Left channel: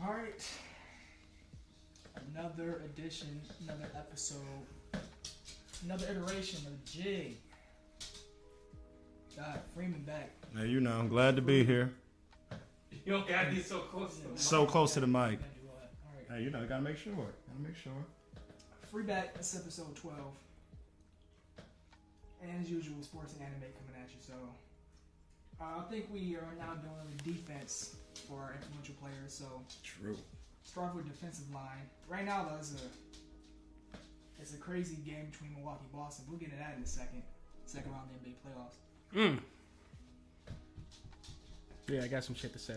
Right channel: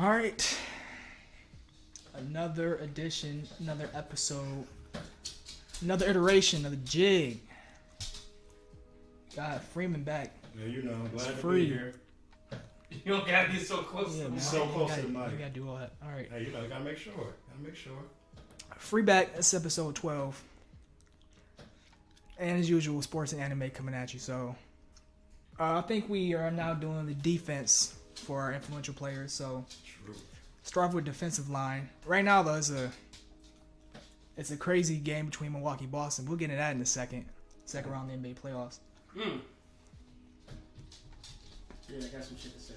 All right. Another edition, another episode, another iteration of the jig. Got Freeman back. Yeah, you know, I'm glad to Free. be here. You don't gotta be so close to the mic. So close to the You mic. gotta do all that. All right. Hey, you know, gotta make sure. Free back. It's episode 12. And as usual, sports and anime coming at you. So I think we are now doing the defense for our influential players. So True. start with defensive line. Right now, though, it's a crazy game between Milwaukee and Boston. We'll get into that in a second. Second round of the NBA playoffs. Yeah, I got some shit to say.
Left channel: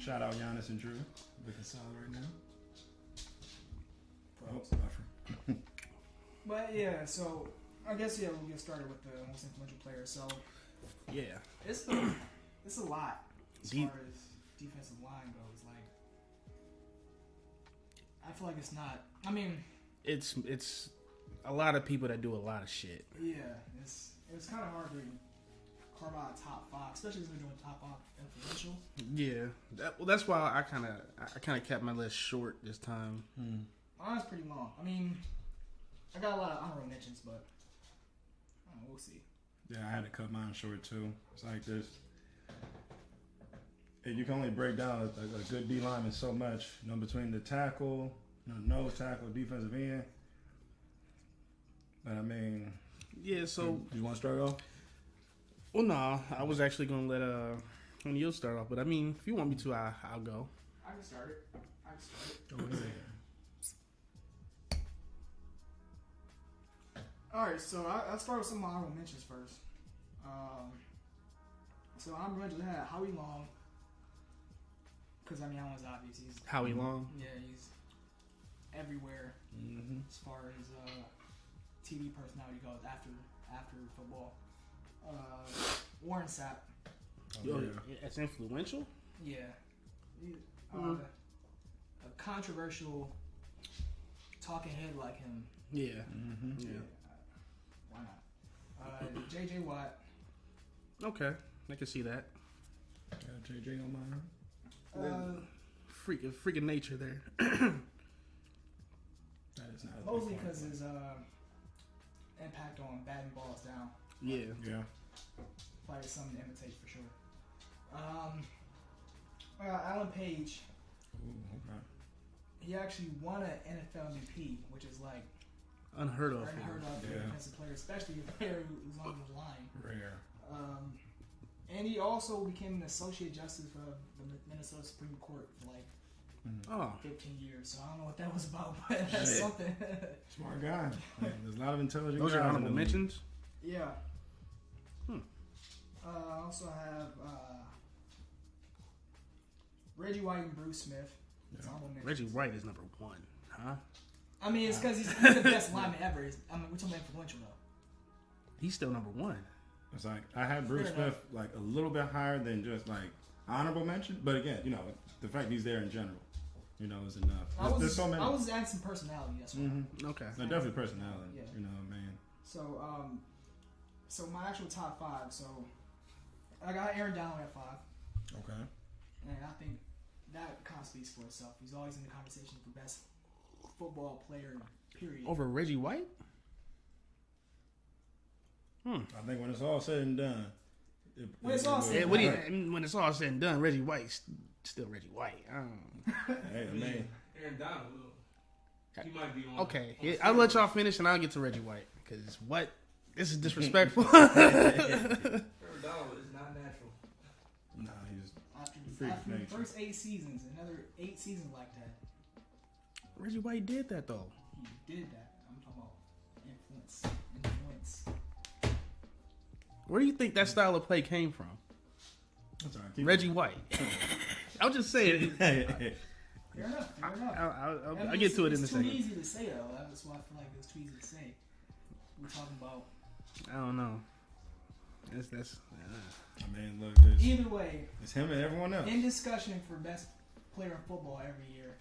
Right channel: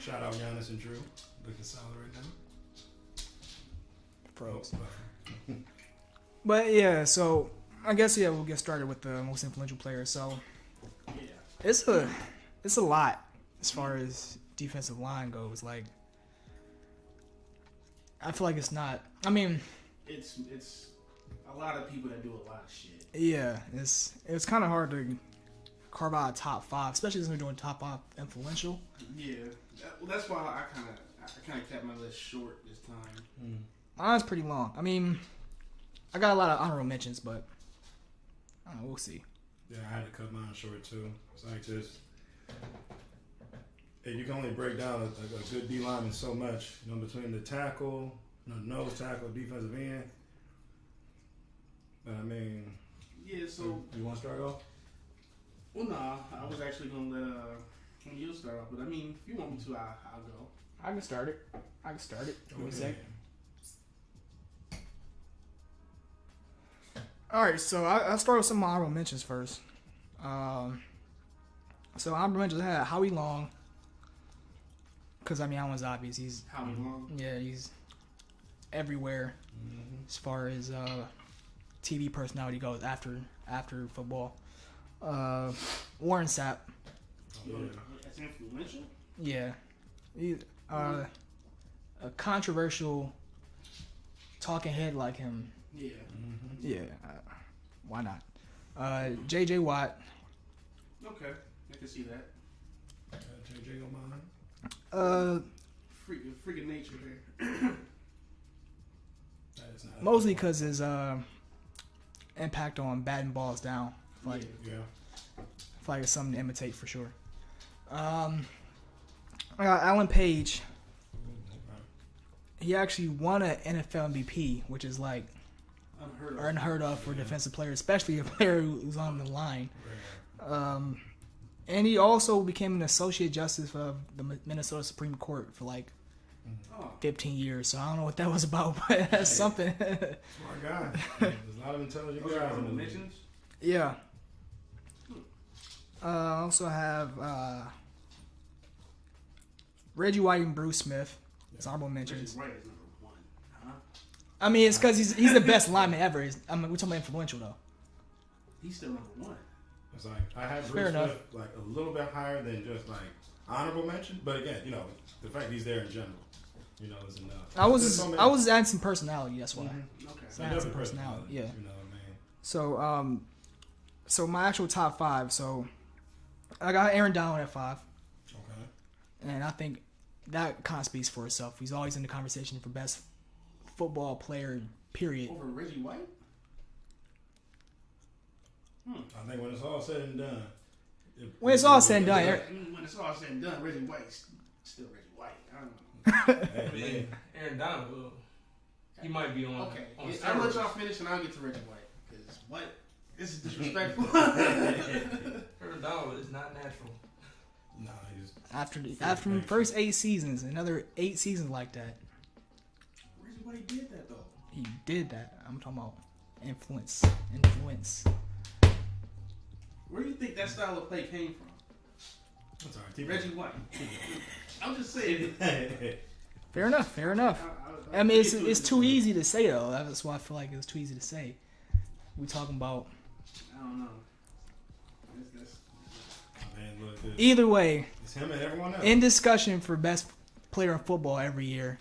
Shout out Giannis and Drew. Looking solid right now. Pros. Oh, But yeah, so I guess we'll get started with the most influential players. So Yeah. it's a lot as far as defensive line goes. Like I feel like it's not. I mean, It's a lot of people that do a lot of shit. yeah, it's kind of hard to carve out a top five, especially since we're doing top five influential. Yeah. That's why I kind of kept my list short this time. Mine's pretty long. I mean, I got a lot of honorable mentions, but I don't know. We'll see. yeah, I had to cut mine short too. It's like this. And you can only break down a good D lineman so much. You know, between the tackle, nose tackle, defensive end. But I mean, Yeah, so you want to start off? well no, I was actually gonna let you'll start off, but I mean if you want me to I'll go. I can start it. What do you say? All right, so I'll start with some honorable mentions first. So honorable mentions I had Howie Long, because I mean that one's obvious. He's Howie Long. yeah, he's everywhere as far as TV personality goes after football. Warren Sapp, Yo, Yeah. that's influential? yeah, he, a controversial talking head like him. Yeah. Yeah, why not? J.J. Watt, Okay. I can see that. JJ on mine. Freaking nature there. That is not mostly because his impact on batting balls down. Like, Yeah. Yeah. I feel like it's something to imitate for sure. I got Alan Page. Ooh, okay. He actually won an NFL MVP, which is like Unheard of. for a Yeah. defensive player, especially a player who's on the line. Rare. And he also became an associate justice of the Minnesota Supreme Court for like Oh. 15 years. So I don't know what that was about, but that's something. Smart guy. There's a lot of intelligent Those guys are in honorable the league. mentions? Yeah. I also have Reggie White and Bruce Smith. It's honorable mentions. Reggie White is number one, huh? I mean, it's because he's the best lineman ever. I mean, we're talking about influential though. He's still number one. It's like I have Fair Bruce enough. Smith like a little bit higher than just like honorable mention, but again, you know, the fact he's there in general, you know, is enough. I There's so many- was adding some personality. That's why. Okay. So definitely some personality. yeah. You know what I mean? So so my actual top five. So I got Aaron Donald at 5, Okay. and I think that kind of speaks for itself. He's always in the conversation for best football player. Period. Over Reggie White? I think when it's all said and done. When it's all said and done, When it's all said and done, Reggie White's still Reggie White. I don't know. Hey, man. Aaron Donald, he might be on. Okay, on I'll let steroids. y'all finish and I'll get to Reggie White. Because what? This is disrespectful. Aaron Donald is not natural. Nah, he's after the nature. first 8 seasons, another 8 seasons like that, Reggie White did that though. he did that. I'm talking about influence. Where do you think that style of play came from? I'm sorry, keep Reggie White. I'm just saying. Fair enough. I'll I mean, get to it in it's a too second. easy to say though. That's why I feel like it's too easy to say. We're talking about I don't know. That's Man, look, this, either way it's him and everyone else. in discussion for best player in football every year,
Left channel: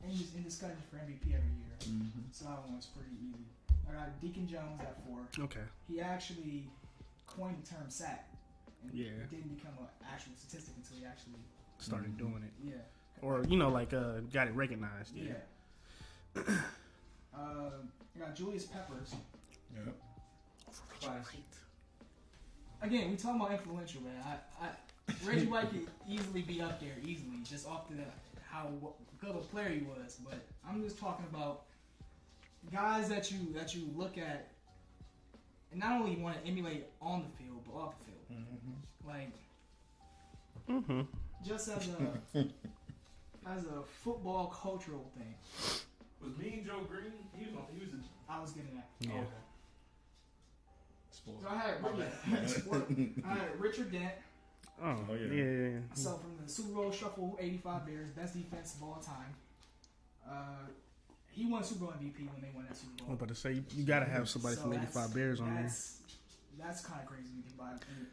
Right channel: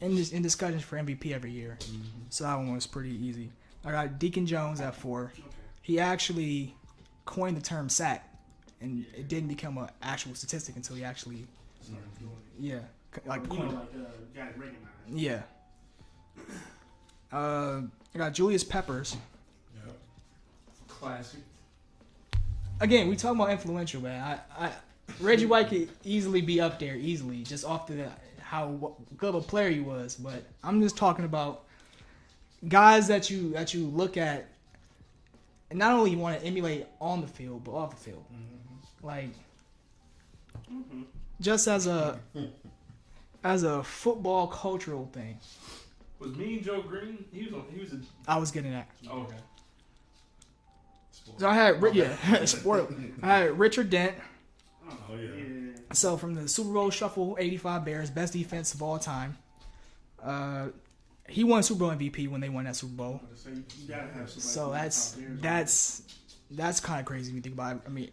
in discussions for MVP every year. So that one was pretty easy. I got Deacon Jones at 4. okay. He actually coined the term sack, and Yeah. it didn't become an actual statistic until he actually started doing it. Yeah. Like got it recognized. Yeah. I got Julius Peppers. Yeah. Classic. Again, we talking about influential, man. Reggie White could easily be up there, just off how good of a player he was. But I'm just talking about guys that you look at, and not only you want to emulate on the field, but off the field. Mm-hmm. Like, just as a football cultural thing. Was Mean Joe Green? He was a. I was getting that. Oh, okay. So I had sport. I had Richard Dent. Oh yeah. So from the Super Bowl Shuffle, 85 Bears, best defense of all time. He won Super Bowl MVP when they won that Super Bowl. But to say you gotta have somebody So from 85 Bears. that's kind of crazy when you think about it. I mean,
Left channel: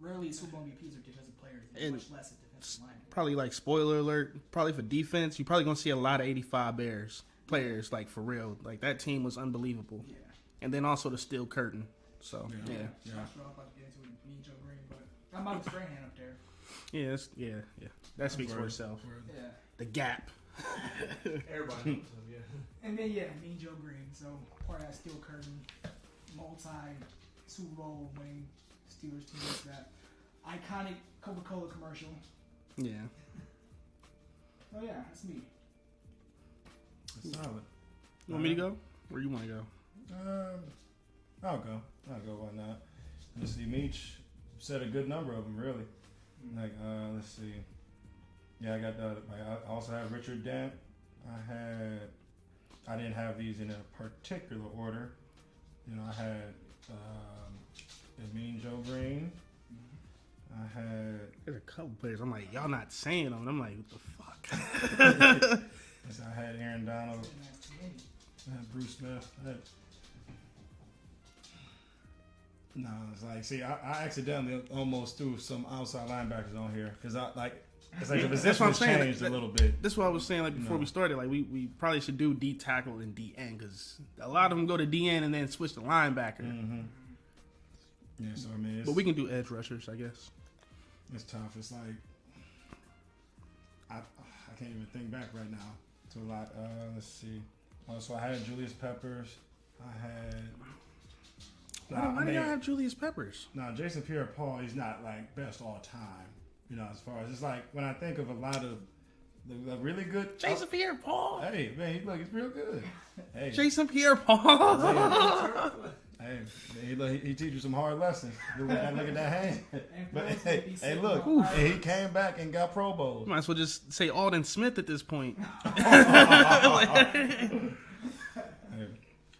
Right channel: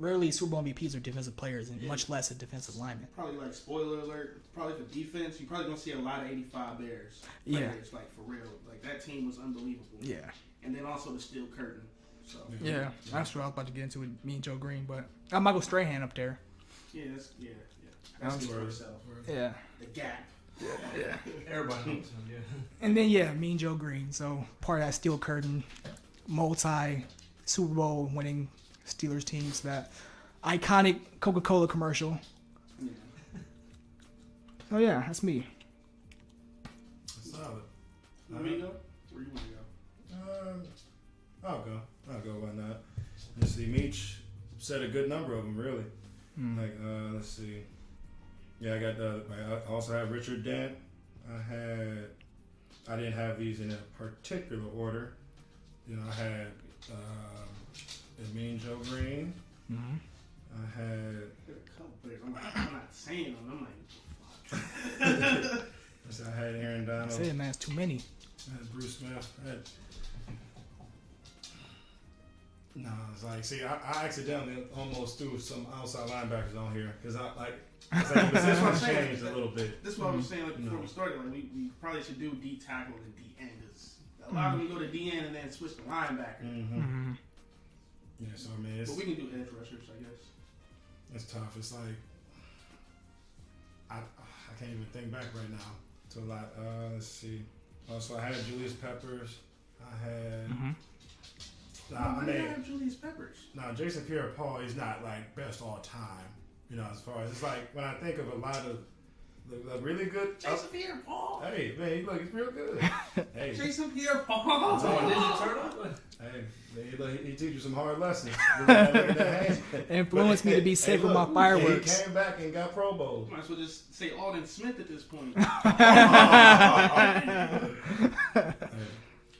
rarely Super Bowl MVPs are defensive players, and much less a defensive lineman. Probably like spoiler alert. Probably for defense, you're probably gonna see a lot of 85 Bears players. Like for real, like that team was unbelievable. Yeah. And then also the steel curtain. So Yeah. That's what I was about to get into with me and Joe Green, but I got Michael Strahan up there. yeah. That speaks for itself. Yeah. The gap. Everybody knows him, yeah. And then me and Joe Green. So part of that steel curtain, multi Super Bowl winning Steelers teams, that iconic Coca-Cola commercial. Yeah. Oh yeah, that's me. Solid. You want me to go? Where you want to go? I'll go. Why not? Let's see. Meech said a good number of them, really. Like, let's see. Yeah, I got. I also have Richard Dent. I didn't have these in a particular order. You know, I had Mean Joe Green. Mm-hmm. I had. There's a couple players. I'm like, y'all not saying them. I'm like, what the fuck? So I had Aaron Donald. Say it, man. It's too many. I had Bruce Smith. No, it's like, see, I accidentally almost threw some outside linebackers on here because it's like the position has changed a little bit. That's what I was saying, like, before we started. Like, we probably should do D tackle and D end because a lot of them go to D end and then switch to linebacker. Mm-hmm. Yeah, so I mean, But we can do edge rushers, I guess. it's tough. It's like I can't even think back right now to a lot. Let's see. Also, I had Julius Peppers. I had. I didn't have Julius Peppers. Now, Jason Pierre-Paul, he's not like best all time. You know, as far as it's like when I think of a lot of the really good. Jason Pierre-Paul. Hey man, he's real good. Hey, Jason Pierre-Paul. hey, he teaches you some hard lessons. Look at that hand. Influenced me to be safe with my He fireworks. came back and got Pro Bowl. Might as well just say Alden Smith at this point.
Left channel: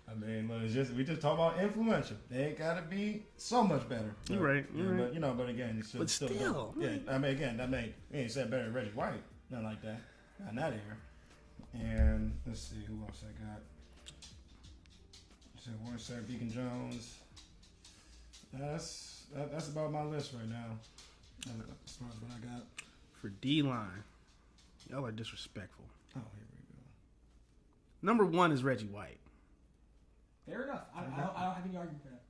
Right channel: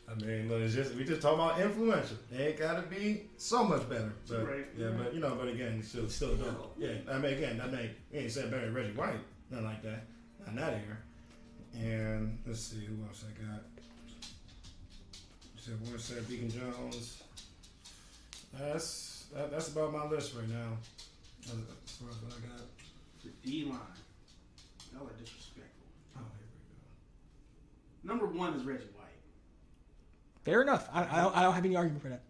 I mean, look, we just talk about influential. It ain't gotta be so much better. But, You're right. But but again, you still do. Yeah, I mean, again, you ain't said better than Reggie White, nothing like that, not in that era. And let's see who else I got. So one said Deacon Jones. That's about my list right now. As far as what I got For D-line. Y'all are disrespectful. Oh, here we go. Number 1 is Reggie White. Fair enough. I don't have any argument for that.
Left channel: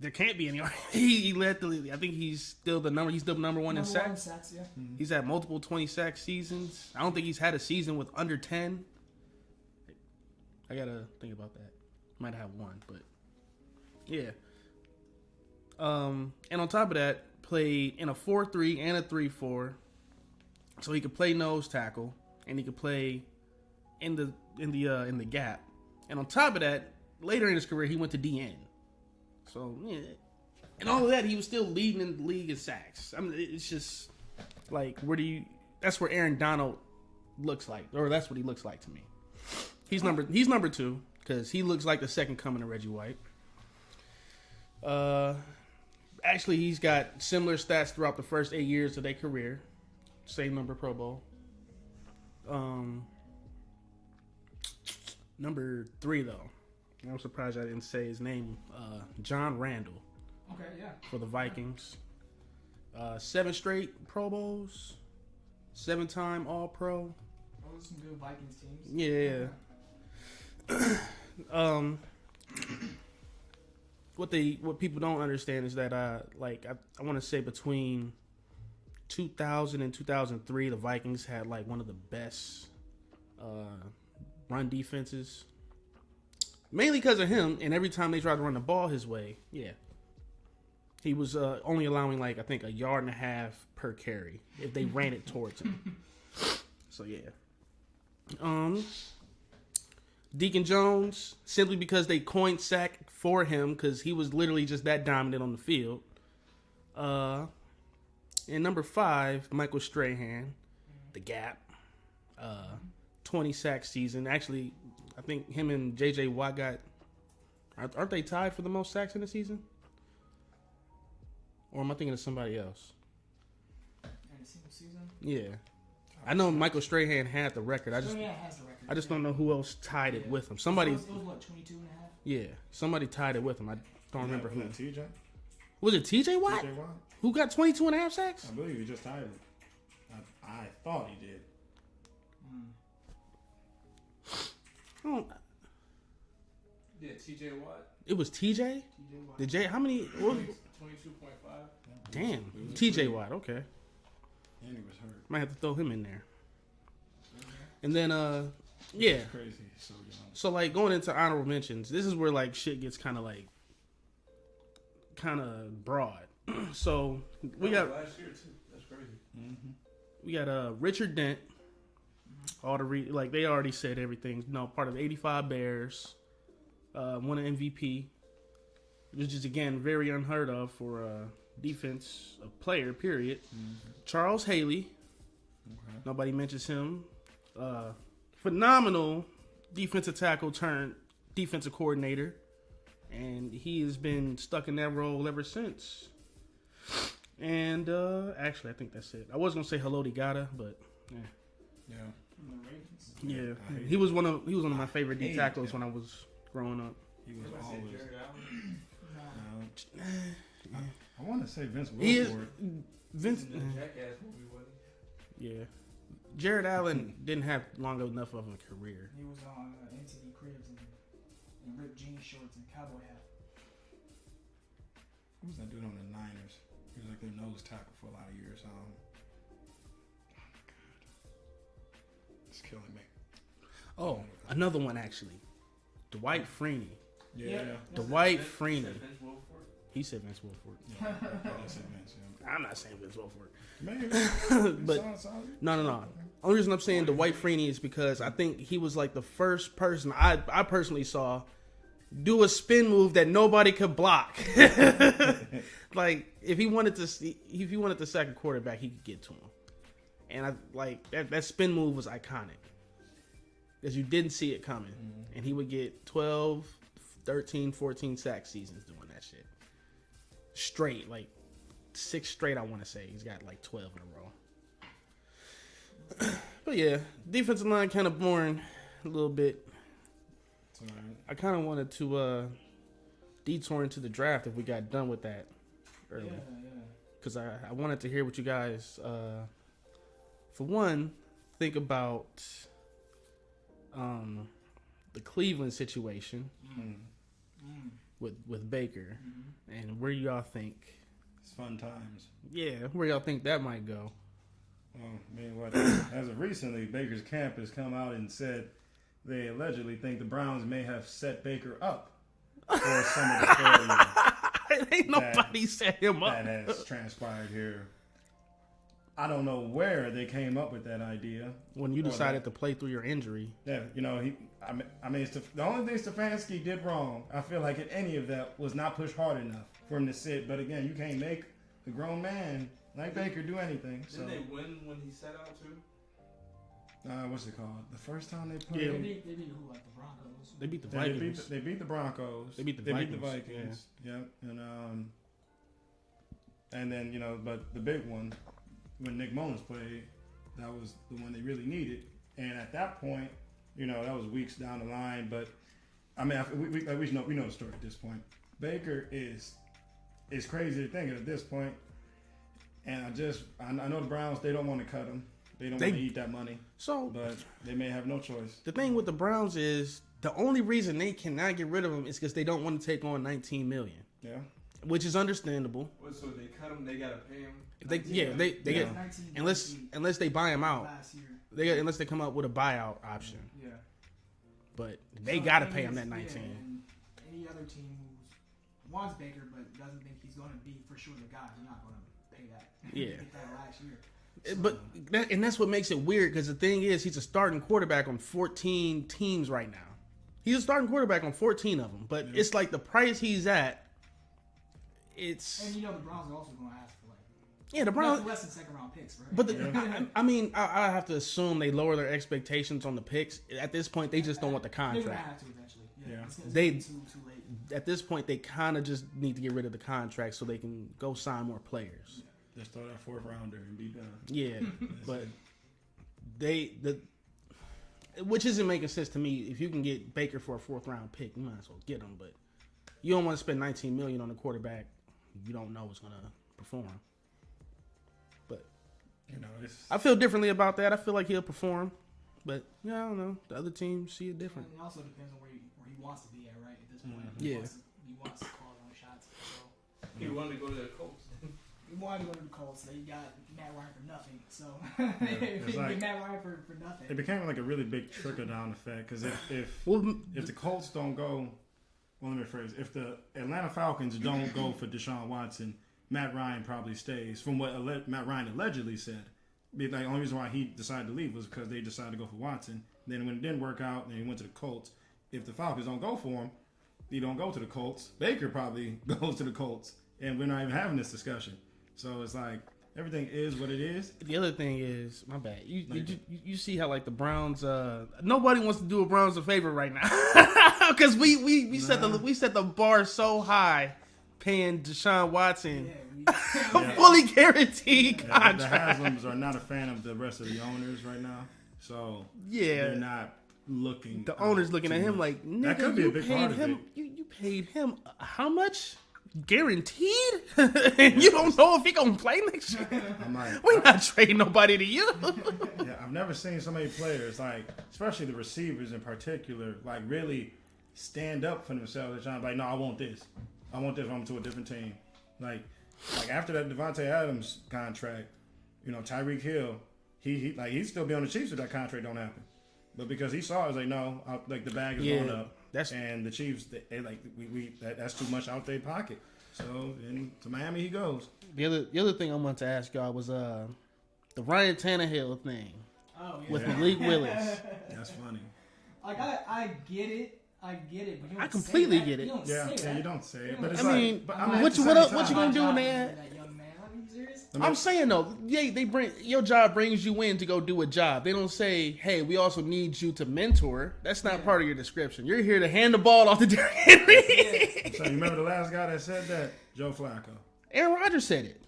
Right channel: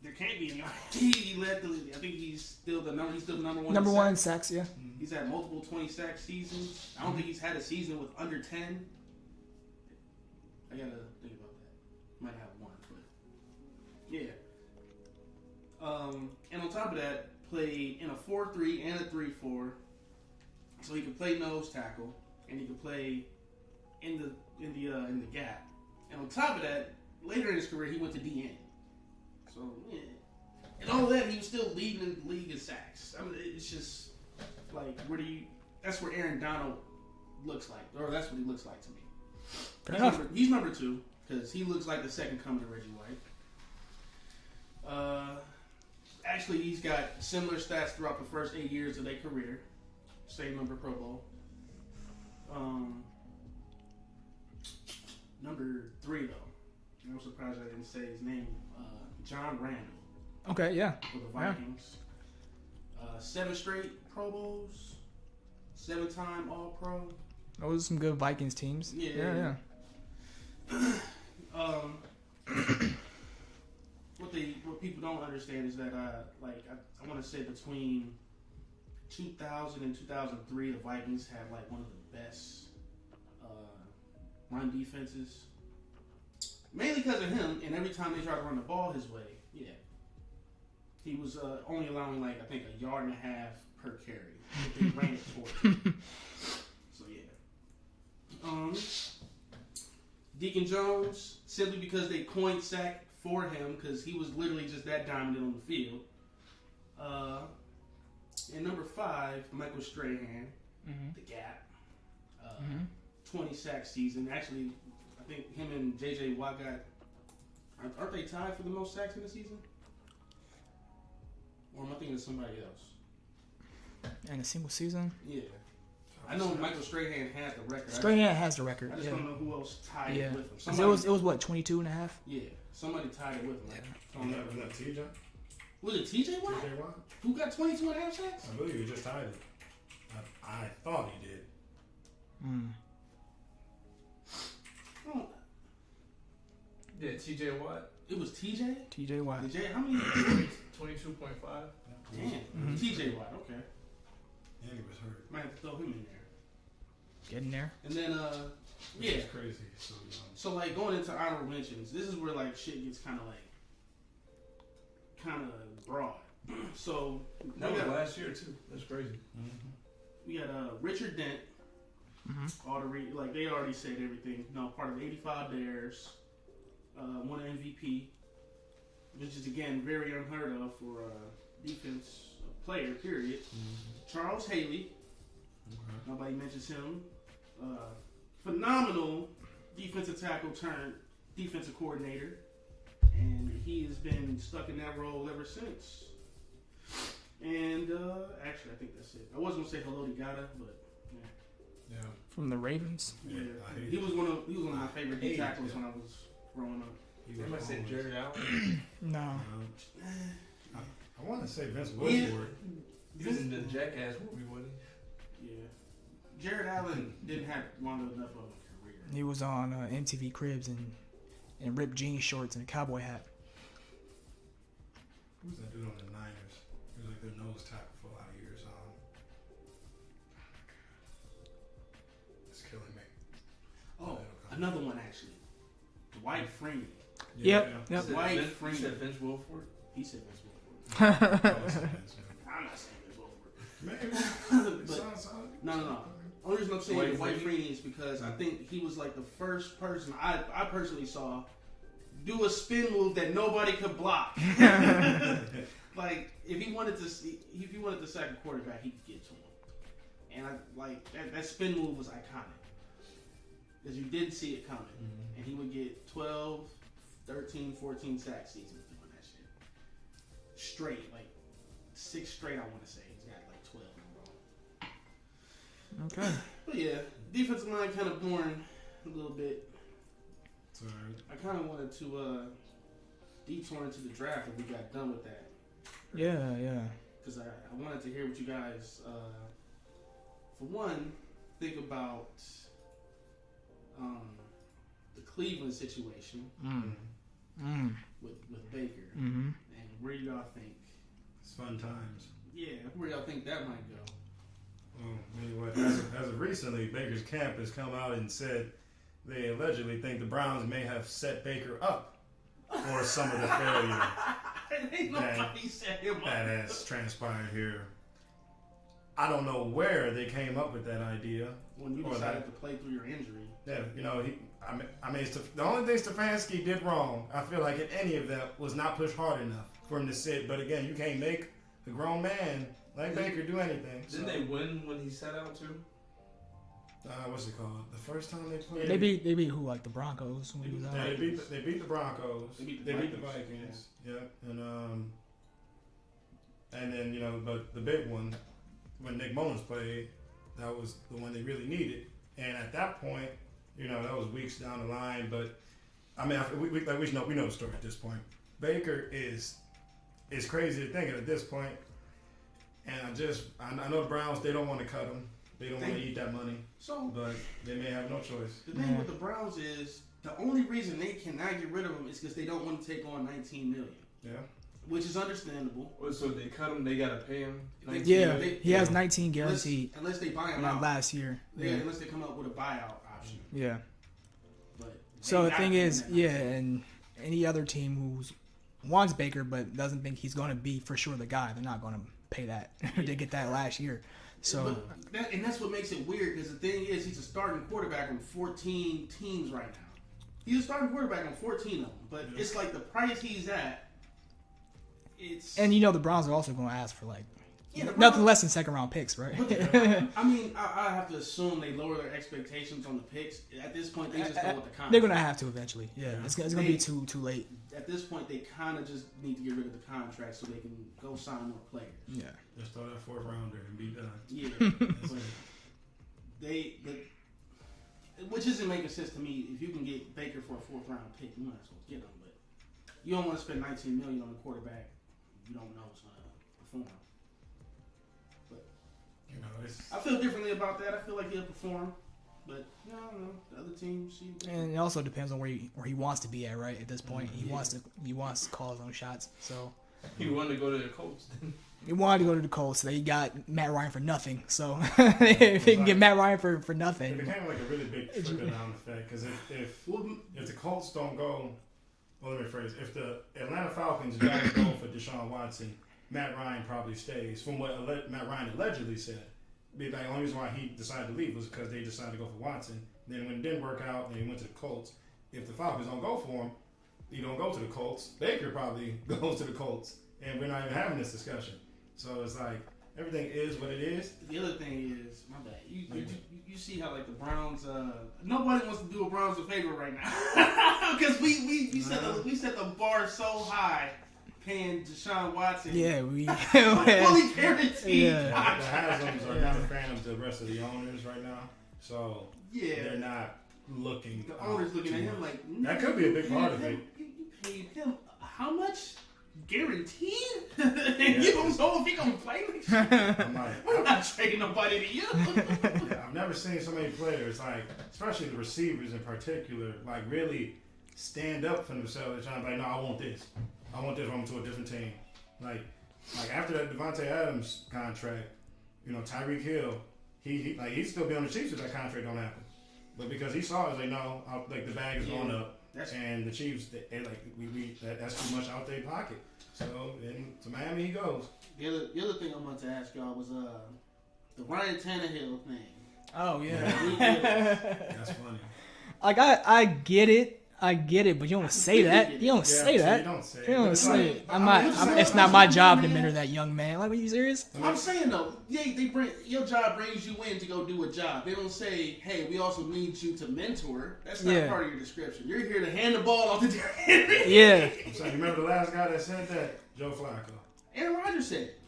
There can't be any. He led the league. I think he's still the number. He's still number one. Number one in sacks, yeah. He's had multiple 20-sack seasons. I don't think he's had a season with under 10. I gotta think about that. Might have one, but yeah. And on top of that, played in a 4-3 and a 3-4, so he could play nose tackle and he could play in the gap. And on top of that, later in his career, he went to DN. So, yeah. And all of that, he was still leading in the league in sacks. I mean, it's just like, that's where Aaron Donald looks like, or that's what he looks like to me. He's number 2, because he looks like the second coming of Reggie White. Actually, he's got similar stats throughout the first 8 years of their career. Same number Pro Bowl. Number 3, though. I'm surprised I didn't say his name. John Randall. Okay, yeah. For the Vikings. 7 straight Pro Bowls. 7-time All-Pro. Those are some good Vikings teams. Yeah. What people don't understand is that I want to say between 2000 and 2003, the Vikings had like one of the best run defenses. Mainly because of him, and every time they tried to run the ball his way, he was only allowing like I think a yard and a half per carry if they ran it towards him. So Deacon Jones, simply because they coined sack for him because he was literally just that dominant on the field. And number 5, Michael Strahan, the Gap, 20 sack season. Actually, I think him and J.J. Watt aren't they tied for the most sacks in the season? Or am I thinking of somebody else? In a single season? Yeah. I know Michael Strahan had the record. Strahan has the record. I just don't know who else tied it with him. Somebody. It was what, 22 and a half? Yeah. Somebody tied it with him. I don't remember who. TJ? Was it TJ Watt? TJ Watt? Who got 22 and a half sacks? I believe he just tied it. I thought he did. Yeah, TJ Watt. It was TJ? TJ Watt. How many? 22.5. Damn. TJ Watt, okay. And he was hurt. Might have to throw him in there. Get in there. And then, It's crazy. So, like, going into honorable mentions, this is where, like, shit gets kind of broad. So, we got last year, too. That's crazy. We got Richard Dent. They already said everything. Part of 85 Bears. Won an MVP. Which is, again, very unheard of for defense player, period. Charles Haley. Nobody mentions him. Phenomenal defensive tackle turned defensive coordinator. And he has been stuck in that role ever since. And actually, I think that's it. I was going to say Haloti Ngata, but yeah. From the Ravens? Yeah. He was one of my favorite D tackles when I was growing up. You might say Jared Allen? No. I want to say Vince Wilfork. Vince in the Jackass movie, wasn't he? Yeah. Jared Allen didn't have long enough of a career. He was on MTV Cribs and ripped jean shorts and a cowboy hat. Who's that dude on the Niners? He was like their nose tackle for a lot of years. It's killing me. Oh, another one actually. Dwight Freeney. Yep. Dwight Freeney. He said Vince Wilfork? He said Vince Wilfork. I'm not saying Vince Wilfork. Maybe. But no. Only reason I'm saying Dwight Freeney is because I think he was like the first person I personally saw do a spin move that nobody could block. Like if he wanted to sack a quarterback, he could get to him. And that spin move was iconic. Because you didn't see it coming. And he would get 12, 13, 14 sack seasons doing that shit. Straight, like 6 straight, I want to say. He's got like 12 in a row. Okay. But yeah, defensive line kind of boring a little bit. It's all right. I kind of wanted to detour into the draft if we got done with that. Yeah. Because I wanted to hear what you guys, for one, think about the Cleveland situation with Baker and where y'all think It's fun times. Yeah, where y'all think that might go? Well, I mean, what as of recently, Baker's camp has come out and said they allegedly think the Browns may have set Baker up for some of the failure. Ain't nobody set him up. That has transpired here. I don't know where they came up with that idea. When you decided to play through your injury. Yeah, I mean, the only thing Stefanski did wrong, I feel like in any of that, was not push hard enough for him to sit. But again, you can't make a grown man like Baker do anything. Didn't they win when he sat out too? What's it called? The first time they played? Yeah, they beat who? Like the Broncos? They beat the Vikings. They beat the Broncos. They beat the Vikings. Yeah. And then, but the big one, when Nick Mullins played, that was the one they really needed. And at that point, that was weeks down the line. But I mean, we know the story at this point. Baker is crazy to think of at this point. And I know the Browns, they don't want to cut him. They don't want to eat that money. But they may have no choice. The thing with the Browns is the only reason they cannot get rid of him is because they don't want to take on $19 million. Yeah. which is understandable. So they cut him. They gotta pay him. He has 19 guaranteed. Unless they buy him out last year. Unless they come up with a buyout option. Yeah. But So the thing is, and any other team who's wants Baker but doesn't think he's going to be for sure the guy, they're not going to pay that to get that last year. So, that's what makes it weird, because the thing is, he's a starting quarterback on 14 teams right now. He's a starting quarterback on 14 of them, but it's like the price he's at. And the Browns are also going to ask for the Browns, nothing less than second round picks, right? But I mean, I have to assume they lower their expectations on the picks. At this point, they just don't want the contract. They're going to have to eventually. Yeah, it's going to be too late. At this point, they kind of just need to get rid of the contract so they can go sign more players. Yeah, just throw that 4th rounder and be done. Yeah, but which isn't making sense to me. If you can get Baker for a 4th round pick, you might as well get him. But you don't want to spend $19 million on a quarterback you don't know is going to perform. But I feel differently about that. I feel like he'll perform, but I don't know. The other teams see it different. And it also depends on where he wants to be at, right? At this point, he wants to call his own shots. So he wanted to go to the Colts. He wanted to go to the Colts. They got Matt Ryan for nothing. So if they can get Matt Ryan for nothing, it became like a really big trickle down effect. Because if the Colts don't go, well, let me rephrase. If the Atlanta Falcons don't go for Deshaun Watson, Matt Ryan probably stays. From what Matt Ryan allegedly said, the only reason why he decided to leave was because they decided to go for Watson. Then when it didn't work out, then he went to the Colts. If the Falcons don't go for him, he don't go to the Colts. Baker probably goes to the Colts, and we're not even having this discussion. So it's like everything is what it is. The other thing is, my bad. You see how the Browns? Nobody wants to do a Browns a favor right now because we set the bar so high, paying Deshaun Watson. Yeah, we fully guaranteed contract. The Haslam's are not a fan of the rest of the owners right now, so they're not looking. The owners looking at him like that could be a big part of it. You paid him how much? Guaranteed? And you don't know if he gonna play next year. We're not trading nobody to you. I've never seen so many players, especially the receivers in particular, really stand up for themselves and trying to be no, I want this. I want this. I'm to a different team. Like after that Devontae Adams contract, Tyreek Hill, he'd still be on the Chiefs if that contract don't happen. But because he saw it, was no, the bag is going up. And the Chiefs, that's too much out their pocket. So to Miami he goes. The other thing I wanted to ask y'all was the Ryan Tannehill thing. Oh yeah, with Malik Willis. That's funny. I get it, but you don't say that. You don't say that. You don't say it. You don't say it. It's not my job to mentor that young man. Are you serious? I'm saying though, they bring your job brings you in to go do a job. They don't say, hey, we also need you to mentor. That's not part of your description. You're here to hand the ball off to Derrick Henry. Yeah. So you remember the last guy that said that? Joe Flacco. Aaron Rodgers said it.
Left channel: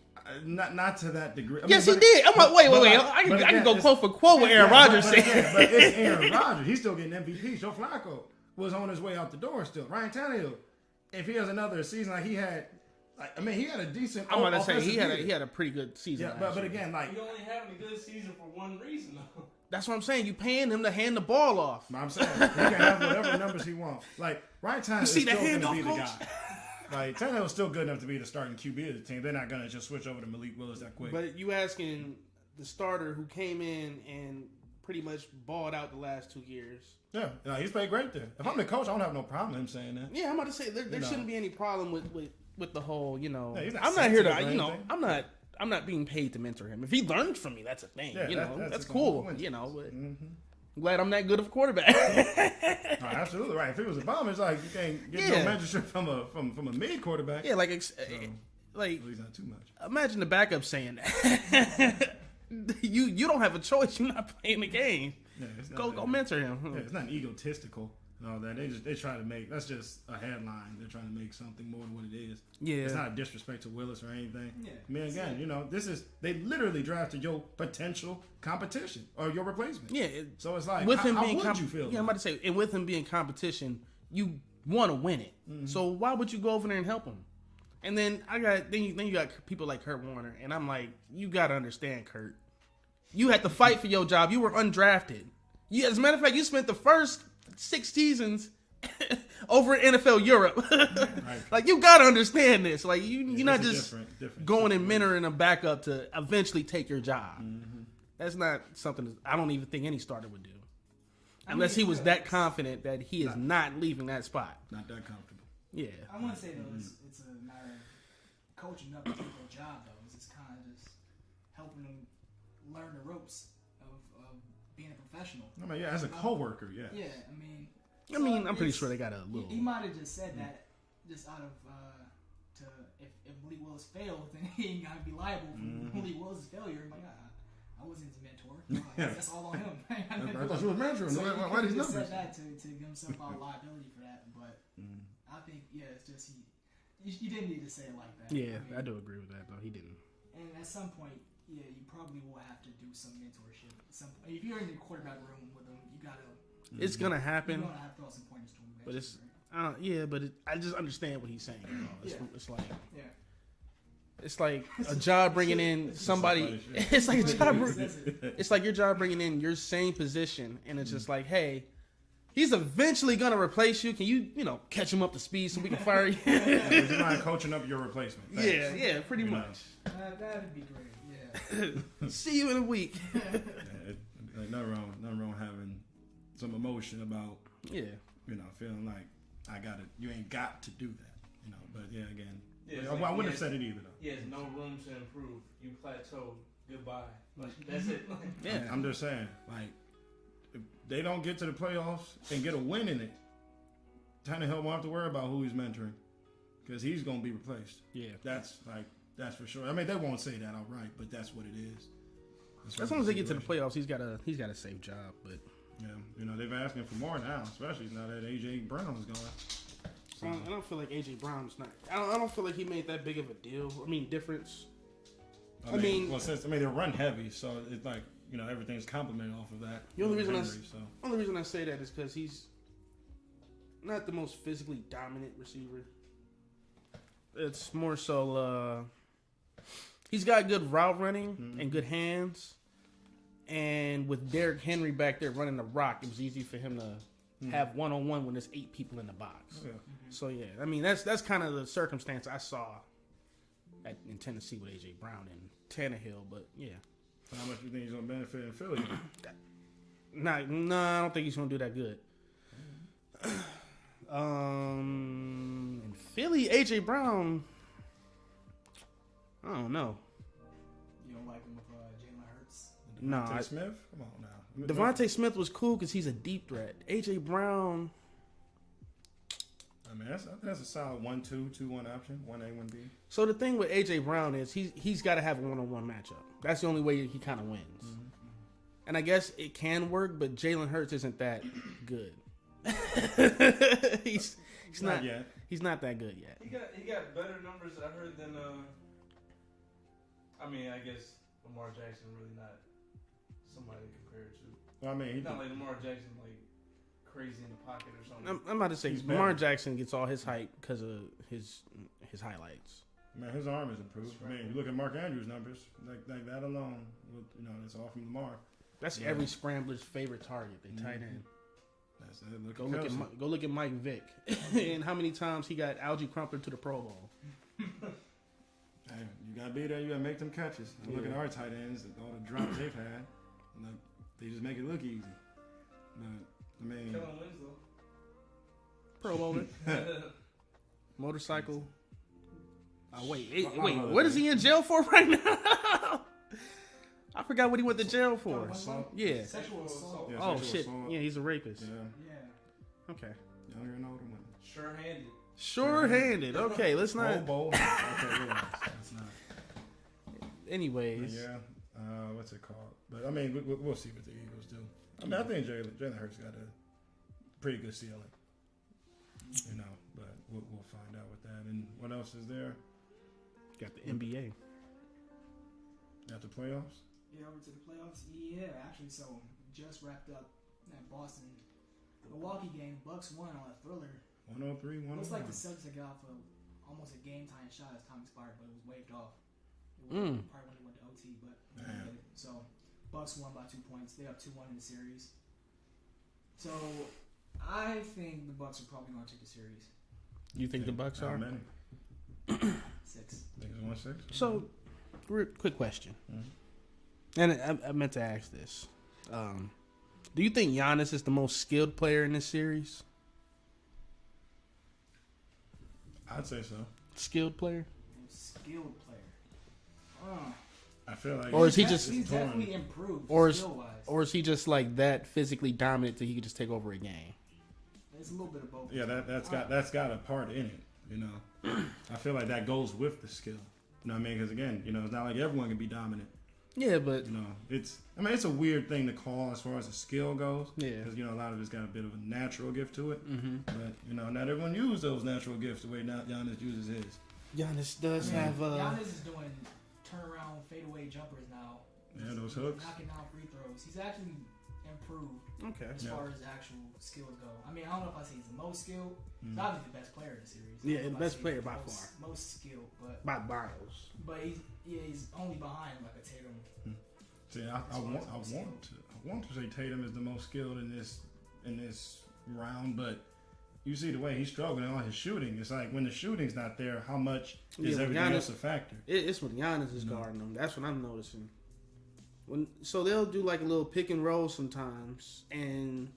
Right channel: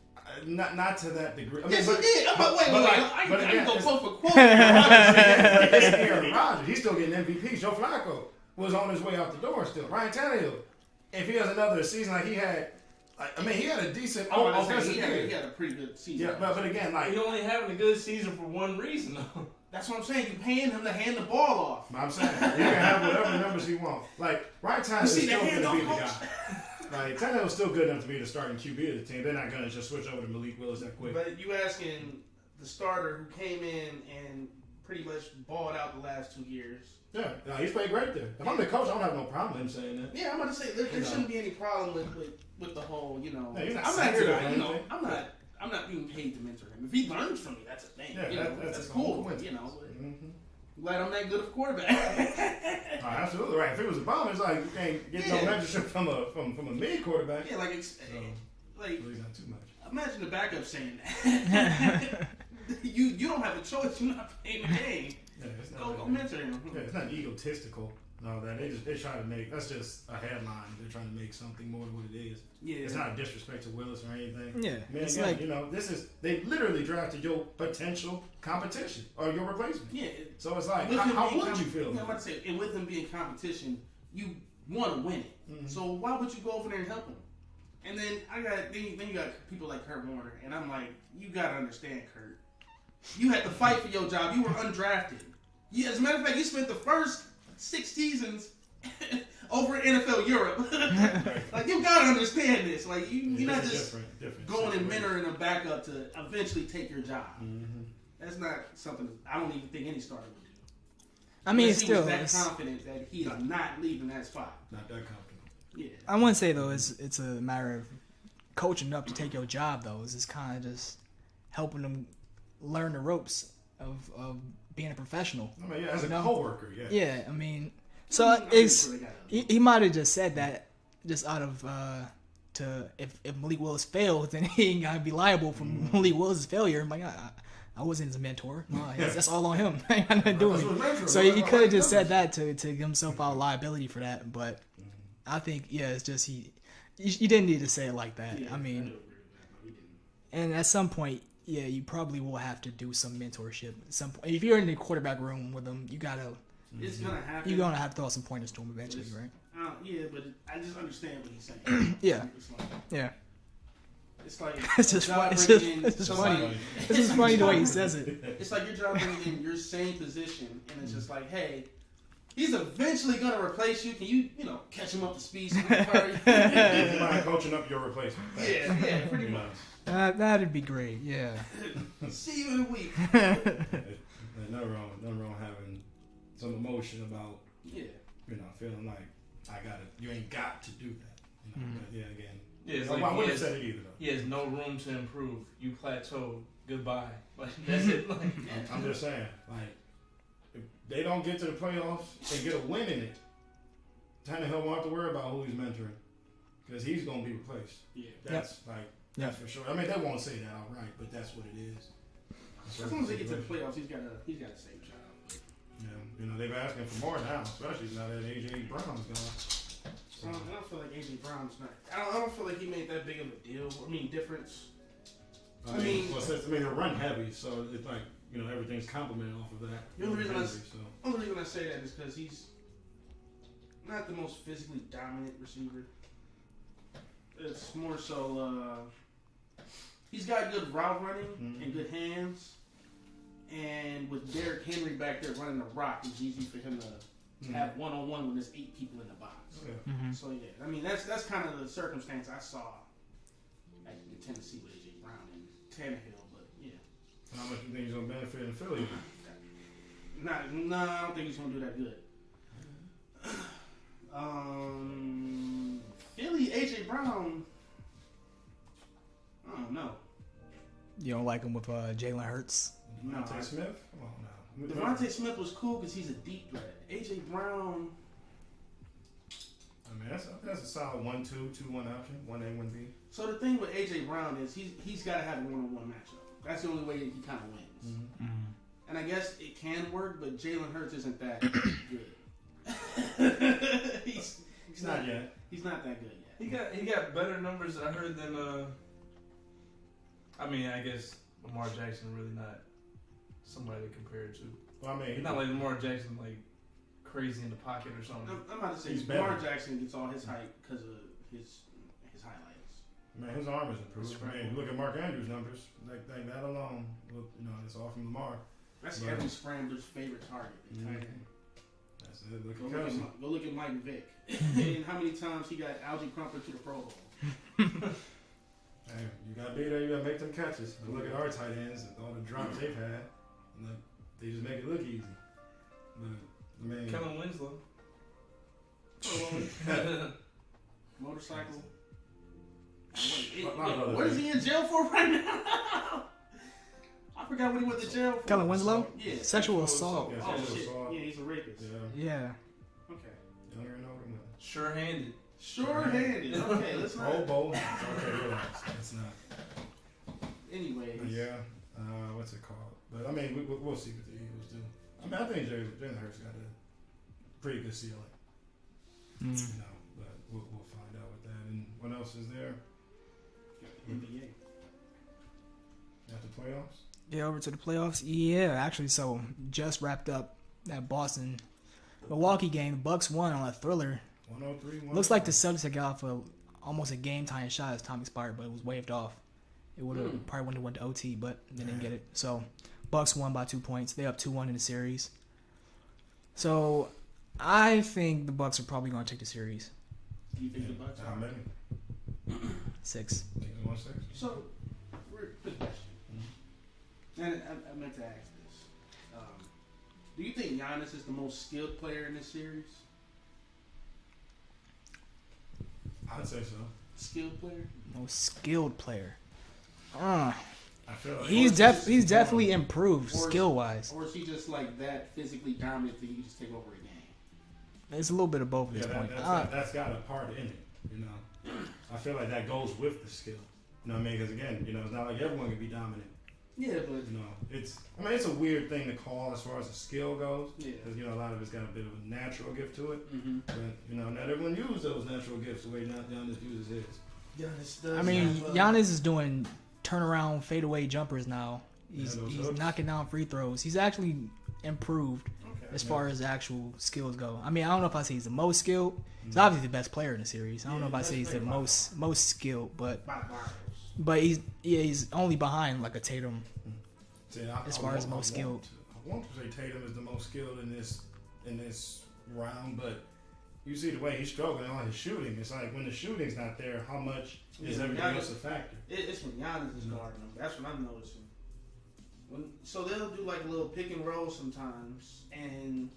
Not to that degree. Yes, he did. I'm like, wait. I can go quote for quote with Aaron Rodgers. It's Aaron Rodgers. He's still getting MVPs. Joe Flacco was on his way out the door still. Ryan Tannehill, if he has another season like he had, he had a decent offensive year. He had a pretty good season. Yeah, but again, he's only having a good season for one reason though. That's what I'm saying. You paying him to hand the ball off. I'm saying he can have whatever numbers he wants. Ryan Tannehill is still going to be the guy. Tannehill's still good enough to be the starting QB of the team. They're not going to just switch over to Malik Willis that quick. But you asking the starter who came in and pretty much balled out the last 2 years. Yeah, he's played great there. If I'm the coach, I don't have no problem with him saying that. Yeah, I'm about to say there shouldn't be any problem with the whole, Yeah, I'm not here to, I'm not being paid to mentor him. If he learns from me, that's a thing. Yeah, that's cool. But I'm glad I'm that good of a quarterback. Absolutely right. If it was a bomb, it's like you can't get no mentorship from a mid quarterback. Yeah, he's not too much. Imagine the backup saying that. you don't have a choice. You're not playing the game. Yeah, go mentor him. Yeah, it's not egotistical. No, that they try to make that's just a headline. They're trying to make something more than what it is. Yeah, it's not a disrespect to Willis or anything. Yeah, man, again, this is they literally drafted your potential competition or your replacement. Yeah, so it's like how would you feel? Yeah, I'm about to say, and with him being competition, you want to win it. Mm-hmm. So why would you go over there and help him? And then you got people like Kurt Warner, and I'm like, you got to understand, Kurt. You had to fight for your job. You were undrafted. As a matter of fact, you spent the first 6 seasons over in NFL Europe. Like, you gotta understand this. Like, you're not just different going and situation. mentoring a backup to eventually take your job. Mm-hmm. That's not something I don't even think any starter would do. I mean, Unless he was still, that confident that he is not leaving that spot. Not that confident. Yeah. I wouldn't say though it's a matter of coaching up to take your job though. It's just kind of just helping them learn the ropes of being a professional. I mean, yeah, as a You know? coworker, yeah. Yeah, I mean, I so mean, I'm pretty it's sure they got he might have just said that just out of to if Malik Willis fails, then he ain't gotta be liable for Malik Willis' failure. I'm like, I wasn't his mentor. No, that's all on him. I ain't got nothing to do with it. So he could have just said that to give himself out liability for that. But I think it's just he didn't need to say it like that. Yeah, I mean, I do agree with that though. He didn't. and at some point, you probably will have to do some mentorship. At some point, if you're in the quarterback room with him, you gotta. It's gonna happen. You're gonna have to throw some pointers to him eventually, right? Yeah, but I just understand what he's saying. Yeah. It's like Yeah. it's like It's a just job funny. bringing in It's just somebody. funny. It's like funny the way job- he says it. It's like your job bringing in your same position, and it's just like, hey, he's eventually gonna replace you. Can you catch him up to speed so we can fire you? Somebody coaching up your replacement. yeah, pretty You know, much. That'd be great. Yeah. See you in a week. there's nothing wrong having some emotion about Yeah. feeling like you ain't got to do that. But yeah, again, Yeah, it's I like wouldn't have said it either though. he has no room to improve. You plateaued. Goodbye. Like that's it. Like, Yeah. I'm just saying, like, if they don't get to the playoffs and get a win in it, Tannehill won't have to worry about who he's mentoring because he's gonna be replaced. Yeah. That's for sure. I mean, they won't say that outright, but that's what it is. As long as they get to the playoffs, he's got a safe job. But Yeah, they've asking for more now, especially now that AJ Brown's gone. So, I don't feel like AJ Brown's not. I don't feel like he made that big of a deal. I mean, difference. I mean, they're run heavy, so it's like everything's complimented off of that. The only reason Henry, only reason I say that is because he's not the most physically dominant receiver. It's more so he's got good route running and good hands, and with Derrick Henry back there running the rock, it's easy for him to have one-on-one when there's 8 people in the box. Yeah. So yeah, I mean that's kind of the circumstance I saw in Tennessee with AJ Brown and Tannehill, but yeah. So how much do you think he's gonna benefit in Philly? No, I don't think he's gonna do that good. Philly, AJ Brown. I don't know. You don't like him with Jalen Hurts? No, Devontae Smith? Come on now. Devontae Smith was cool because he's a deep threat. AJ Brown. I mean, that's a solid 1-2, 2-1 option. 1A, 1B. So the thing with AJ Brown is he's got to have a one-on-one matchup. That's the only way he kind of wins. And I guess it can work, but Jalen Hurts isn't that good. he's not yet. He's not that good yet. he got better numbers I heard than I mean, I guess Lamar Jackson really not somebody to compare it to. Well, I mean, Not like Lamar Jackson like crazy in the pocket or something. I'm about to say He's Lamar better. Jackson gets all his hype because of his highlights. man, his arm is improved. That's I mean, you look at Mark Andrews' numbers, like that alone. It's all from Lamar. That's Yeah. every scrambler's favorite target. They tight end. That's it. Go look at Mike Vick and how many times he got Algie Crumpler to the Pro Bowl. Hey, you gotta be there. You gotta make them catches. I look at our tight ends and all the drops they've had. And they just make it look easy. But I mean, Kellen Winslow. Pro Bowler. Motorcycle. Wait, My brother what is did. he in jail for right now? I forgot what he went to jail for. Kellen Winslow? Yeah. Sexual assault. Yeah, Oh sexual shit. assault. Yeah, he's a rapist. yeah, Yeah. Okay. younger and older women. Sure-handed. Sure-handed. Okay, let's not. Oh, bold. Okay, relax. That's not. Anyways. But yeah. What's it called? But I mean, we'll see what the Eagles do. I mean, I think Jalen Hurts got a pretty good ceiling. But we'll find out with that. And what else is there? Got the NBA. After playoffs? Yeah, over to the playoffs. Yeah, actually, so just wrapped up that Boston Milwaukee game. The Bucks won on a thriller. 103. Looks like the Celtics had got off almost a game-tying shot as time expired, but it was waved off. It would have probably wouldn't have went to OT, but they didn't get it. So Bucks won by 2 points. They up 2-1 in the series. So I think the Bucks are probably going to take the series. You think the Bucks How are? many? 6. Think it's 1-6? So, quick question. Mm-hmm. And I meant to ask this. Do you think Giannis is the most skilled player in this series? I'd say so. Skilled player? Most skilled player. I feel like He's definitely improved skill-wise. Or is he just like that physically dominant that he can just take over a game? It's a little bit of both. Yeah, that's got a part in it. You know, I feel like that goes with the skill. You know what I mean? Because again, you know, it's not like everyone can be dominant. Yeah, but You know, it's a weird thing to call as far as the skill goes. Yeah. Because you know, a lot of it's got a bit of a natural gift to it. Mm-hmm. But you know, not everyone uses those natural gifts the way Giannis uses his. Giannis does. I mean, Giannis is doing turnaround fadeaway jumpers now. He's knocking down free throws. He's actually improved as far as actual skills go. I mean, I don't know if I say he's the most skilled. He's obviously the best player in the series. I don't know if I say he's the most skilled, but he's only behind like a Tatum. See, as far as most skilled. I want to say Tatum is the most skilled in this round, but you see the way he's struggling on his shooting. It's like when the shooting's not there, how much is everything else a factor? It's when Giannis is guarding them. That's what I'm noticing. So they'll do like a little pick and roll sometimes, and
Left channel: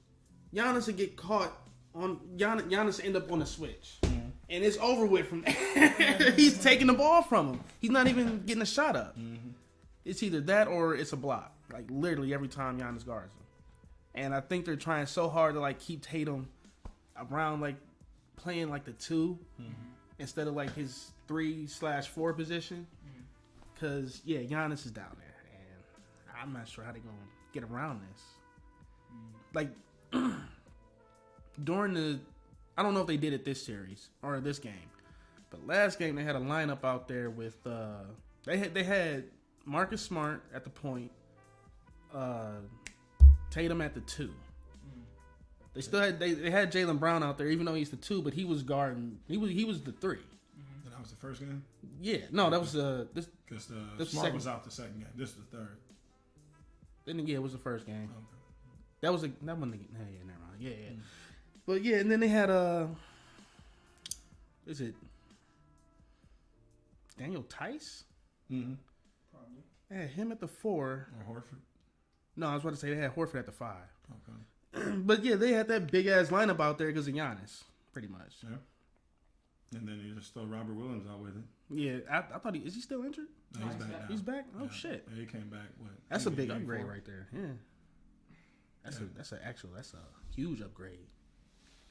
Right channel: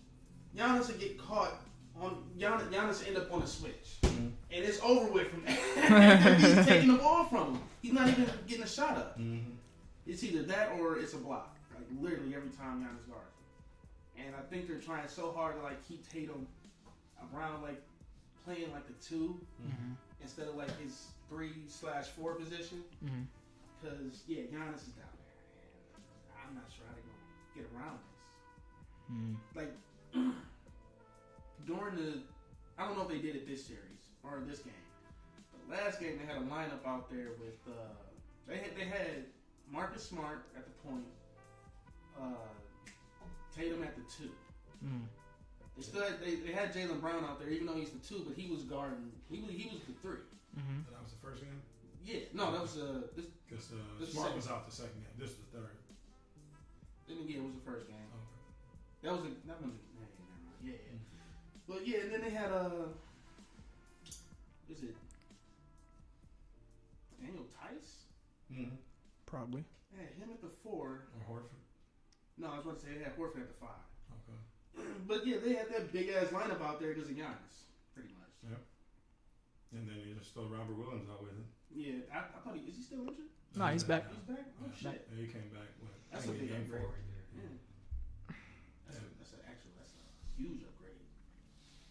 Giannis will get caught on Giannis end up on a switch, and it's over with from there. He's taking the ball from him. He's not even getting a shot up. Mm-hmm. It's either that or it's a block. Like literally every time Giannis guards him, and I think they're trying so hard to like keep Tatum around, like playing like the 2 instead of like his 3/4 position. Because Giannis is down there, and I'm not sure how they're gonna get around this. Like during I don't know if they did it this series or this game, but last game they had a lineup out there with they had Marcus Smart at the point, Tatum at the 2. They still had they had Jaylen Brown out there, even though he's the 2, but he was guarding. He was the 3. That was the first game. Yeah, no, that was this. Because That's Smart second. was out the second game. This is the third. Then it was the first game. Okay. That wasn't. Never mind. Yeah. But yeah, and then they had is it Daniel Tice? Mm-hmm. Probably. They had him at the 4. Or Horford. No, I was about to say they had Horford at the 5. Okay. But yeah, they had that big ass lineup out there because of Giannis, pretty much. Yeah. And then you just throw Robert Williams out with it. Yeah, I thought is he still injured? No, he's back. He's back. Oh Yeah. shit, Yeah, he came back. What? that's a big game upgrade 4? right there. Yeah, that's a huge upgrade.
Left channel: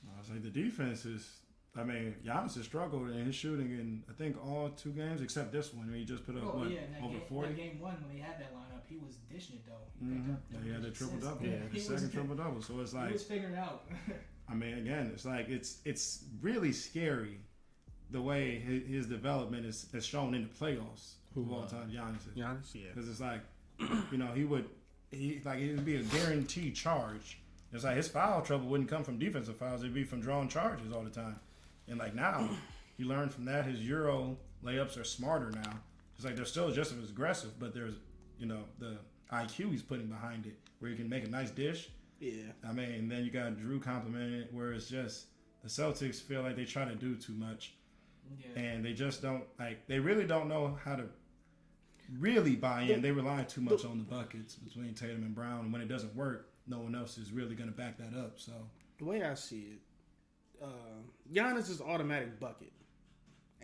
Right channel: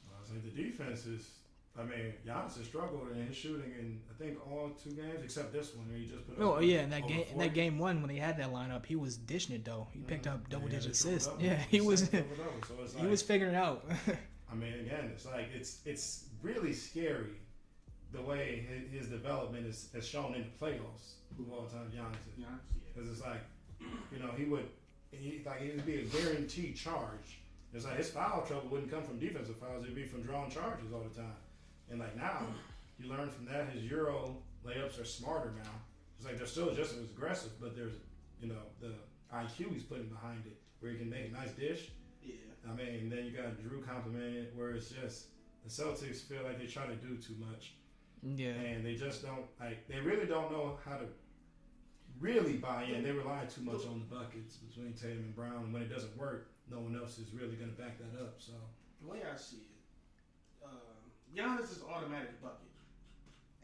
I was like, the defense is. I mean, Giannis has struggled in his shooting in I think all 2 games except this one where he just put up. Oh like, yeah, in over 40. that game 1 when they had that lineup, he was dishing it though. He picked up double digit assists. triple-double. Yeah, he was. Triple-double. So it's like He was figuring it out. I mean, again, it's like it's really scary the way his development is shown in the playoffs. Of all time, Giannis. Giannis, yeah. Because it's like, you know, it would be a guaranteed charge. It's like his foul trouble wouldn't come from defensive fouls; it'd be from drawing charges all the time. And like now, you learn from that. His Euro layups are smarter now. It's like they're still just as aggressive, but there's, you know, the IQ he's putting behind it, where he can make a nice dish. Yeah. I mean, then you got Drew complimented, where it's just the Celtics feel like they try to do too much. Yeah. And they just don't, like, they really don't know how to really buy in. They rely too much on the buckets between Tatum and Brown. And when it doesn't work, no one else is really going to back that up. So The way I see it, Giannis is automatic bucket.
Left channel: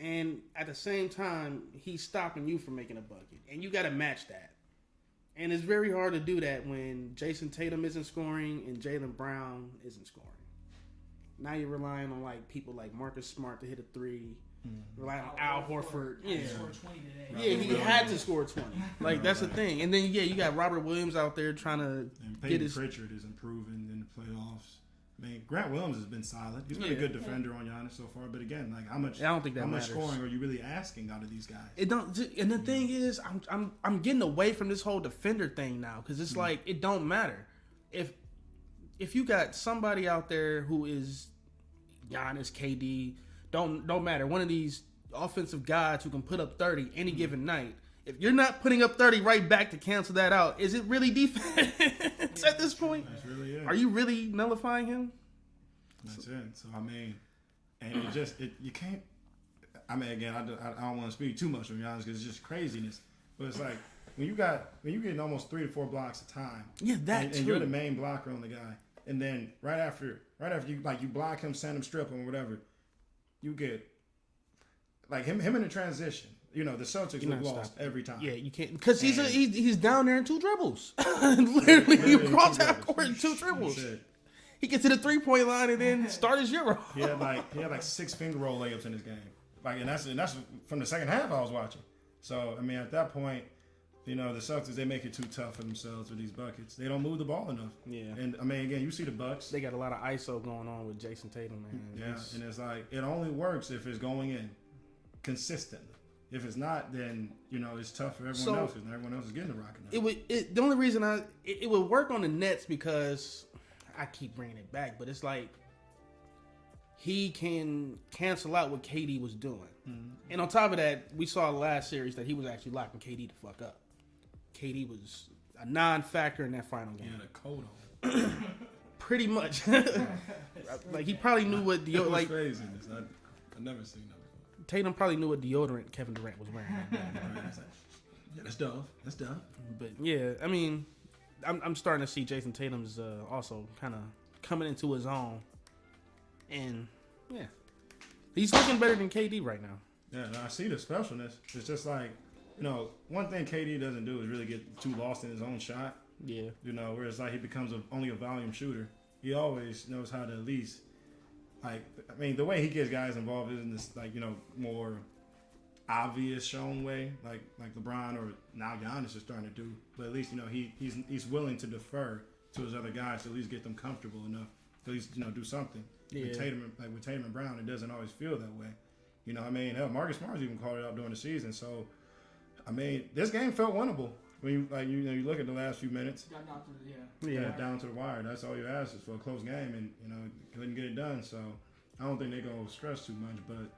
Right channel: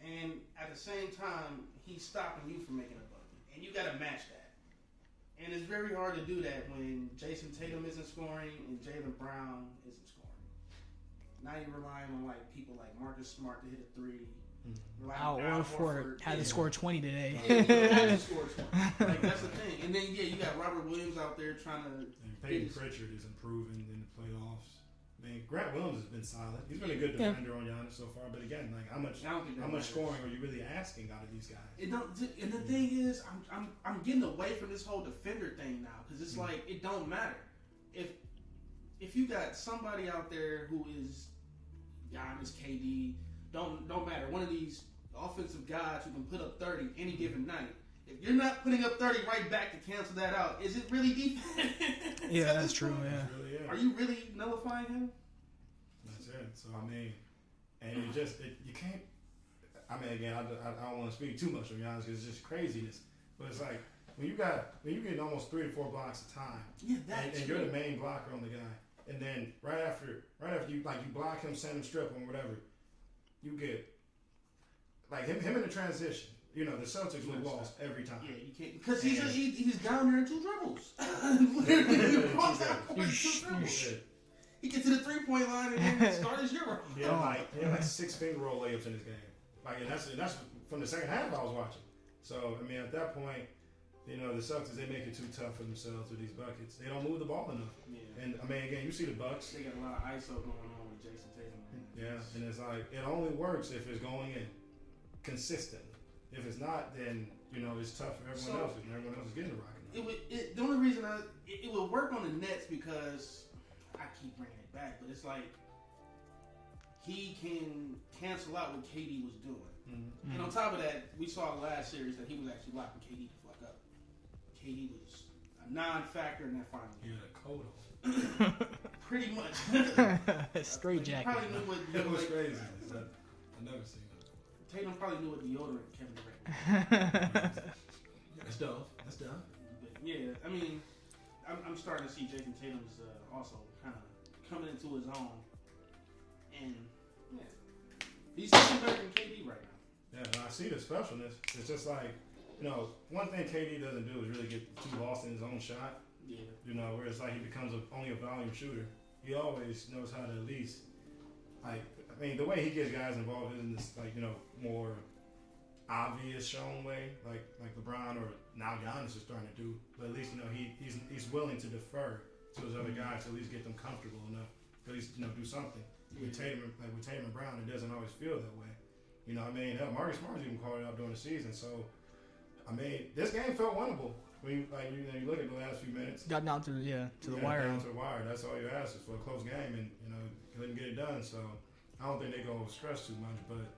And at the same time, he's stopping you from making a bucket. And you got to match that. And it's very hard to do that when Jason Tatum isn't scoring and Jaylen Brown isn't scoring. Now you're relying on like people like Marcus Smart to hit a 3. Relying on Al Horford. Had to score 20 today. Yeah, he had to score 20. Like, that's the thing. And then, you got Robert Williams out there trying to and Peyton Pritchard is improving in the playoffs. I mean, Grant Williams has been solid. He's been a good defender on Giannis so far. But again, like how much scoring are you really asking out of these guys? It don't. And the thing is, I'm getting away from this whole defender thing now because it's like it don't matter if you got somebody out there who is Giannis, KD, don't matter. One of these offensive guys who can put up 30 any given night. If you're not putting up 30 right back to cancel that out, is it really defense at this point? Really, Are you really nullifying him? That's it. So I mean, and you can't. I mean, again, I don't want to speak too much, to be honest, because it's just craziness. But it's like when you get almost 3 to 4 blocks a time. Yeah, and you're the main blocker on the guy, and then right after you block him, send him, strip him, whatever, you get like him in the transition. You know, the Celtics look lost every time. Yeah, you can't because he's down there in 2 dribbles. Literally, you cross that court in 2 dribbles. He gets to the 3-point line and then start his Euro. He had like 6 finger roll layups in his game. Like, and that's from the second half I was watching. So I mean, at that point, you know, the Celtics, they make it too tough for themselves with these buckets. They don't move the ball enough. Yeah. And I mean, again, you see the Bucks. They got a lot of ISO going on with Jason Tatum, man. Yeah, and it's like it only works if it's going in consistently. If it's not, then you know it's tough for everyone else, and everyone else is getting the rocket. The only reason it would work on the Nets because I keep bringing it back, but it's like he can cancel out what KD was doing, and on top of that, we saw last series that he was actually locking KD the fuck up. KD was a non-factor in that final game. Yeah, the coat on. Pretty much. Like he probably knew what like. Crazy. I've never seen that. Tatum probably knew what deodorant Kevin Durant was wearing. That's dumb. But yeah, I mean, I'm starting to see Jason Tatum's also kind of coming into his own, and yeah, he's looking better than KD right now. Yeah, and I see the specialness. It's just like, you know, one thing KD doesn't do is really get too lost in his own shot. Yeah, you know, where it's like he becomes only a volume shooter. He always knows how to at least. Like, I mean, the way he gets guys involved is in this, like, you know, more obvious shown way, like LeBron or now Giannis is starting to do. But at least, you know, he's willing to defer to his other guys to at least get them comfortable enough to at least, you know, do something. Yeah. With Tatum and Brown, it doesn't always feel that way. You know, I mean, hell, Marcus Smart's even called it out during the season. So, I mean, this game felt winnable. When you look at the last few minutes, got down to the wire. Down to the wire. That's all you ask is for a close game, and you know couldn't get it done. So I don't think they're gonna stress too much, but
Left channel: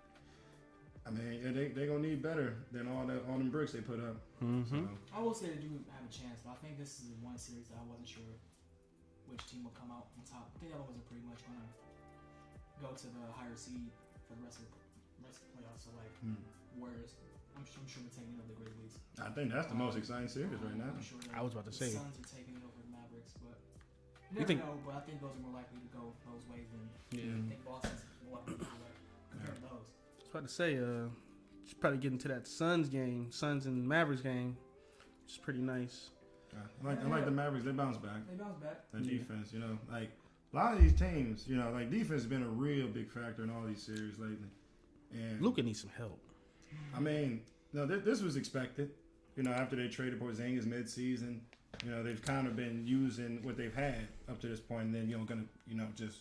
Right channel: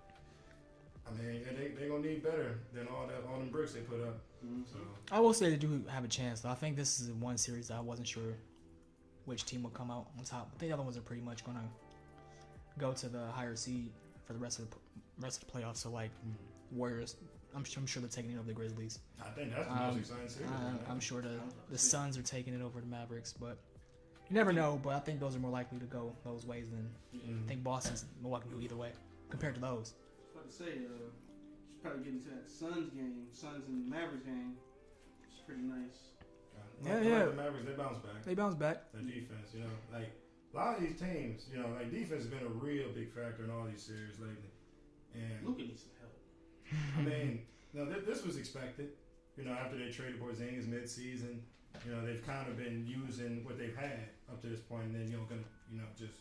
I mean they gonna need better than all them bricks they put up. Mm-hmm. So. I will say they do have a chance, though. I think this is one series that I wasn't sure which team will come out on top. I think the other ones are pretty much gonna go to the higher seed for the rest of the playoffs. So like Warriors. I'm sure they're taking it over the Grizzlies. I think that's the most exciting series right now. I'm sure the say Suns are taking it over the Mavericks, but you never know. But I think those are more likely to go those ways than I think Boston's more likely either way compared to those. I was about to say, just probably getting to that Suns and Mavericks game. It's pretty nice. Like the Mavericks, they bounce back. The defense, you know, like a lot of these teams, you know, like defense has been a real big factor in all these series lately. And Luka needs some help. I mean, no, this was expected. You know, after they traded Porzingis mid-season, you know, they've kind of been using what they've had up to this point, and then just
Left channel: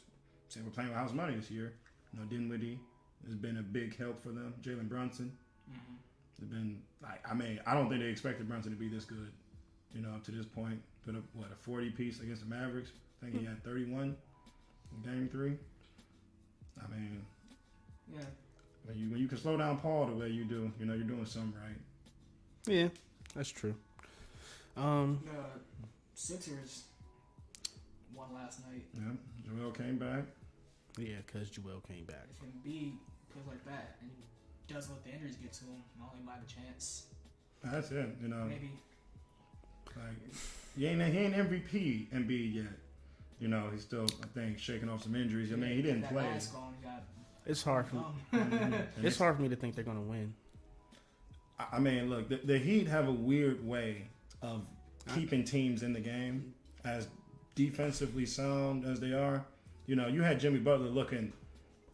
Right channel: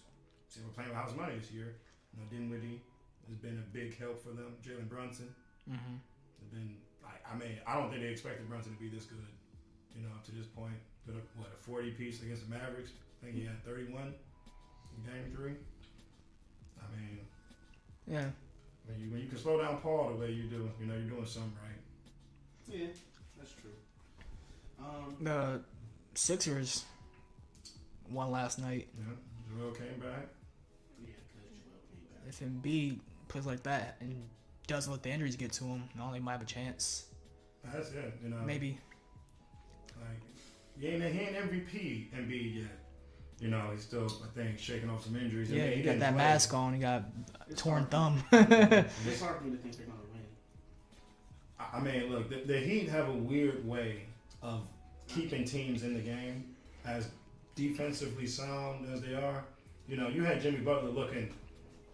say we're playing with house money this year. You know, Dinwiddie has been a big help for them. Jalen Brunson has been. I don't think they expected Brunson to be this good. You know, up to this point, put up a 40 piece against the Mavericks. I think he had 31 in Game 3. I mean, yeah. When you can slow down Paul the way you do, you know you're doing something right. Yeah, that's true. The Sixers won last night. Yeah, Joel came back. Yeah, because Joel came back. If Embiid plays like that and doesn't let the injuries get to him, not only might have a chance. That's it. You know, maybe. Like he ain't MVP Embiid yet. You know, he's still I think shaking off some injuries. Yeah, he didn't got that play. mask on. He got it's torn thumb. It's hard for me to think they're gonna win. I mean, look, the Heat have a weird way of keeping teams in the game, as defensively sound as they are. You know, you had Jimmy Butler looking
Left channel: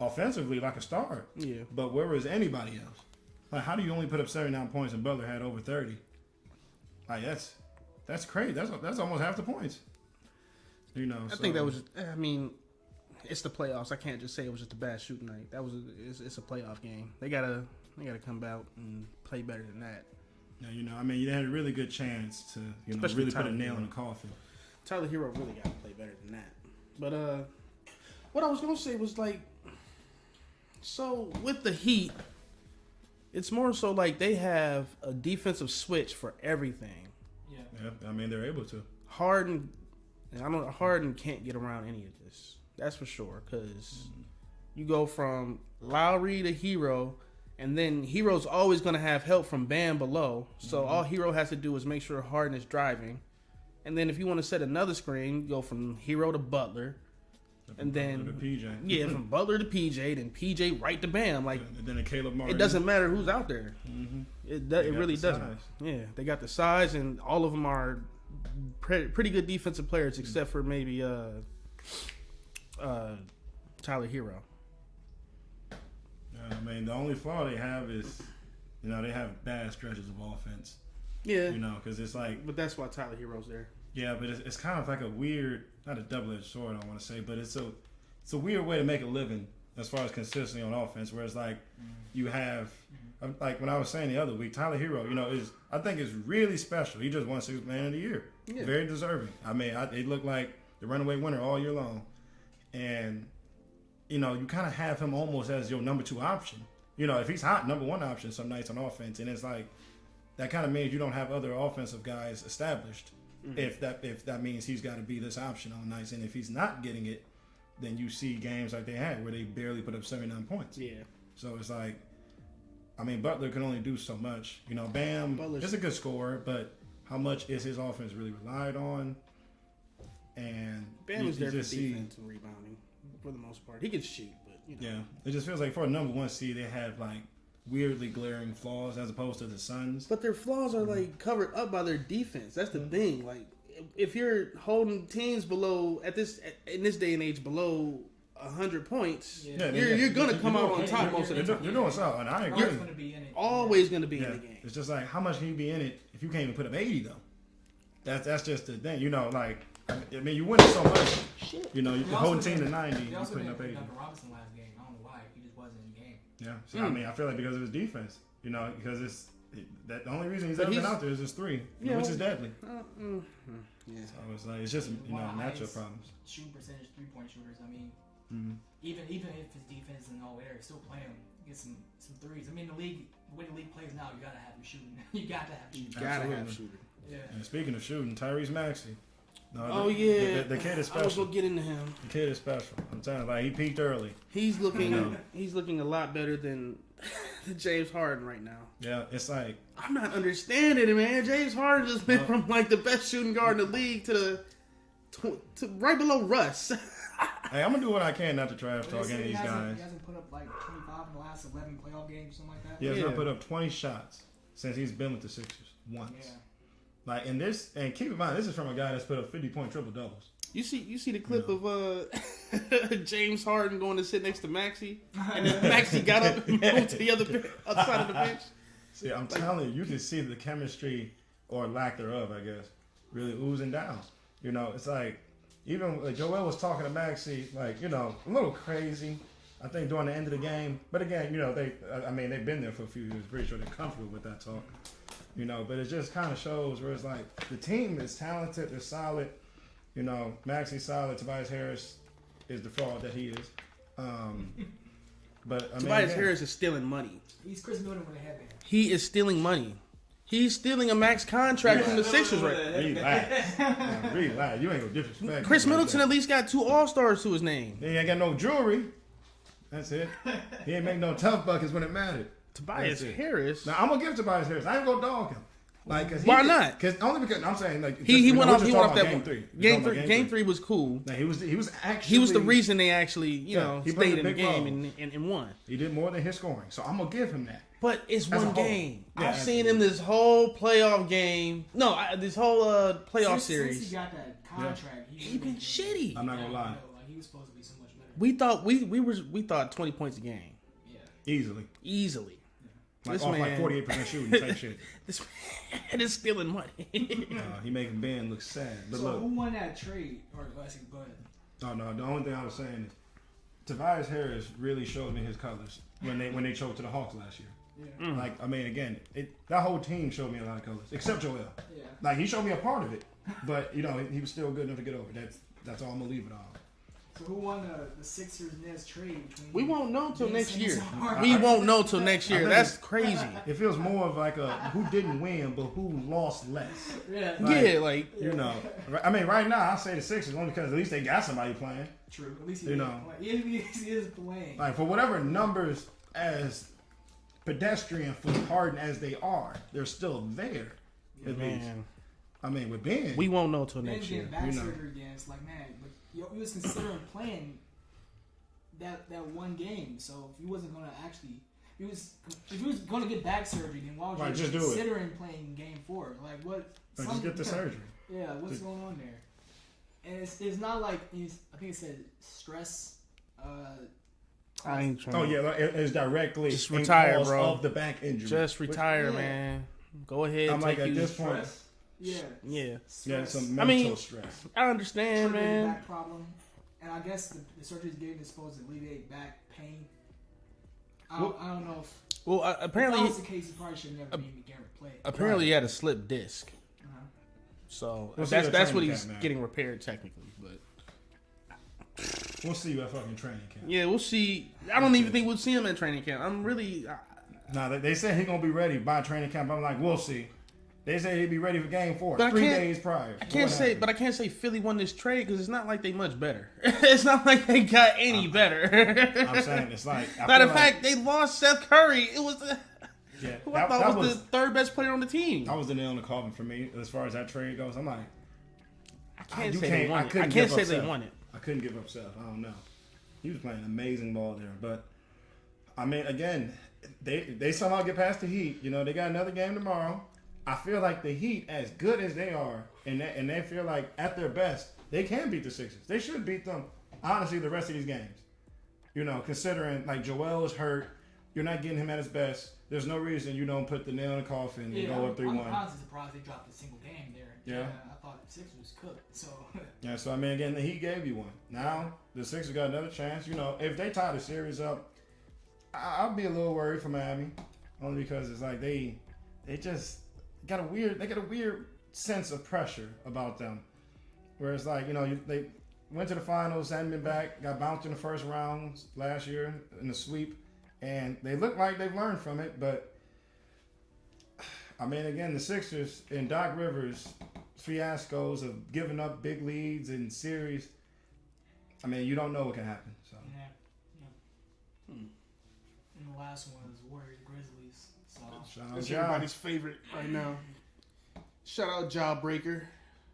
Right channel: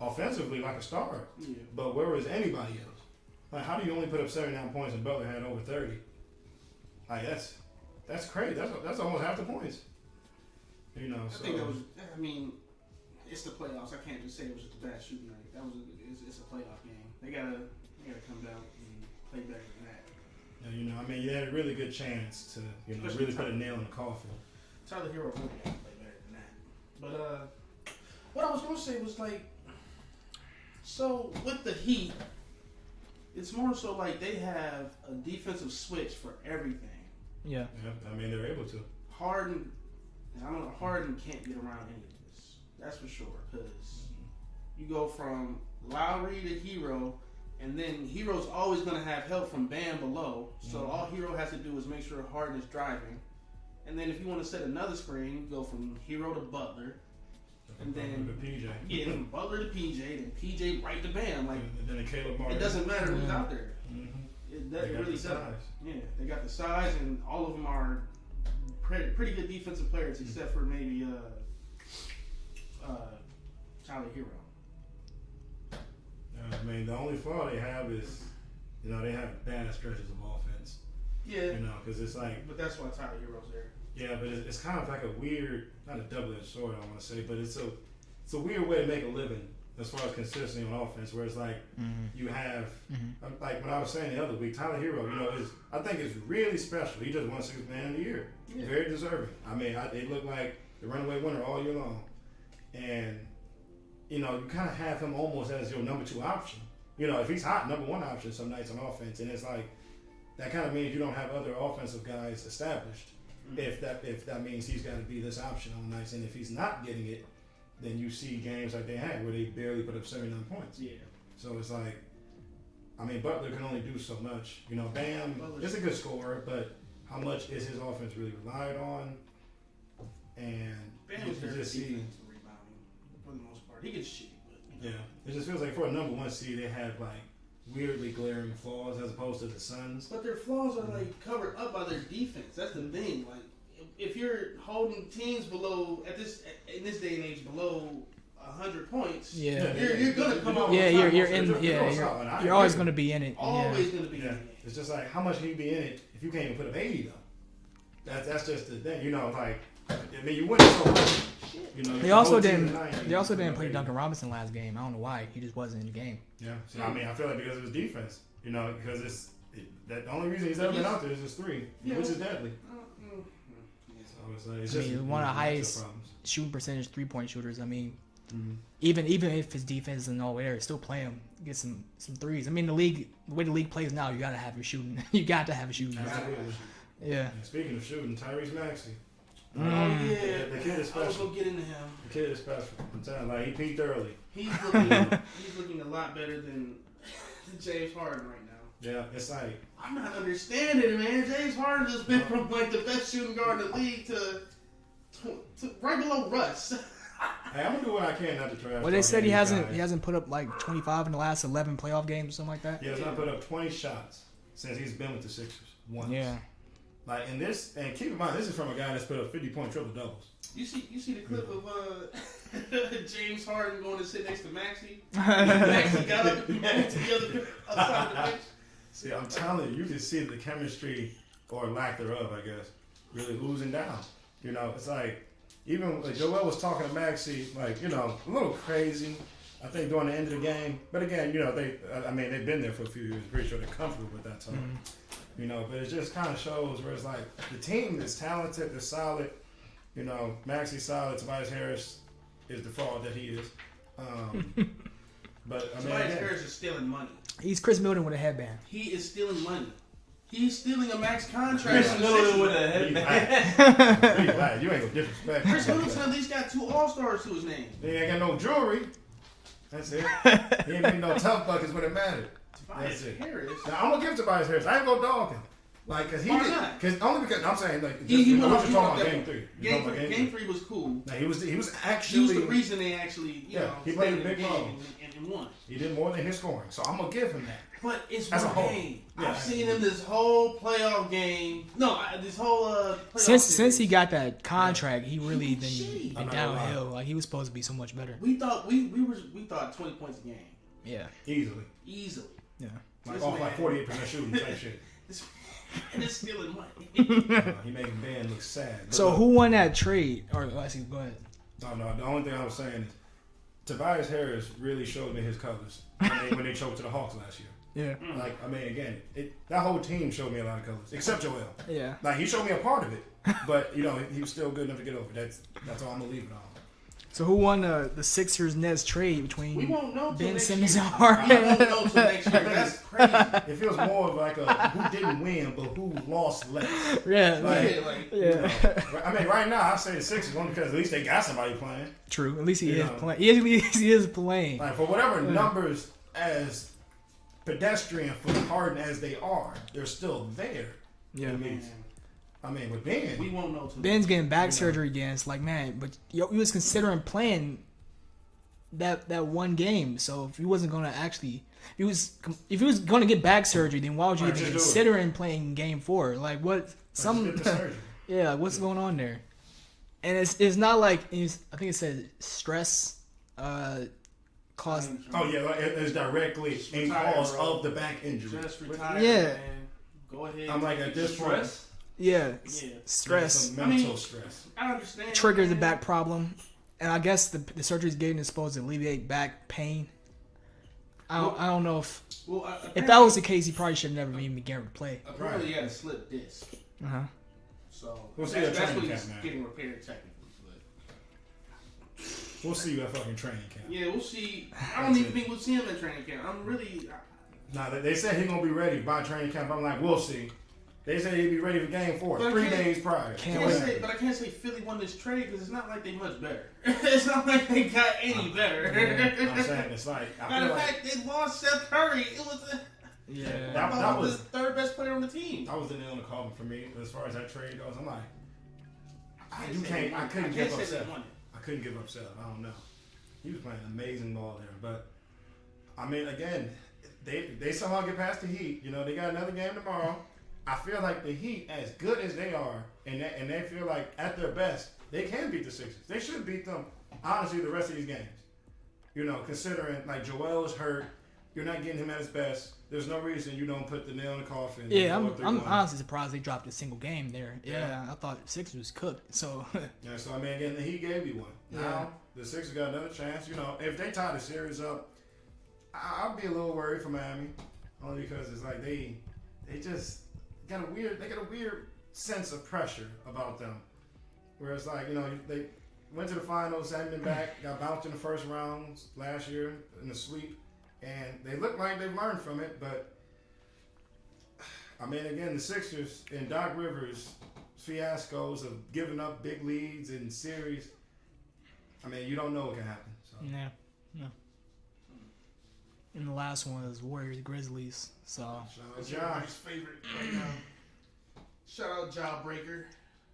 offensively like a star. Yeah. But where was anybody else? Like, how do you only put up 79 points and Butler had over 30? Like, that's crazy. That's almost half the points. You know, I think that was. I mean, it's the playoffs. I can't just say it was just a bad shooting night. It's a playoff game. They gotta come out and play better than that. Now, you know, I mean, you had a really good chance to really put a nail in the coffin. Tyler Hero really got to play better than that. But what I was gonna say was like, so with the Heat, it's more so like they have a defensive switch for everything. Yeah. Yeah, I mean they're able to. Harden can't get around any of this. That's for sure. Because you go from Lowry to Hero, and then Hero's always going to have help from Bam below. So all Hero has to do is make sure Harden is driving. And then if you want to set another screen, go from Hero to Butler. And then to PJ. Yeah, from Butler to PJ, then PJ right to Bam. Like, and then to Caleb Martin. it doesn't matter who's out there. It really doesn't. Size. Yeah, they got the size, and all of them are pretty good defensive players, except for maybe Tyler Hero. I mean, the only flaw they have is, they have bad stretches of offense. Yeah. Because it's like. But that's why Tyler Hero's there. Yeah, but it's kind of like a weird, not a double-edged sword, I want to say, but it's a weird way to make a living as far as consistency on offense, where it's like you have, like when I was saying the other week, Tyler Hero, I think is really special. He just won 6th Man of the Year. Yeah. Very deserving. I mean, it looked like the runaway winner all year long. And, you kind of have him almost as your number 2 option. If he's hot, number 1 option some nights on offense. And it's like, that kind of means you don't have other offensive guys established. If that means he's got to be this option on nights, and if he's not getting it, then you see games like they had where they barely put up 79 points. Yeah. So it's like, I mean, Butler can only do so much. Bam is a good scorer, but how much is his offense really relied on? And Bam is there for defense and rebounding for the most part. He can shoot, but yeah, it just feels like for a number 1 seed, they have like weirdly glaring flaws as opposed to the Suns. But their flaws are like covered up by their defense. That's the thing. Like, if you're holding teams below in this day and age below 100 points, you're gonna come out on top. You're always gonna be in it. Always gonna be in the game. It's just like, how much can you be in it if you can't even put up 80 though? That's just the thing. Like, I mean, you win so much. They also didn't play Duncan Robinson last game. I don't know why. He just wasn't in the game. Yeah. So, I mean, I feel like because of his defense. Because the only reason he's ever been out there is his 3, which is deadly. So it's just one of the highest shooting percentage 3-point shooters. I mean, even if his defense isn't all there, still play him, get some threes. I mean, the way the league plays now, you gotta have your shooting. You got to have a shooting. Yeah. And speaking of shooting, Tyrese Maxey. Oh yeah, the kid is special. I was gonna get into him. The kid is special. I'm telling you, he peaked early. He's looking a lot better than James Harden right now. Yeah, it's like, I'm not understanding it, man. James Harden just been from like the best shooting guard in the league to right below Russ. Hey, I'm gonna do what I can not to trash. Well, they said he hasn't put up like 25 in the last 11 playoff games or something like that. Yeah, he's not put up 20 shots since he's been with the Sixers once. Yeah. Like in this, and keep in mind, this is from a guy that's put up 50-point triple doubles. You see the clip of James Harden going to sit next to Maxey. Maxey got up and went to the other side of the bench. See, I'm telling you, you can see the chemistry or lack thereof, I guess, really oozing down. It's like, even Joel was talking to Maxey, like, a little crazy, I think, during the end of the game. But again, they've been there for a few years. Pretty sure they're comfortable with that talk. But it just kind of shows where it's like the team is talented, they're solid. Maxey's solid. Tobias Harris is the fraud that he is. But Tobias Harris is stealing money. He's Chris Middleton with a headband. He is stealing money. He's stealing a max contract from the Sixers. You ain't gonna disrespect. Chris Middleton at least got 2 All-Stars to his name. He ain't got no jewelry. That's it. He ain't making no tough buckets when it mattered. Tobias Harris. Now I'm gonna give Tobias Harris. I ain't gonna dog him. Like, why not? Only because I'm saying, like, he went off that game 3. Game 3 was cool. Now, he was the reason they actually stayed in the game and won. He did more than his scoring, so I'm gonna give him that. But it's one game. Yeah, I've seen him this whole playoff game. No, this whole playoff series. Since he got that contract, he really been shitty. Downhill. Like, he was supposed to be so much better. We thought we thought 20 points a game. Yeah, easily. Yeah, like off like 48% shooting type shit. This man is stealing money. He making Ben look sad. But so who won that trade? Or go ahead. No. The only thing I was saying is Tobias Harris really showed me his colors when they choked to the Hawks last year. Yeah. Like, I mean, again, that whole team showed me a lot of colors, except Joel. Yeah. Like, he showed me a part of it, but he was still good enough to get over. That's all I'm gonna leave it on. So who won the Sixers-Nets trade between We won't know till Ben next Simmons year. and Harden? We won't know till next year. That's crazy. It feels more of like a who didn't win, but who lost less. Yeah, You know, I mean, right now I say the Sixers only because at least they got somebody playing. True. At least he You is know. playing. He is playing. Like for whatever numbers as pedestrian for Harden as they are, they're still there. Yeah, at Man, least. I mean, with Ben, we won't know till Ben's next year. getting back You know. surgery again. It's like, man, but he was considering playing that one game. So if he wasn't gonna actually, if he was gonna get back surgery, then why would you Right, even just do it. considering playing Game 4? Like what? just get the surgery. Yeah, like, what's going on there? And it's not like I think it said stress. Caused, Oh yeah, it's directly Just in retire, cause bro. of the back injury. Just retire, Yeah. man. Go ahead. I'm like take at you- this point, Stress? yeah, Yeah. stress some I mental mean, stress. I understand. triggers man. the back problem, and I guess the surgery's getting is supposed to alleviate back pain. I don't know if Well, if apparently, that was the case, he probably should have never even began to play. apparently he had a slip disc. Uh-huh. So We'll see at that's what training he's camp, man. getting repaired technically. But We'll see you at fucking training camp. yeah, we'll see. I don't even think we'll see him at training camp. I'm really. Now they said he's gonna be ready by training camp. I'm like, we'll see. They said he'd be ready for Game 4 But I 3 can't- days prior. I can't say Philly won this trade because it's not like they much better. It's not like they got any better. I'm saying it's like. I Matter feel of fact, they lost Seth Curry. It was. Yeah. I thought that was was the third best player on the team. that was the nail in the coffin for me as far as that trade goes. I'm like, I you say can't. they won I it. couldn't I can't give say up they Seth. won it. I couldn't give up Seth. I don't know. He was playing amazing ball there, but I mean, again, they somehow get past the Heat. You know, they got another game tomorrow. I feel like the Heat, as good as they are, and they feel like at their best, they can beat the Sixers. They should beat them. Honestly, the rest of these games. You know, considering like Joel is hurt, you're not getting him at his best. There's no reason you don't put the nail in the coffin. Yeah, and go I'm 3-1. honestly surprised they dropped a single game there. Yeah, Yeah. I thought Sixers was cooked. So Yeah, so I mean, again, he gave you one. Now the Sixers got another chance. You know, if they tie the series up, I'd be a little worried for Miami, only because it's like they just got a weird sense of pressure about them, where it's like, you know, they went to the finals, hadn't been back, got bounced in the first round last year in the sweep, and they look like they've learned from it. But I mean, again, the Sixers and Doc Rivers fiascos of giving up big leads in series. I mean, you don't know what can happen. So yeah, no. And the last one was Warriors Grizzlies. So shout out It's Ja. everybody's favorite right now. Shout out Jawbreaker.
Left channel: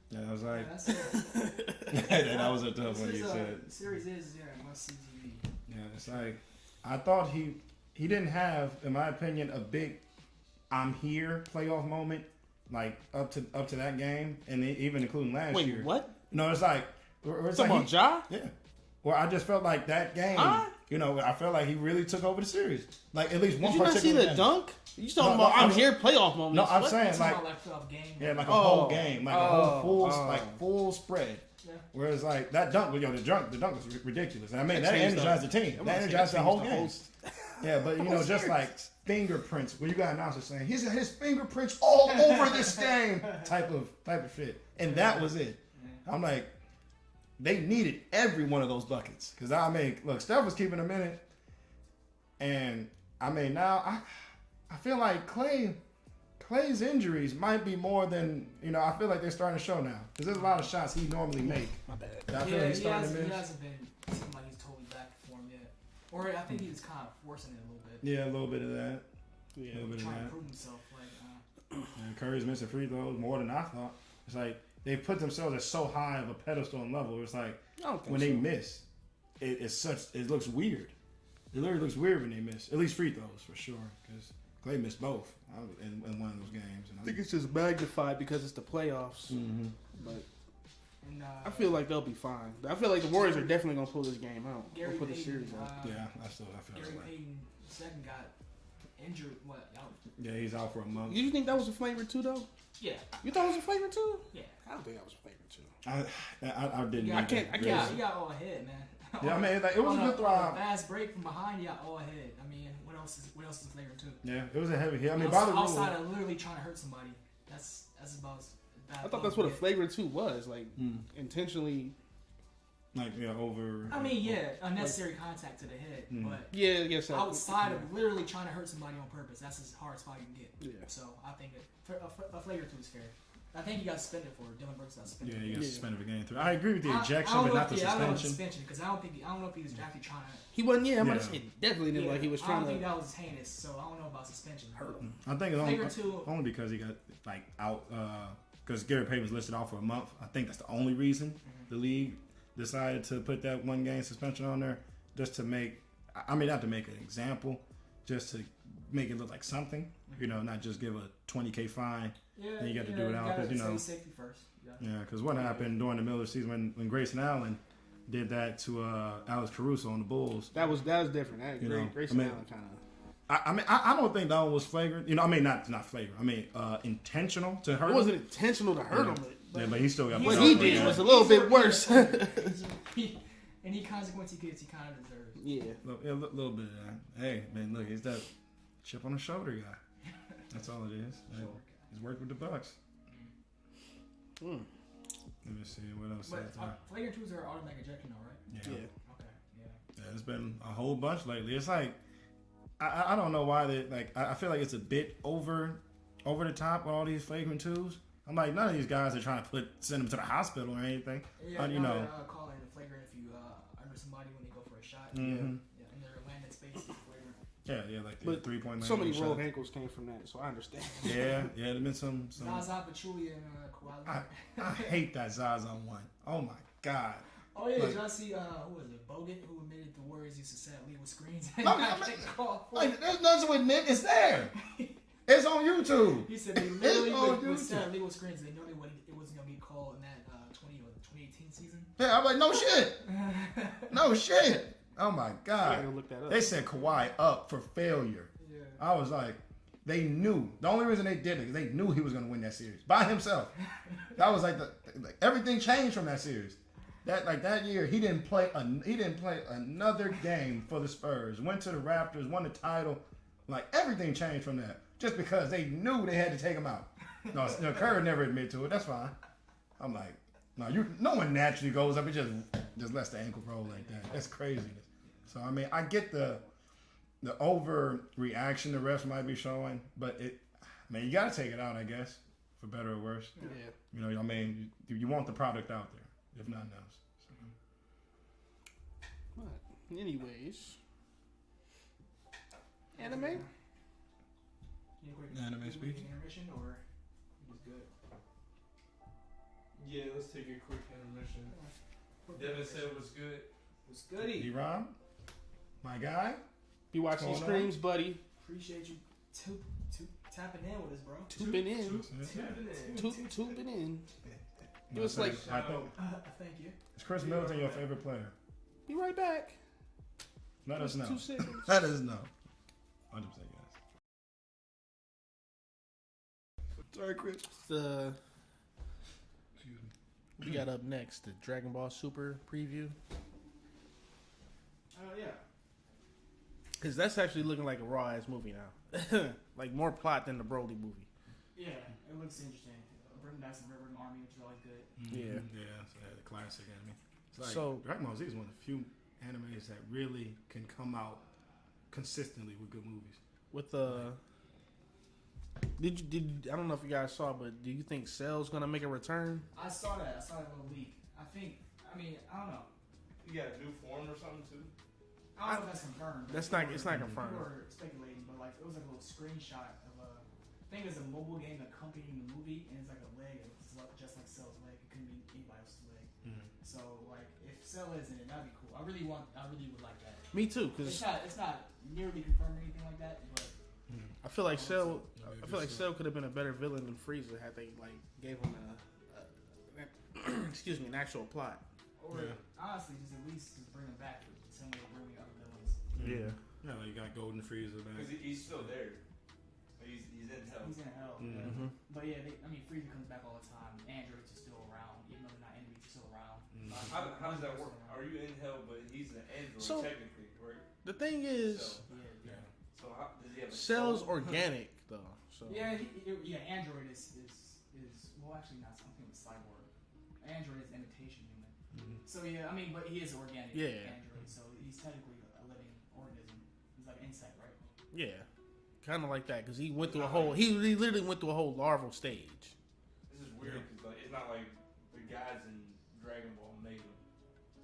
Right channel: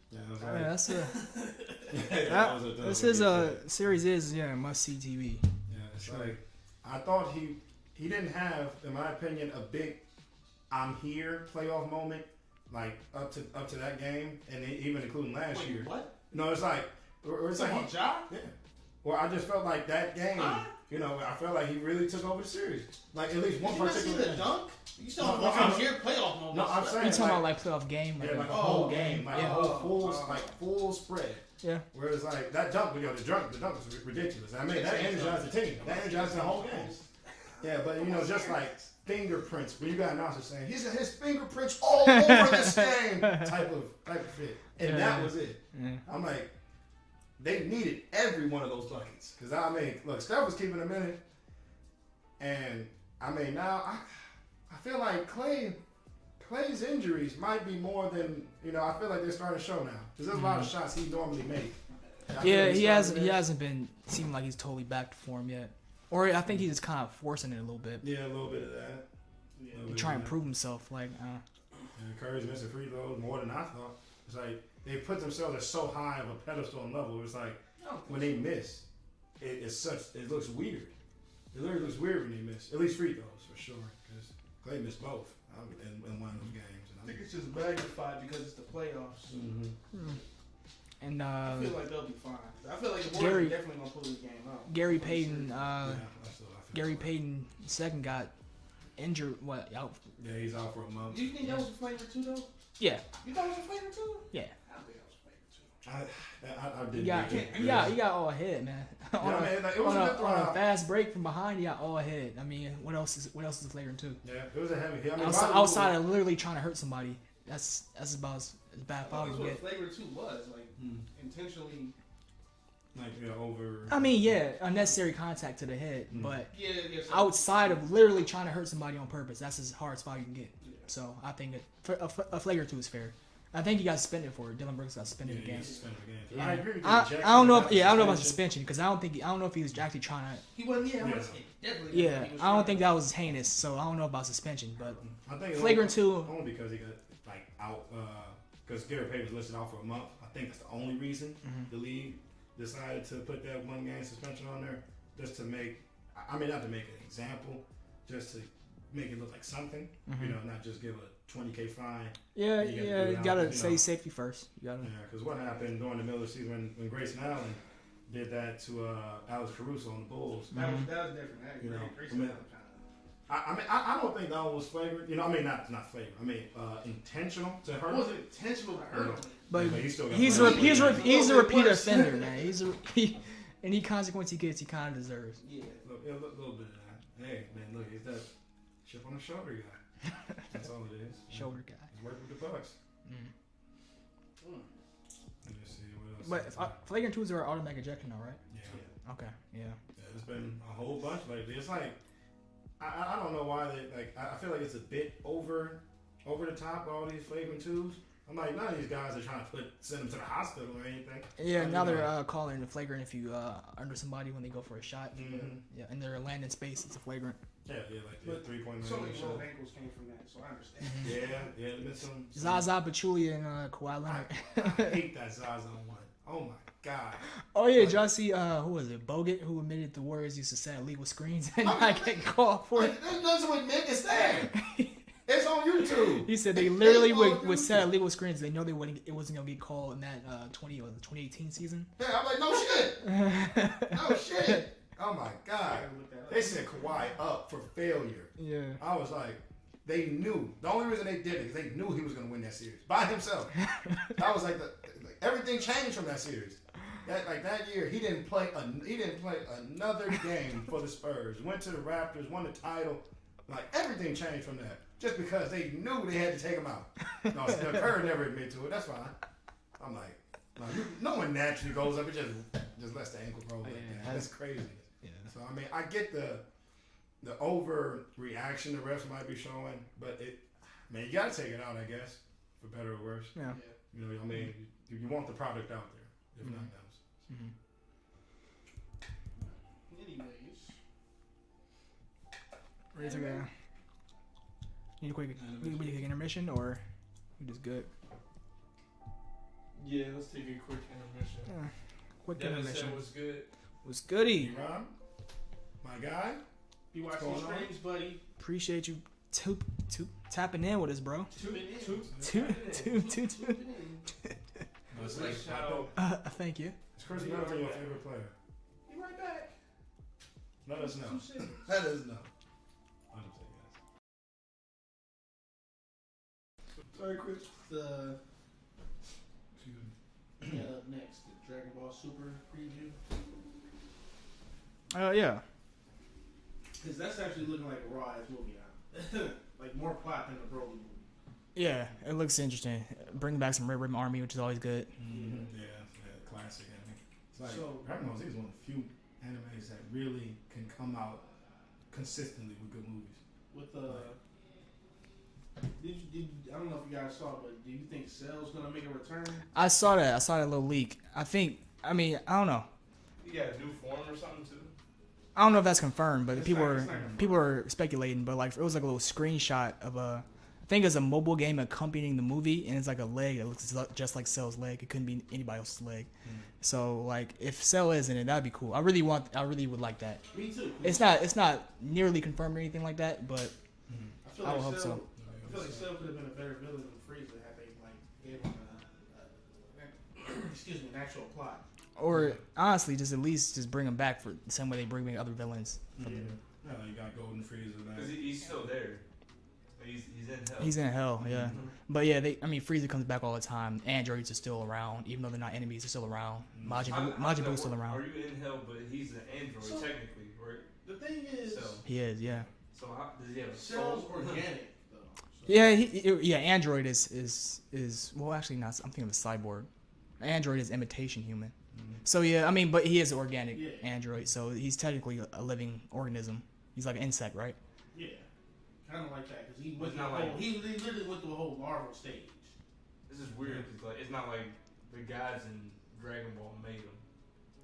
Yeah, I was yeah, like, that's that was a tough this one is you said. series is must see TV. Yeah, it's like I thought he didn't have, in my opinion, a big "I'm here" playoff moment like up to that game, and even including last year. Wait, what? No, it's like it's Talking like about Ja? yeah. Well, I just felt like that game. You know, I felt like he really took over the series. Like at least one Did you not see particular the game. dunk? You talking No, about I'm- I'm here playoff moments? No, I'm What? saying You're talking like, about like playoff game. yeah, like a Oh, whole game, like a whole full spread. Yeah. Whereas like that dunk, the dunk was ridiculous. I mean, that Changed energized the team. That energized the whole changed the game. whole- Yeah, but you know, just like fingerprints, when you got announcers saying he's his fingerprints all over this game, type of fit, and that was it. Yeah. I'm like, they needed every one of those buckets because I mean, look, Steph was keeping them in it, and I mean now I feel like Clay's injuries might be more than, you know, I feel like they're starting to show now because there's a lot of shots he normally made. I feel Yeah, he's he starting to miss. hasn't been seeming like he's totally back to form yet. Or I think he's just kind of forcing it a little bit. Yeah, a little bit of that. Yeah. Little bit of Trying to that. prove himself. Like, And Curry's missing free throws more than I thought. It's like they put themselves at so high of a pedestal and level. It's like I don't think when so. they miss, it looks weird. It literally looks weird when they miss. At least free throws for sure, because Clay missed both in one of those games. I think it's just magnified because it's the playoffs. Mm-hmm. and I feel like they'll be fine. I feel like the Warriors Gary- are definitely gonna pull this game out. Gary Pull the Payton, series out. I feel Gary that way. Payton second got injured. What? Out? Yeah, he's out for a month. Did you think that was a flavor too, though? Yeah. You thought it was a flavor too? Yeah. I don't think that was a flavor too. I didn't. Yeah, think that. he got all ahead, man. Yeah, I mean, like, it was a good on throw. fast break from behind. He got all ahead. I mean, what else is flagrant too? Yeah, it was a heavy hit. I mean, outside of literally trying to hurt somebody, that's about as bad. I thought that's what a flagrant two was, like Mm. intentionally Like, yeah, over. I mean, yeah, unnecessary contact to the head, but Yeah, so. outside of literally trying to hurt somebody on purpose, that's as hard spot you can get. Yeah. So I think a flagrant 2 is fair. I think he got suspended for it. Dylan Brooks got suspended. Yeah, he got again. suspended for game 3. I agree with the I ejection. don't know. but not the I don't know about suspension. suspension because I don't know if he was actually trying to. He wasn't. Yeah, Yeah. it definitely didn't. Yeah, Like he was I don't trying think to- that was heinous. So I don't know about suspension, but I think it's flagrant 2. only because he got like out because Gary Payton was listed off for a month. I think that's the only reason the league decided to put that 1 game suspension on there, just to make. I mean, not to make an example, just to make it look like something. You know, not just give a $20K fine. Yeah, You gotta do yeah, it you out, gotta 'cause, you say know. safety first. You gotta. Yeah, because what happened during the middle of the season when Grayson Allen did that to Alex Caruso on the Bulls. That was different. That You know, Grayson I mean- Allen kind of. I don't think that one was flagrant. You know, I mean not flagrant. I mean intentional to hurt. It wasn't intentional to hurt him. but he still got. He's, put out he's, there. he's, a a little bit repeat worse. offender, man. Any consequence he gets, he kind of deserves. Yeah. A little bit of that. Hey, man, look, he's that chip on the shoulder guy. That's all it is. Shoulder guy. He's worked with the Bucks. Mm. Let me see what else. But is there. flagrant 2s are automatic ejection, though, right? Yeah. Okay. Yeah. Yeah, there's been a whole bunch lately. It's like I don't know why they like. I feel like it's a bit over the top with all these flagrant 2s. I'm like, none of these guys are trying to send them to the hospital or anything. Yeah. You Now know. they're calling it a flagrant if you under somebody when they go for a shot. Mhm. Yeah. And they're landing space. It's a flagrant. Yeah, like the But 3-point So many shot. rogue ankles came from that, so I understand. Yeah, there's been some. Zaza Pachulia and Kawhi I Leonard. hate that Zaza one. Oh my god. Oh yeah, did y'all see who was it? Bogut, who admitted the Warriors used to set illegal screens and not get called for it. There's nothing to admit. It's there. It's on YouTube. He said they literally It's on would set YouTube. illegal screens. They know it wasn't gonna get called in that 2018 season. Yeah, I'm like, no shit. No shit. Oh my I god. gotta look that up. They set Kawhi up for failure. Yeah. I was like, they knew. The only reason they did it is they knew he was going to win that series by himself. That was like everything changed from that series. That year, he didn't play another game for the Spurs. Went to the Raptors, won the title. Like everything changed from that, just because they knew they had to take him out. No, Kerr never admitted to it. That's fine. I'm like, no one naturally goes up and just lets the ankle roll like that. That's craziness. So I mean, I get the overreaction the refs might be showing, but you gotta take it out, I guess, for better or worse. Yeah. You know, I mean, you want the product out there, if nothing else. Anyways. Ready to go? Need a quick intermission or you just good? Yeah, let's take a quick intermission. Yeah. Quick Devin intermission. said was good. What's goody? D-Ron, my guy. You watch What's these going on? streams, buddy. Appreciate you tapping in with us, bro. Tubing in. Tubing in. It was like, Thank you. Is Chris Middleton your favorite player? be right back. Let us know. 2 seconds. Let us know. 100% yes. Sorry, Chris. We got up next the Dragon Ball Super preview. Yeah. Because that's actually looking like a raw ass movie now. Like more plot than the Broly movie. Yeah, it looks interesting. Bring back some Red Ribbon Army, which is always good. Yeah. Yeah, classic anime. It's like, So- Dragon Ball Z is one of the few animes that really can come out consistently with good movies. With I don't know if you guys saw, but do you think Cell's gonna make a return? I saw that. I saw that little leak. I don't know. You got a new form or something too? I don't know if that's confirmed, but It's people not are confirmed. people are speculating. But like, it was like a little screenshot of I think it's a mobile game accompanying the movie, and it's like a leg that looks just like Cell's leg. It couldn't be anybody else's leg. So like, if Cell is in it, that'd be cool. I really would like that. Me too. 'Cause It's not nearly confirmed or anything like that, but I feel like I hope Cell. so. I feel like Cell could have been a better villain than Frieza had they like gave him an actual plot. or honestly, just at least just bring him back for the same way they bring back other villains. Yeah. Yeah, you got Golden Frieza. Because he's still there. He's in hell. He's in hell, yeah. But yeah, Frieza comes back all the time. Androids are still around, even though they're not enemies. They're still around. Majin Buu's still around. Are you in hell? But he's an android So- technically, right? The thing is, So, He is, yeah. so how, does he have a Cell's soul? organic though. So. Yeah, Android is well, actually not. I'm thinking of a cyborg. Android is imitation human. So yeah, I mean, but he is an organic Yeah. android, so he's technically a living organism. He's like an insect, right? Yeah, kind of like that because he went It's through a not whole. like- He literally went through a whole larval stage. This is weird because like it's not like the gods in Dragon Ball made them.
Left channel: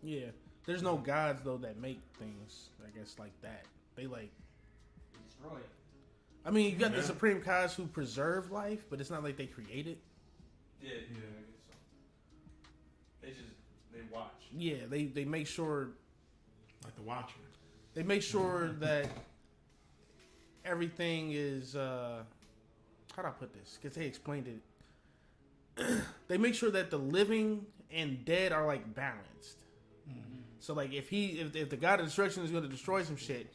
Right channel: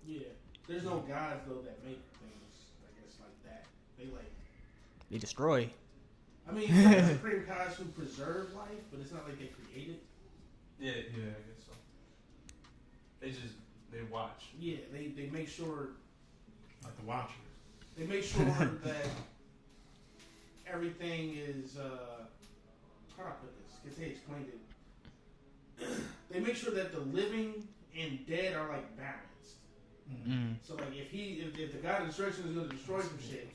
Yeah, there's no gods though that make things. I guess like that. They destroy. I mean, you got the Supreme Gods who preserve life, but it's not like they create it. Yeah, I guess so. They watch. Yeah, they make sure Like the Watcher. they make sure that everything is how do I put this? Because they explained it. They make sure that the living and dead are like balanced. So like if the God of destruction is going to destroy some shit,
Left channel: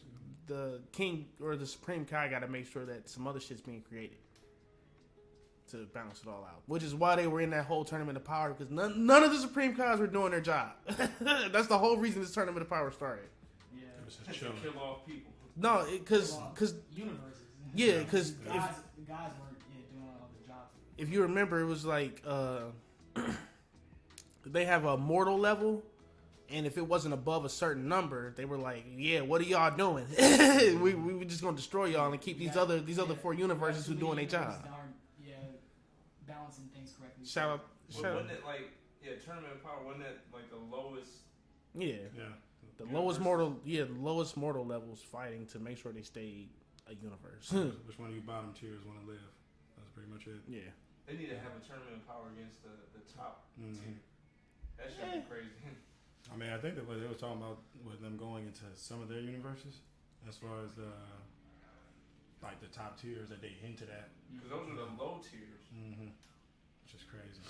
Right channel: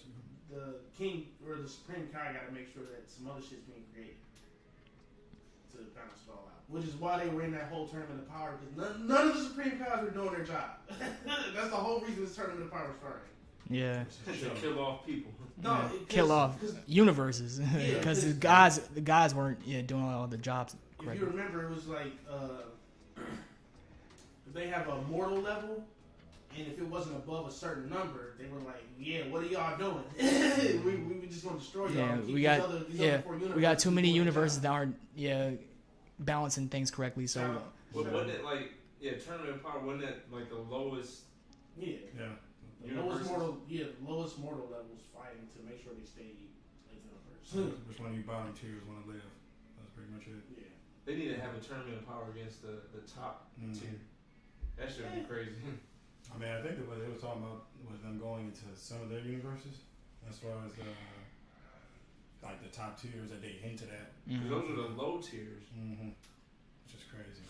the king or the Supreme Kai got to make sure that some other shit's being created to balance it all out. Which is why they were in that whole tournament of power, because none of the Supreme Kais were doing their job. That's the whole reason this tournament of power started. Yeah. Just to kill off people. No, Kill off because universes. Yeah, because the guys weren't doing all the jobs. if you remember, it was like they have a mortal level, and if it wasn't above a certain number, they were like, "Yeah, what are y'all doing? we just gonna destroy y'all and keep these other four universes." We got too many doing their universes job." that aren't balancing things correctly. So Shout- Wasn't it like Tournament of Power? Wasn't it like the lowest? Yeah, Yeah. the Universes? lowest mortal levels fighting to make sure they stay a universe. Which one of you bottom tiers want to live? That's pretty much it. Yeah, They need to have a Tournament of Power against the top tier. That should be crazy. I mean, I think that what they were talking about was them going into some of their universes, as far as like the top tiers that they hinted at. Because those are the low tiers. Which is crazy.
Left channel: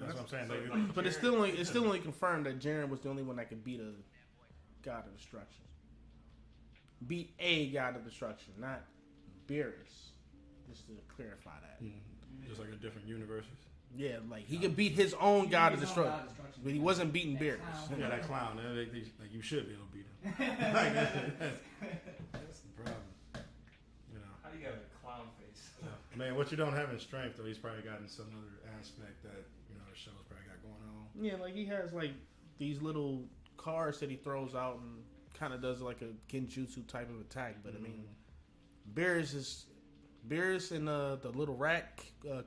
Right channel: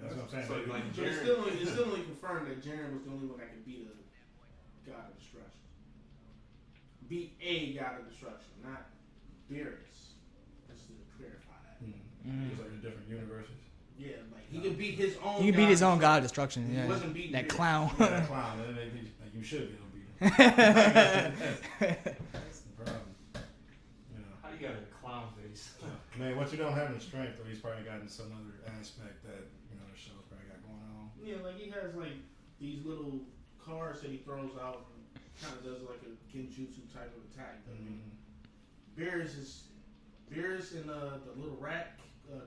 That's what I'm saying. So, They- like, but it's still only confirmed that Jaren was the only one that could beat a God of Destruction. Beat a God of Destruction, not Beerus. Just to clarify that. Just like in different universes. Yeah, like he could beat his own. he could beat his own God of Destruction. But he yeah. wasn't beating that Beerus. clown. Yeah, that clown. Like, you should be able to beat him. That's the problem. You know. How you got a clown face? I mean, what you don't have in strength, though, he's probably got in some other aspect that the show's probably got going on. Yeah, like he has like these little cards that he throws out and kind of does like a genjutsu type of attack. But I mean, Beerus and the little rat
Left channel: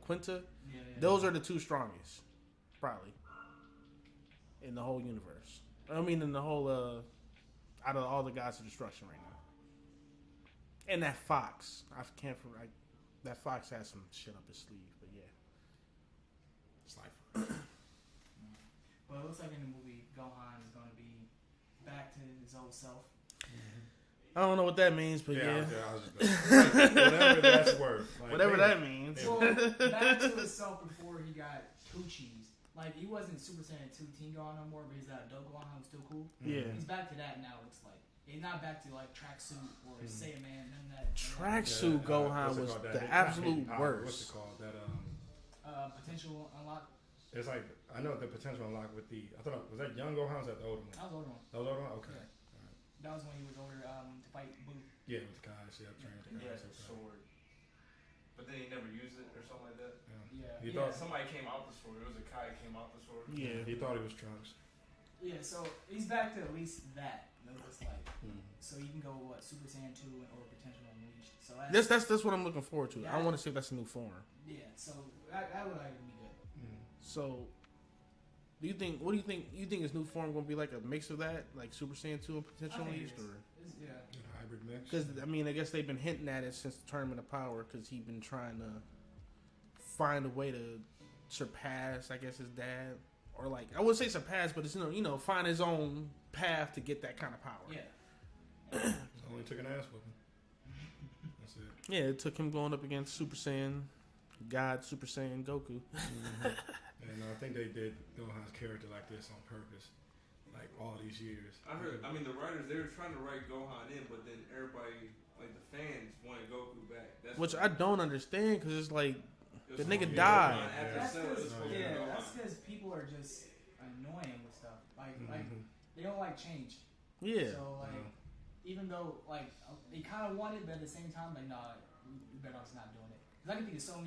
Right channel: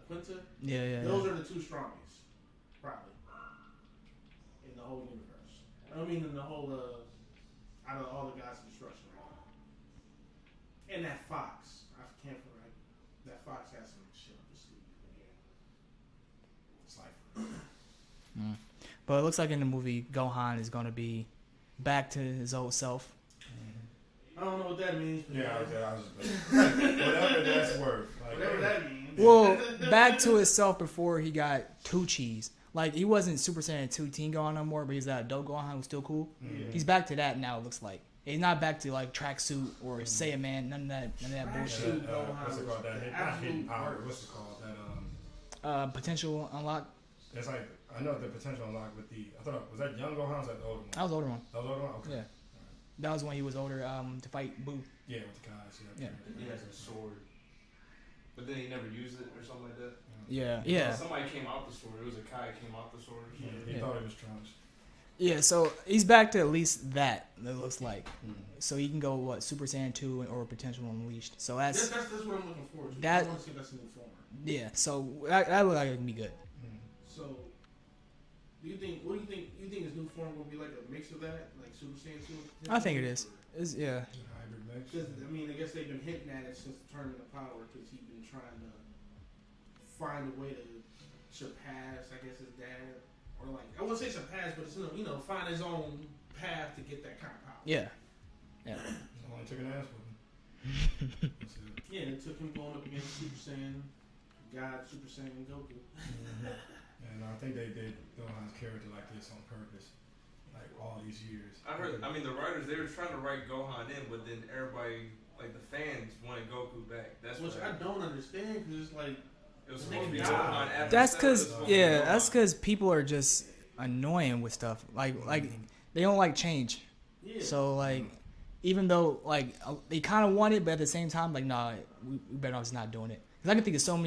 Quinta. Yeah. Those are the two strongest, probably, in the whole universe. I mean, in the whole out of all the gods of destruction right now. And that fox, I can't forget. That fox has some shit up his sleeve, but yeah. It's like, But it looks like in the movie, Gohan is going to be back to his old self. I don't know what that means, but yeah. I was just whatever that's worth. Like, Whatever that means. Well, back to himself before he got two cheese. Like, he wasn't Super Saiyan 2 Teen Gohan no more, but he's that adult Gohan who's still cool. Yeah. He's back to that now, it looks like. He's not back to, like, tracksuit or Saiyan Man, none of that bullshit. Tracksuit Gohan what's it was called? That the not absolute hidden power. worst. What's it called? That Potential unlock. it's like I know the potential unlock with the. I thought was that young Gohan? Or was that the older one? That was the older one. That was the older one. Okay. Yeah. That was when he was older to fight Boo. Yeah, with the Kais. Yeah. He has a sword. But then he never used it or something like that. Yeah. Somebody came out the sword. It was a Kai came out the sword. Yeah. He thought he was Trunks. Yeah, so he's back to at least that, it looks like. So he can go, Super Saiyan 2 or Potential Unleashed. So that's what I'm looking forward to. I want to see if that's a new form. yeah, so that look like it can be good. So, what do you think? You think his new form gonna be like a mix of that, like Super Saiyan 2 and Potential? I think it Unleashed, is. Yeah. Hybrid mix. Because I mean, I guess they've been hinting at it since the Tournament of Power. Because he's been trying to find a way to surpass, I guess, his dad, or like I wouldn't say surpass, but it's find his own path to get that kind of power. Yeah. It only took an ass whooping. That's it. Yeah, it took him going up against Super Saiyan God, Super Saiyan Goku. And I think they did Gohan's character like this on purpose, like all these years. I mean, the writers, they were trying to write Gohan in, but then everybody, like the fans, wanted Goku back. That's Which what I don't understand because it's like it was the nigga supposed to be died. Gohan after That's Cell, because it was supposed to be Gohan. that's because people are just annoying with stuff. Like they don't like change. yeah. So like even though like they kind of want it, but at the same time like nah, we better off just not doing it. Because I can think of so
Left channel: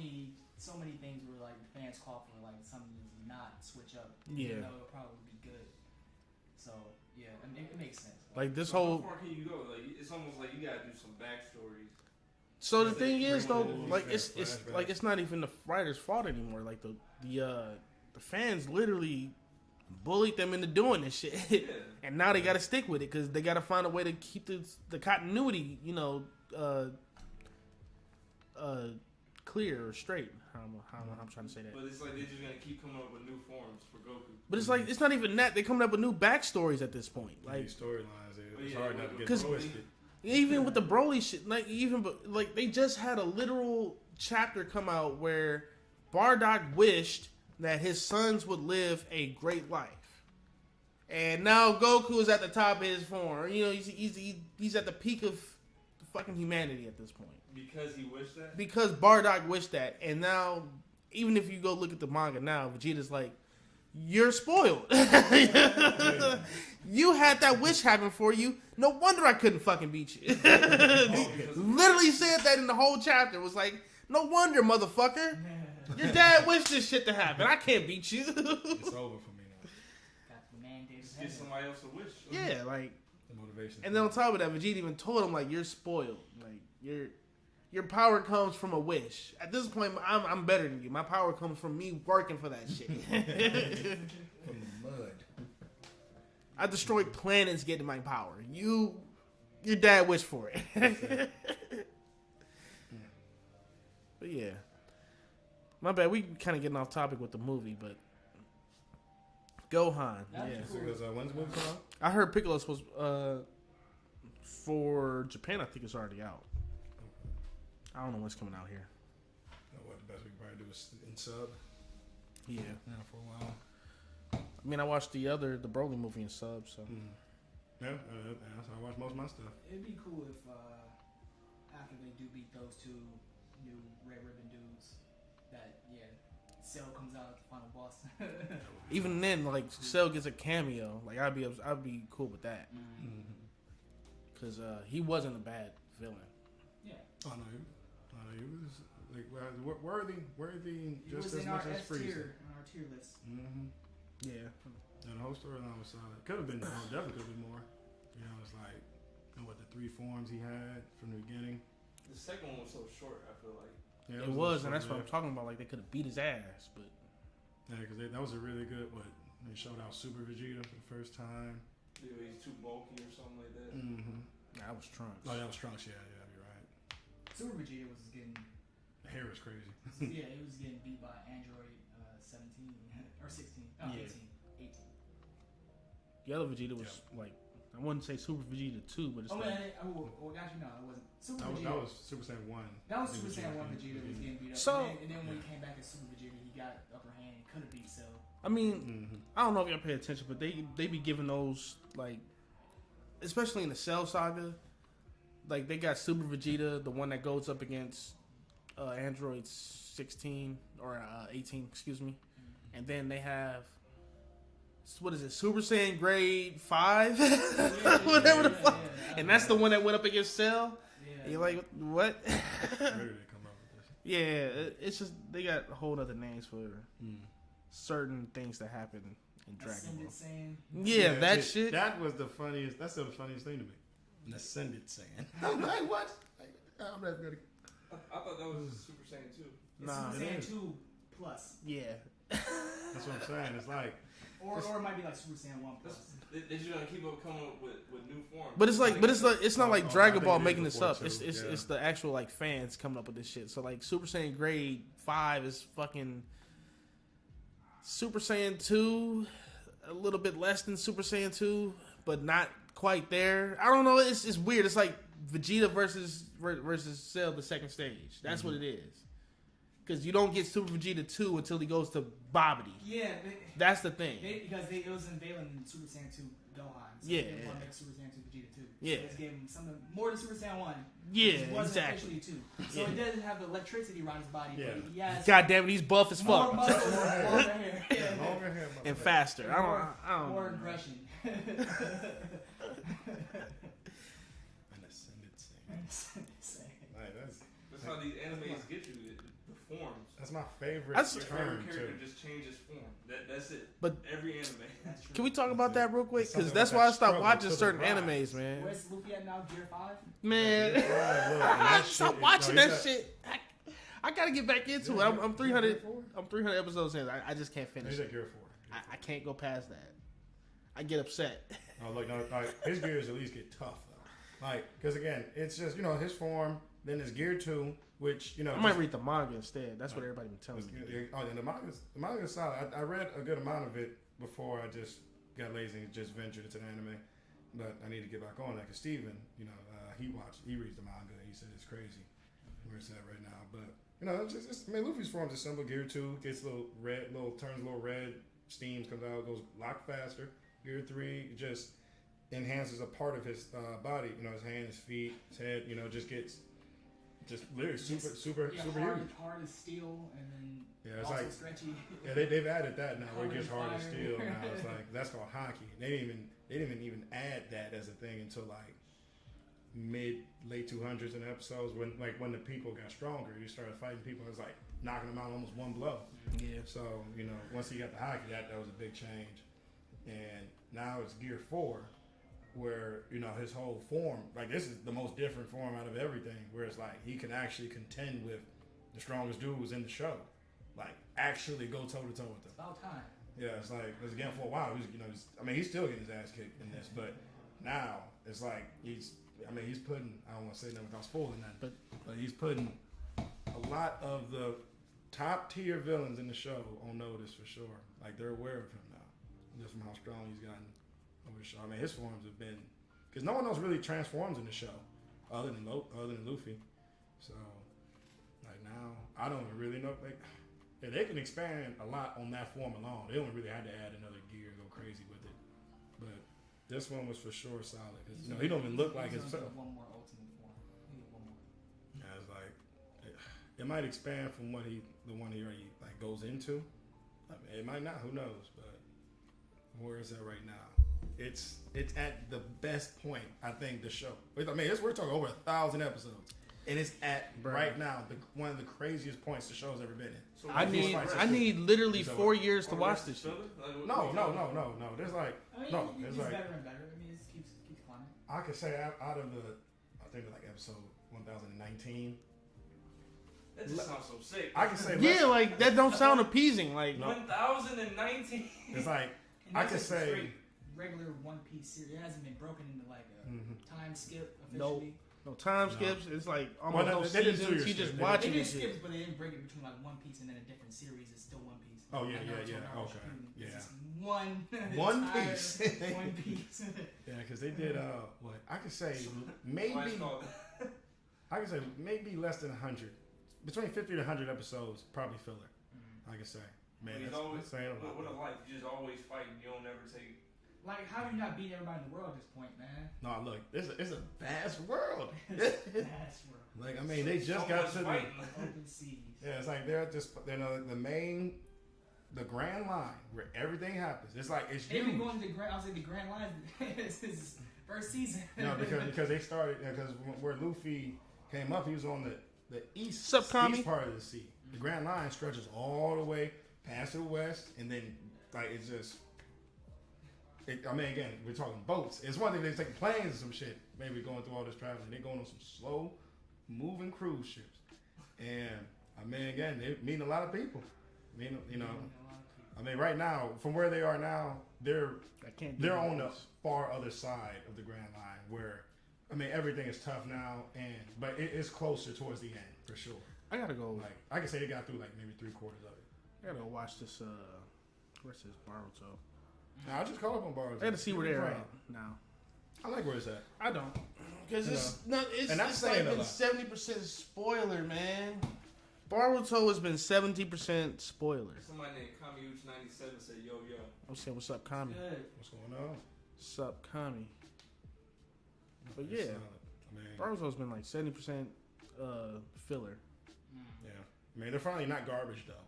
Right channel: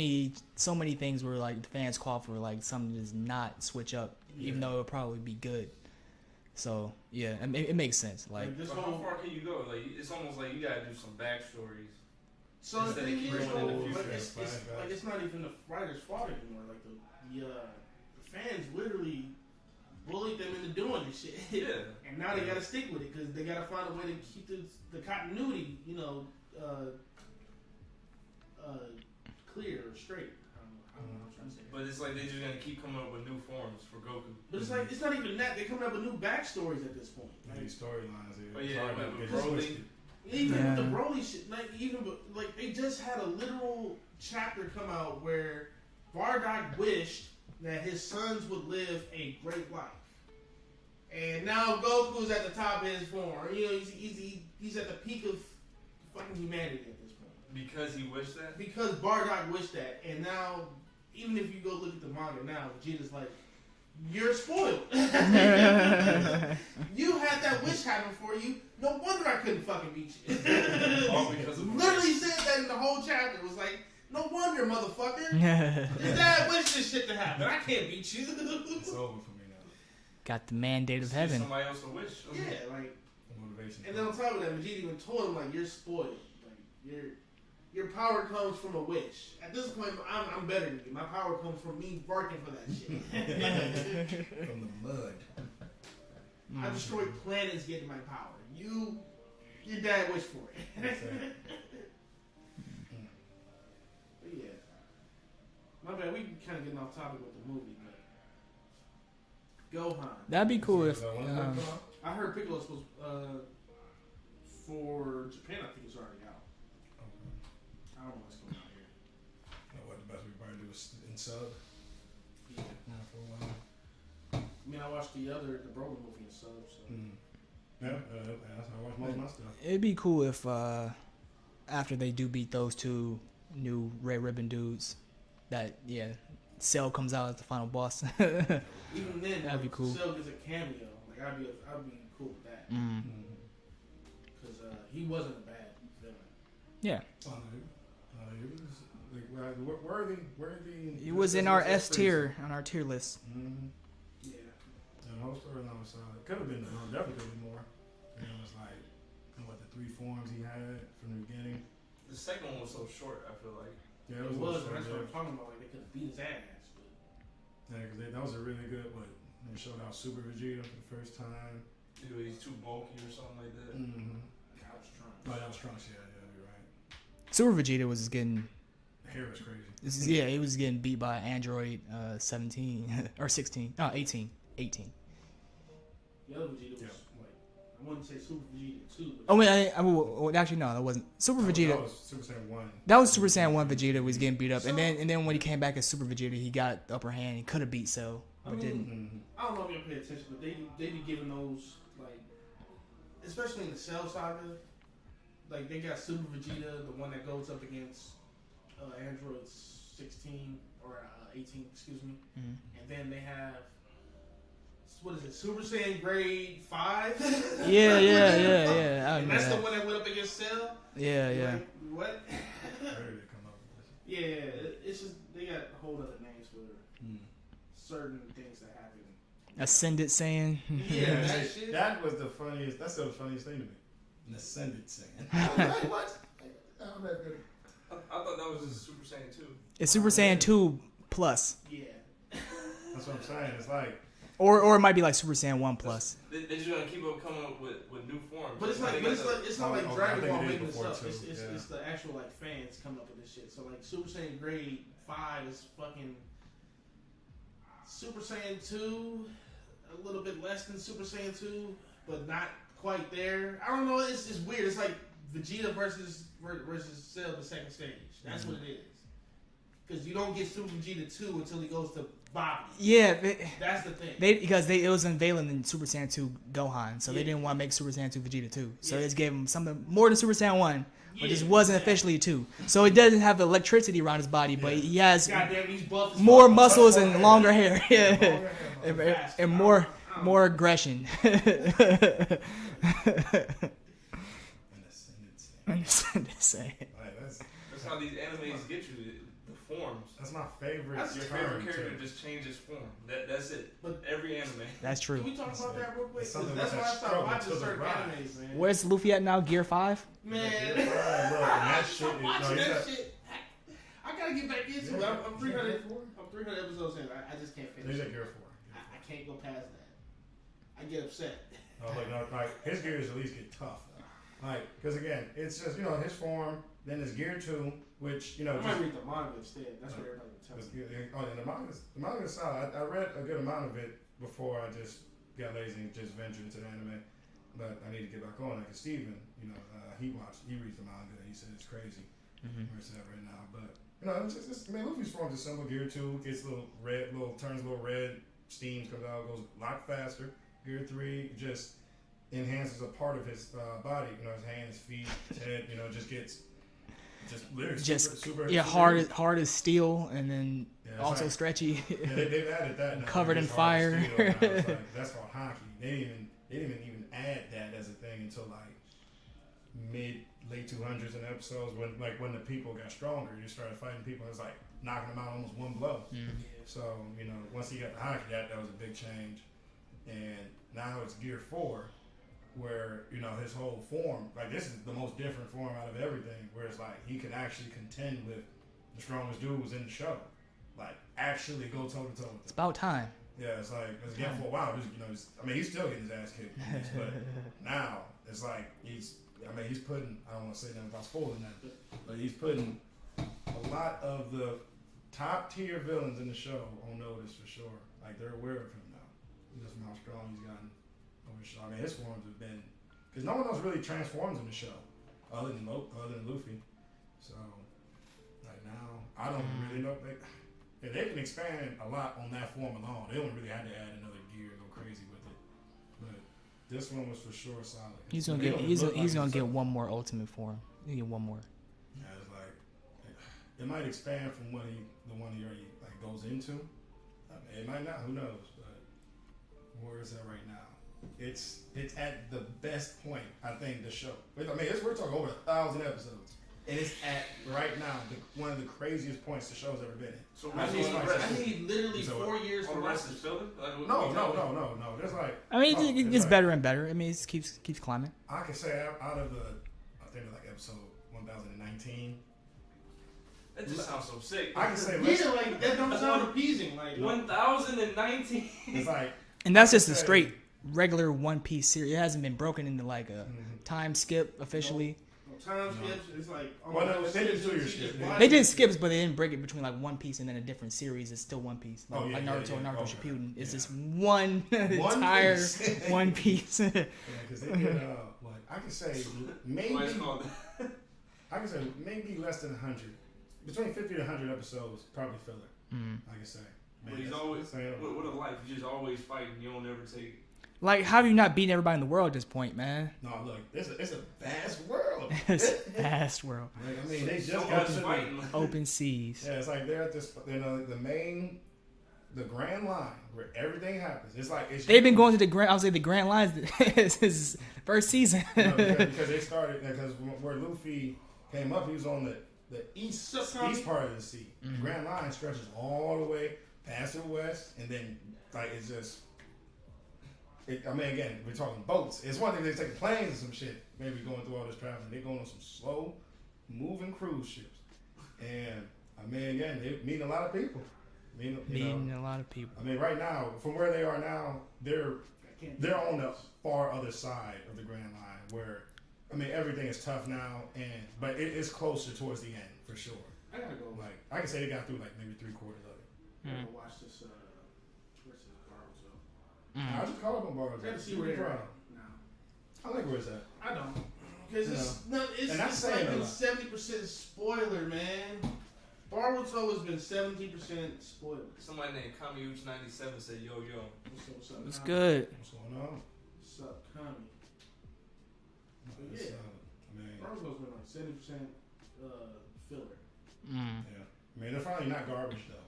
many things where like the fans call for like something to just not switch up, even though it'll probably be good. So yeah, it makes sense. Like this How whole. far can you go? Like it's almost like you gotta do some backstories. So the Instead thing of is keeping it in though, the like future. it's not even the writer's fault anymore. Like the fans literally bullied them into doing this shit, and now they got to stick with it because they got to find a way to keep the continuity, clear or straight. I don't know how I'm trying to say that. But it's like they're just gonna keep coming up with new forms for Goku. But it's like it's not even that they're coming up with new backstories at this point. Like storylines, it's hard to get twisted. Even with the Broly shit, like they just had a literal chapter come out where Bardock wished that his sons would live a great life, and now Goku is at the top of his form. He's at the peak of fucking humanity at this point. Because he wished that. Because Bardock wished that, and now even if you go look at the manga now, Vegeta's like, you're spoiled. You had that wish happen for you. No wonder I couldn't fucking beat you. Literally said that in the whole chapter. It was like, no wonder, motherfucker. Your dad wished this shit to happen. I can't beat you. It's over for me now. Got the mandate of heaven. Somebody else a wish. Yeah, like. The motivation. And then on top of that, Vegeta even told him like, you're spoiled. Like your power comes from a wish. At this point, I'm better than you. My power comes from me working for that shit. From the mud. I destroy planets getting my power. Your dad wished for it. But yeah. My bad. We kind of getting off topic with the movie, but Gohan. That'd be cool if. I heard Piccolo's supposed for Japan. I think it's already out. I don't know what's coming out here. What the best we can probably do is in sub. Yeah. For a while. I mean, I watched the Broly movie in sub, so. Yeah, that's how I watch most of my stuff. It'd be cool if after they do beat those two new Red Ribbon dudes, that Cell comes out as the final boss. Even then, That'd like be cool. Cell gets a cameo. Like I'd be cool with that because he wasn't a bad villain. Yeah. Oh, no, he was like worthy. He was in our S tier on our tier list. Yeah. And the whole storyline was solid. Could have been definitely more. It's like what the 3 forms he had from the beginning. The second one was so short. I feel like. Yeah, It was, and that's what I'm talking about. Like they could have beat his ass, but yeah, because that was a really good one. They showed out Super Vegeta for the first time. He's too bulky or something like that. I was Trunks. Oh, that was Trunks. Yeah, you're right. Super Vegeta was getting. The hair was crazy. He was getting beat by Android 17 or 16. Oh, 18. The other Vegeta was like, I wouldn't say Super Vegeta 2, but actually no, that wasn't Super Vegeta. That was Super Saiyan 1. That was Super Saiyan 1 Vegeta was getting beat up, and then when he came back as Super Vegeta, he got the upper hand. He could have beat Cell. I mean, I don't know if y'all pay attention, but they be giving those like, especially in the Cell saga, like they got Super Vegeta, the one that goes up against Android 16 or 18, excuse me, and then they have. What is it? Super Saiyan Grade 5? Yeah. And that's the one that went up against Cell? Yeah. Like, what? Where did they come up with this? Yeah, it's just, they got a whole other names for certain things that happen. Ascended Saiyan. Yeah, that shit. That was the funniest, that's still the funniest thing to me. An Ascended Saiyan. Like, what? I'm not ready. I thought that was Super Saiyan 2. It's Super Saiyan 2 plus. Yeah. That's what I'm saying. It's like. Or it might be like Super Saiyan 1 plus. They're just gonna keep on coming up with new forms. But it's not like Dragon Ball making this up. Too, It's the actual like fans coming up with this shit. So like Super Saiyan Grade 5 is fucking Super Saiyan 2, a little bit less than Super Saiyan 2, but not quite there. I don't know. It's weird. It's like Vegeta versus Cell, the second stage. That's what it is. Because you don't get Super Vegeta 2 until he goes to Babidi. Yeah. That's the thing. It was unveiling in Super Saiyan 2 Gohan, so they didn't want to make Super Saiyan 2 Vegeta 2. So they just gave him something more than Super Saiyan 1. Yeah, it just wasn't officially a 2. So it doesn't have the electricity around his body, but he has goddamn, he's buff as more fuck. muscles and longer hair. And faster. And more aggression. An Ascended Saiyan. Saiyan. Like, that's how these animes get you. forms. That's my favorite. That's Your favorite character just changes form. That's it. But every anime. That's true. Can we talk about that real quick? It's Because something that's about why I that stopped struggle watching to the certain rise. animes, man. Where's Luffy at now? Gear 5? Man, Look, and that shit stop is- watching no, that he's shit. I gotta get back into it. Yeah, I'm yeah, 300. Gear 4? I'm 300 episodes in. I just can't finish He's it. at Gear 4. I can't go past that. I get upset. Look, like his gears at least get tough though. Like, because again, it's just his form. Then there's Gear 2, which I might read the manga instead. That's what everybody been telling me. Oh, and the manga's solid. I read a good amount of it before I just got lazy and just ventured into the anime. But I need to get back on. Like Steven, he reads the manga. He said it's crazy. Where it's at right now, but it's Luffy's form's is simple. Gear 2 gets a little red, turns a little red, steams comes out, goes a lot faster. Gear 3 just enhances a part of his body. His hands, feet, his head. Just gets literally super hard as steel, and then also like, stretchy. Yeah, they've added that now. Covered in fire. It's like, that's called hockey. They didn't even add that as a thing until like late 200s in episodes when the people got stronger. They started fighting people. It was like knocking them out almost one blow. Yeah. So once he got the hockey, that was a big change. And now it's Gear 4, where his whole form, like this is the most different form out of everything. Where it's like he can actually contend with the strongest dudes in the show, like actually go toe to toe with them. It's about time. Yeah, it's like again for a while. He's still getting his ass kicked, but now it's like he's putting. I don't want to say nothing without spoiling that, but he's putting a lot of the top tier villains in the show on notice for sure. Like they're aware of him now, just from how strong he's gotten over the show. His forms have been because no one else really transforms in the show other than Luffy. So like now, I don't really know. They can expand a lot on that form alone. They don't really have to add another gear or go crazy with it. But this one was for sure solid. He's gonna get one more ultimate form. He get one more. Yeah, it's like it might expand from the one he already goes into. It might not. Who knows? But where is that right now? It's at the best point. I think the show. We're talking over 1,000 episodes. And it's at right now one of the craziest points the show's ever been in. So I need literally 4 years to watch this. No. There's like it gets better and better. It keeps climbing. I could say out of episode 1019. That just sounds so sick. I can say that don't sound appeasing. Like 1019. It's like, and that's just a straight regular One Piece series. It hasn't been broken into like a time skip officially. No time skips. It's like they didn't They did skips, but they didn't break it between like One Piece and then a different series. It's still One Piece. Like Naruto and Naruto Shippuden. It's just one entire One Piece. Because they did I could say maybe less than 100, between 50 to 100 episodes, probably filler. I could say. But he's always what a life. He's just always fighting. You don't ever take. Like, how have you not beaten everybody in the world at this point, man? No, look, it's a vast world. It's a vast world. Like, they just got to the open seas. Yeah, it's like they're at this, the Grand Line where everything happens. It's like they've been going to the Grand Lines since first season. because they started because where Luffy came up, he was on the east part of the sea. The Grand Line stretches all the way past the west, and then it's just. Again, we're talking boats. It's one thing they take planes and some shit. Maybe going through all this traveling. They're going on some slow moving cruise ships. And again, they're meeting a lot of people. Meeting a lot of people. Right now, from where they are now, they're on the far other side of the Grand Line where everything is tough now, but it is closer towards the end for sure. I gotta go. I can say they got through maybe 3/4 of it. I gotta go watch this. Where's this Baruto? I just call up on Baruto. I gotta see where they're at now. I like where it's at. I don't, because it's like been 70% spoiler, man. Baruto has been 70% spoiler. Somebody named Kamiuch97 said, "Yo, what's up, Kami? It's good. What's going on? What's up, Kami? But yeah, Baruto's been like 70% filler. Yeah, they're finally not garbage though.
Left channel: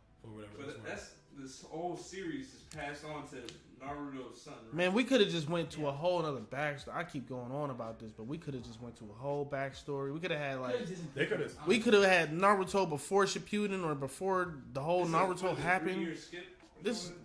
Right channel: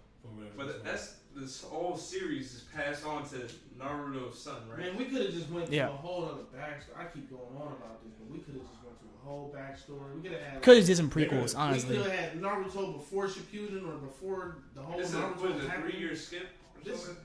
But that's the this whole series is passed on to Naruto's son, right? Man, we could have just went to a whole other backstory. I keep going on about this, but we could have just went to a whole backstory. We could have had like, could have did some prequels. we Honestly, could have had Naruto before Shippuden or before the whole This is, Naruto what is it, happened. 3-year skip or This- something?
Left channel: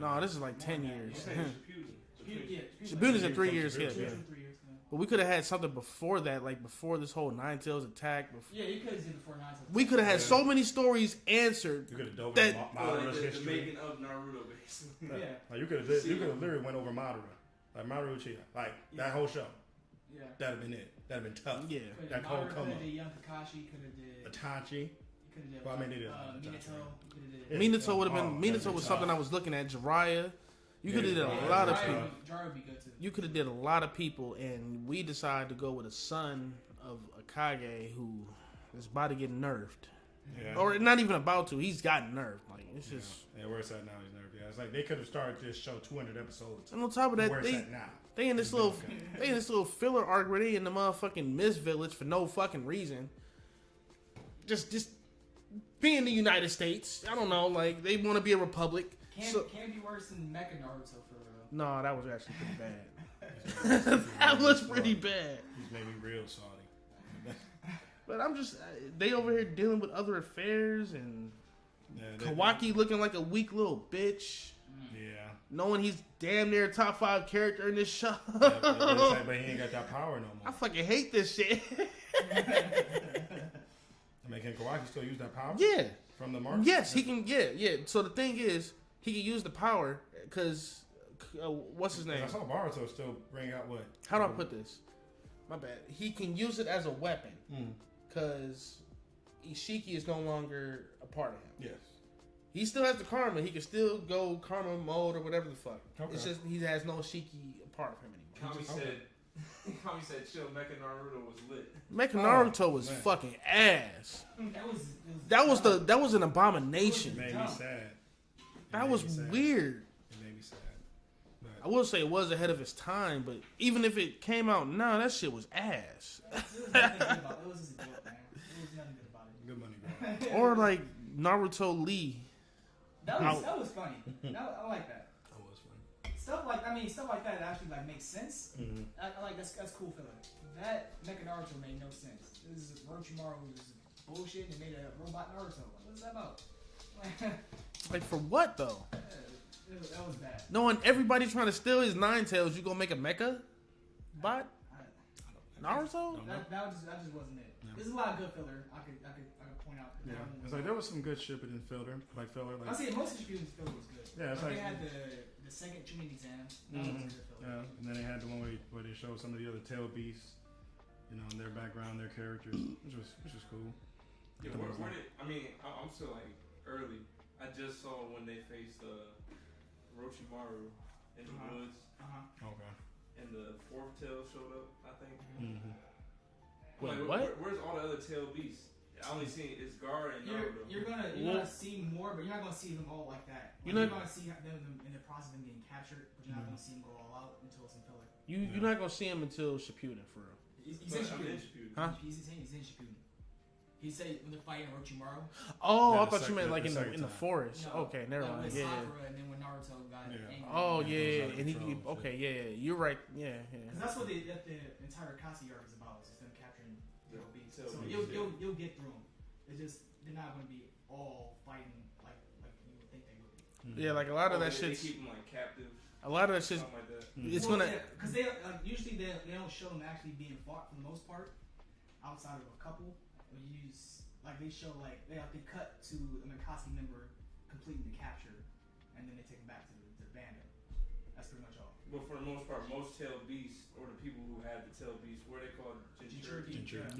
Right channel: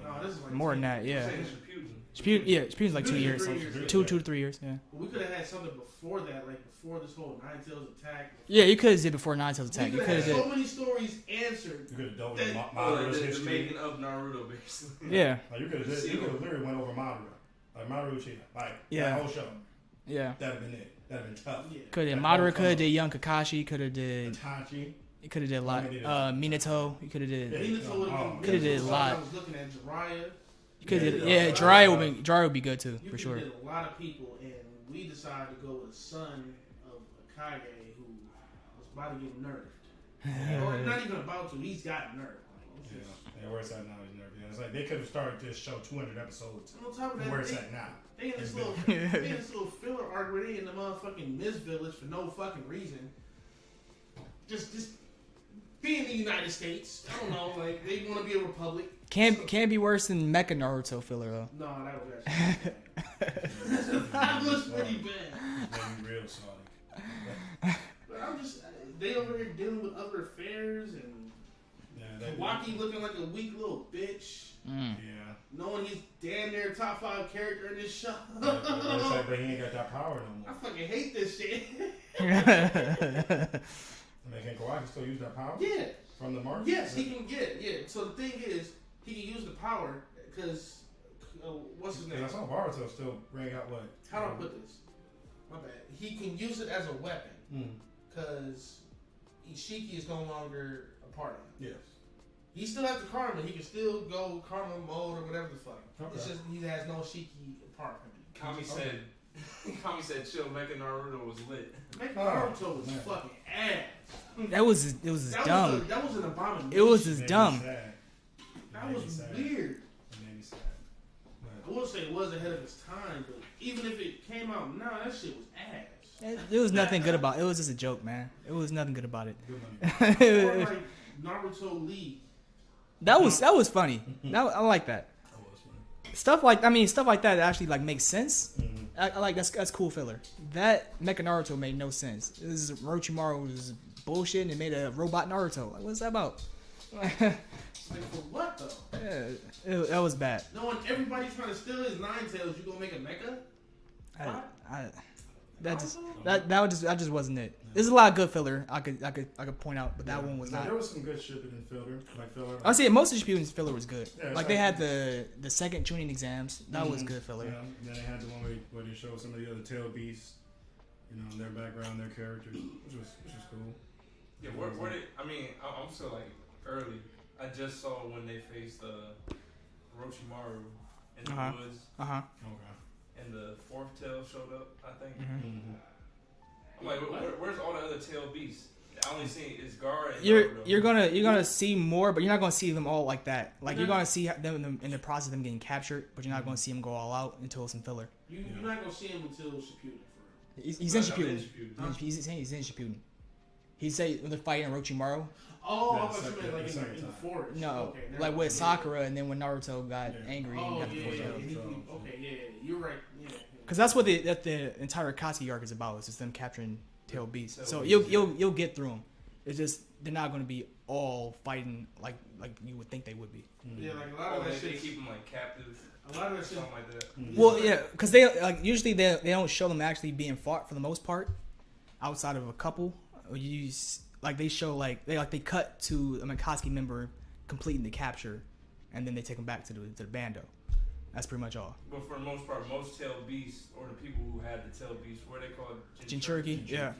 No, this is like more 10 than that. years. Yeah, I'm saying Shippuden. Shippuden's like 2 Shippuden's in years. 3 years, yeah. 2 to 3 years. Yeah. But we could have had something before that, like before this whole Nine Tails attack. Before, Yeah, you could have did before Nine Tails we attack. could have had You so coulda many stories answered. You could have dove That- into Or Maduro's the history. making of Naruto, basically. did. Yeah, Like you could have literally went over Madara, like Maru Uchiha, like Yeah. that whole show. yeah. That'd have been it. That'd have been tough. Yeah. Could have That Madara. whole Could have come did young Kakashi. Could have did. Itachi. You could have did a lot. I mean, Minato. You could have did. Yeah. Minato would have Oh, been. coulda Minato did was a something lot. I was looking at. Jiraiya. You could Yeah. have. Yeah. Yeah, A lot of Jiraiya would be good too. You for could have sure. did a lot of people, and we decided to go with a son of a Kage who is about to get nerfed, Yeah. or not even about to. He's gotten nerfed. Like it's Yeah. just. Yeah, where it's at now is nervous. Yeah, it's like they could have started this show 200 episodes. And on top of that, Where it's they at now. they in this little they in this little filler arc where they in the motherfucking Mist Village for no fucking reason. Just being the United States. I don't know. Like they want to be a republic. Can't be worse than Mecha Naruto filler though. No, that was actually bad. That was pretty bad. It's making real solid. But I'm just they over here dealing with other affairs and Yeah, Kawaki looking like a weak little bitch, Mm. Yeah. knowing he's damn near a top 5 character in this show. But he ain't got that power no I more. fucking hate this shit. And they can Kawaki still use that power? Yeah. From the mark? Yes, he can. Yeah. So the thing is, he can use the power because what's his name? I saw Boruto still bring out what? How do I put this? My bad. He can use it as a weapon Mm. because Ishiki is no longer a part of him. Yes. He still has the karma. He can still go karma mode or whatever the fuck. Okay. It's just he has no Ishiki apart from him. Kami said, "Chill, Mecha Naruto was lit." Making Oh, Naruto was man. fucking ass. That was That dumb. was that was an abomination. It was It just made me dumb. sad. that It was made me sad. weird. It made me sad. I will say it was ahead of its time, but even if it came out now, that shit was ass. There was nothing good about it. It was just a joke, man. It was nothing good about it. Good money. Or like Naruto Lee. that was funny. I like that. That was funny. Stuff like that actually like makes sense. Mm-hmm. I like that's cool filler. That Mecha Naruto made no sense. This is Orochimaru was bullshit and it made a robot Naruto. Like, what's that about? Like for what though? That was bad. Knowing everybody trying to steal his Nine Tails, you gonna make a mecha? What? That just wasn't it. There's a lot of good filler I could point out, but that one was not. There was some good shit in filler. Like, I see most of Shippuden's filler was good. Yeah, it's like they like- had the second tuning exams. That was good filler. Yeah, and then they had the one where they showed some of the other tail beasts, their background, their characters, which was cool. Yeah, where they? I mean, I'm still like early. I just saw when they faced Orochimaru in the woods, Okay. and the fourth tail showed up. I think. Mm-hmm. I'm like, What? where's all the other tail beasts? I only see is Gaara and You're Naruto. gonna see more, but you're not gonna see them all like that. Like You you're know- gonna see them in the process of them getting captured, but you're not gonna see them go all out until some filler. You're not gonna see him until Shippuden for real. He's in But I'm in Shippuden. Shippuden. Huh? He's in Shippuden. He say when they're fighting Orochimaru. Oh, Yeah, I thought the you meant like second in the time. forest. No, Okay, never like mind. with Yeah, Sakura, and then when Naruto got Yeah. angry. Oh and got yeah, thrown yeah. out. And okay, yeah. You're right. Yeah. Because that's what the entire Akatsuki arc is about. It's just them capturing tail beasts. Tail So beasts, you'll get through them. It's just they're not going to be all fighting like you would think they would be. Yeah, like a lot of that They shit. keep them like captive, A lot of that shit. something like that. it's Well, gonna- yeah, because they like usually they don't show them actually being fought for the most part, outside of a couple. They show they cut to a Akatsuki member completing the capture, and then they take them back to the bando. That's pretty much all. But for the most part, most tail beasts or the people who have the tail beasts, what are they called? Jinchuriki, yeah.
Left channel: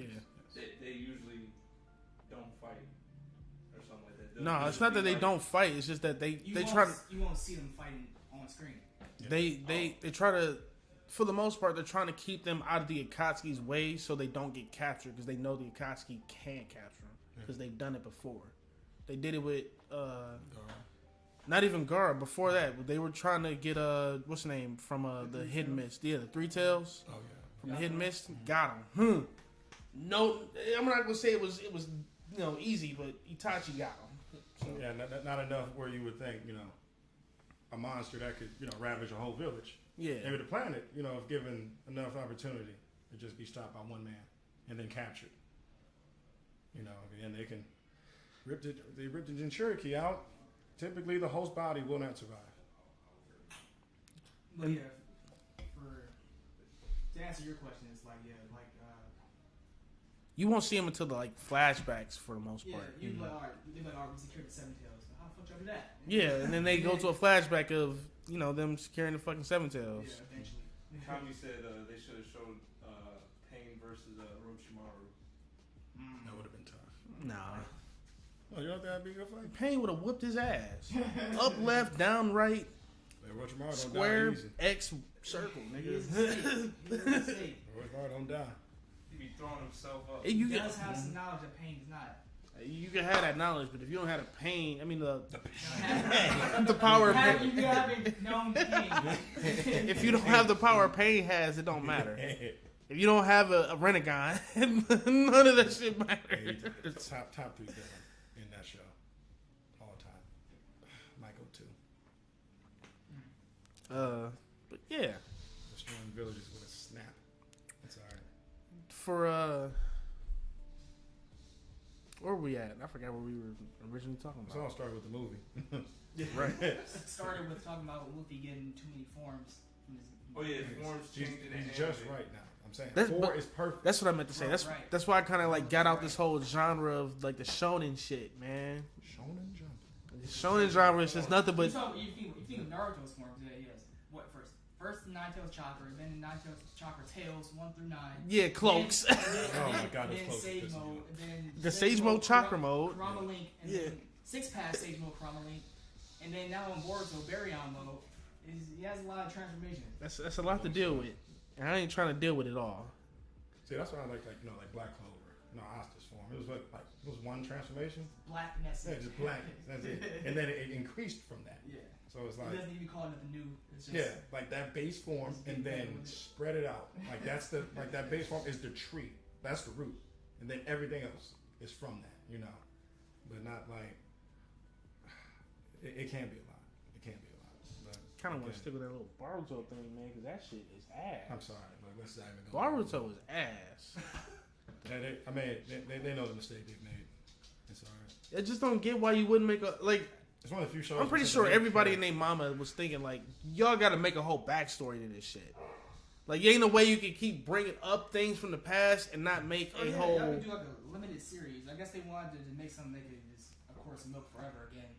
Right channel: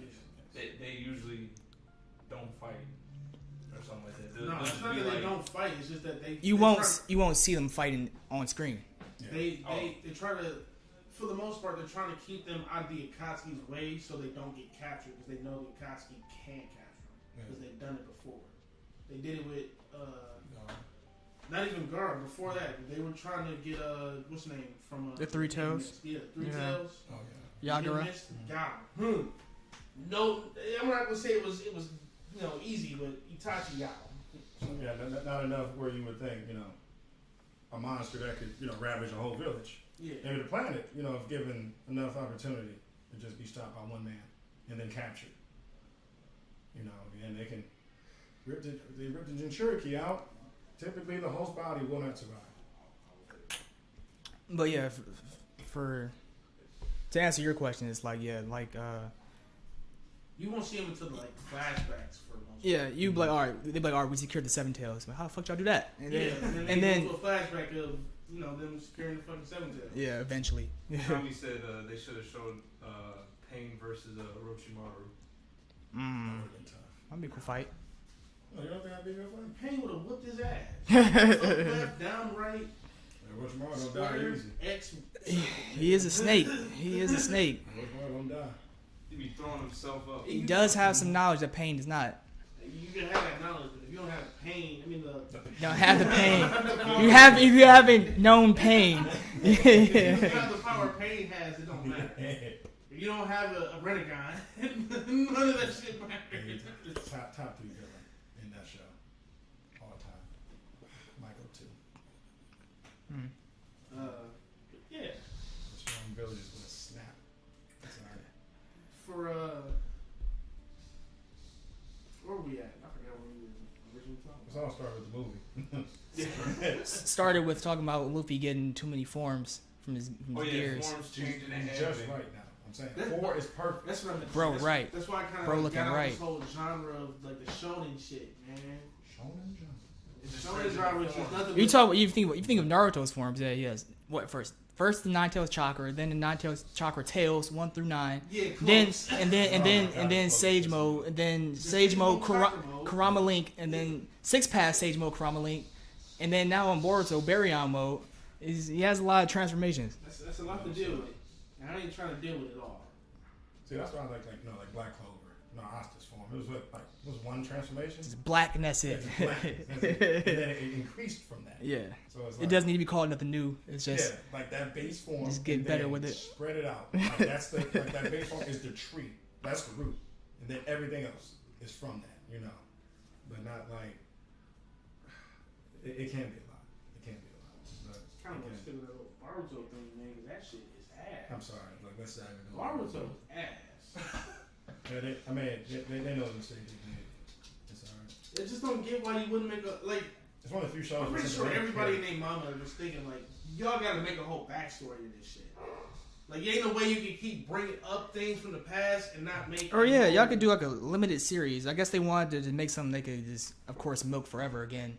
They usually don't fight or something like that. They'll No, just it's not be that they like- don't fight. It's just that they You won't see them fighting on screen. They try to, for the most part, they're trying to keep them out of the Akatsuki's way so they don't get captured because they know the Akatsuki can't capture them because they've done it before. They did it with not even Gaara. Before that, they were trying to get what's the name from The Three Hidden Tails? Mist. Yeah, the Three Yeah. Tails. Oh yeah. Hidden Yagura. Mist got him. No, I'm not gonna say it was easy, but Itachi got him. So, yeah, not enough where you would think, a monster that could, ravage a whole village. Yeah. Maybe the planet, if given enough opportunity to just be stopped by one man and then captured. And they can rip the Jinchuriki out. Typically, the host body will not survive. But yeah, to answer your question, it's like you won't see him until the flashbacks for the most part. yeah, you be like, all right, they be like, all right, we secured the Seven Tails. But how the fuck y'all do that? And then they go to a flashback of them securing the fucking Seven Tails. Yeah, eventually. Tommy said they should have showed Pain versus Orochimaru. That would have been tough. That'd be a good fight. Oh, you don't think that'd be a good fight? Pain would have whooped his ass. Up, left, down, right, Orochimaru don't die square, easy. X. He is a snake. Orochimaru don't die. He be throwing himself up. He does have some knowledge that Pain does not. You can have that knowledge, but if you don't have the pain, You don't have the pain. the power. If you haven't known Pain. If you don't have the power Pain has, it don't matter. If you don't have a Renegon, none of that shit matters. Top 3 villain in that show. All time. My go-to. But yeah. The strong village is gonna snap. That's alright. For where were we at? I forgot what we were originally talking It's about. all started with the movie. Yeah, right. Started with talking about Luffy getting too many forms from his gears. Forms He's changing and just anime. right now. I'm saying That's- 4 is perfect. That's what I meant to say. Bro, That's, right. That's why I kind of Bro, got out looking this right. whole genre of the shonen shit, man. Shonen Jump. Shonen genre is just nothing but. You think of Naruto's forms. Yeah, he has what first? First the Nine Tails chakra, then the Nine Tails chakra tails 1 through 9. Yeah, close. And then close. Sage mode, and then The Sage mode, chakra mode. Kurama Link, and then 6 pass Sage mode, Kurama Link, and then now on Boruto Baryon mode. He has a lot of transformations. That's a lot to deal with, and I ain't trying to deal with it all. See, that's why I like Black Clover. No, Asta's form. It was one transformation. It's black and that's Yeah, it. just black. That's it. And then it increased from that. Yeah. So it's like, It doesn't need to be called nothing new. It's just like that base form. just get and better then with it. Spread it out. Like that's that base form is the tree. That's the root, and then everything else is from that. But not like it can be a lot. It can be a lot. But Kind of want to again, stick with that little Baruto thing, man, because that shit is ass. I'm sorry. Like let's not even go. Baruto is ass. They know the mistake they made. It's alright. I just don't get why you wouldn't make a It's one of the few shows. I'm pretty sure everybody and their mama was thinking y'all got to make a whole backstory to this shit. Like, ain't no way you can keep bringing up things from the past and not make. Or yeah, y'all could do like a limited series. I guess they wanted to make something they could just, of course, milk forever again.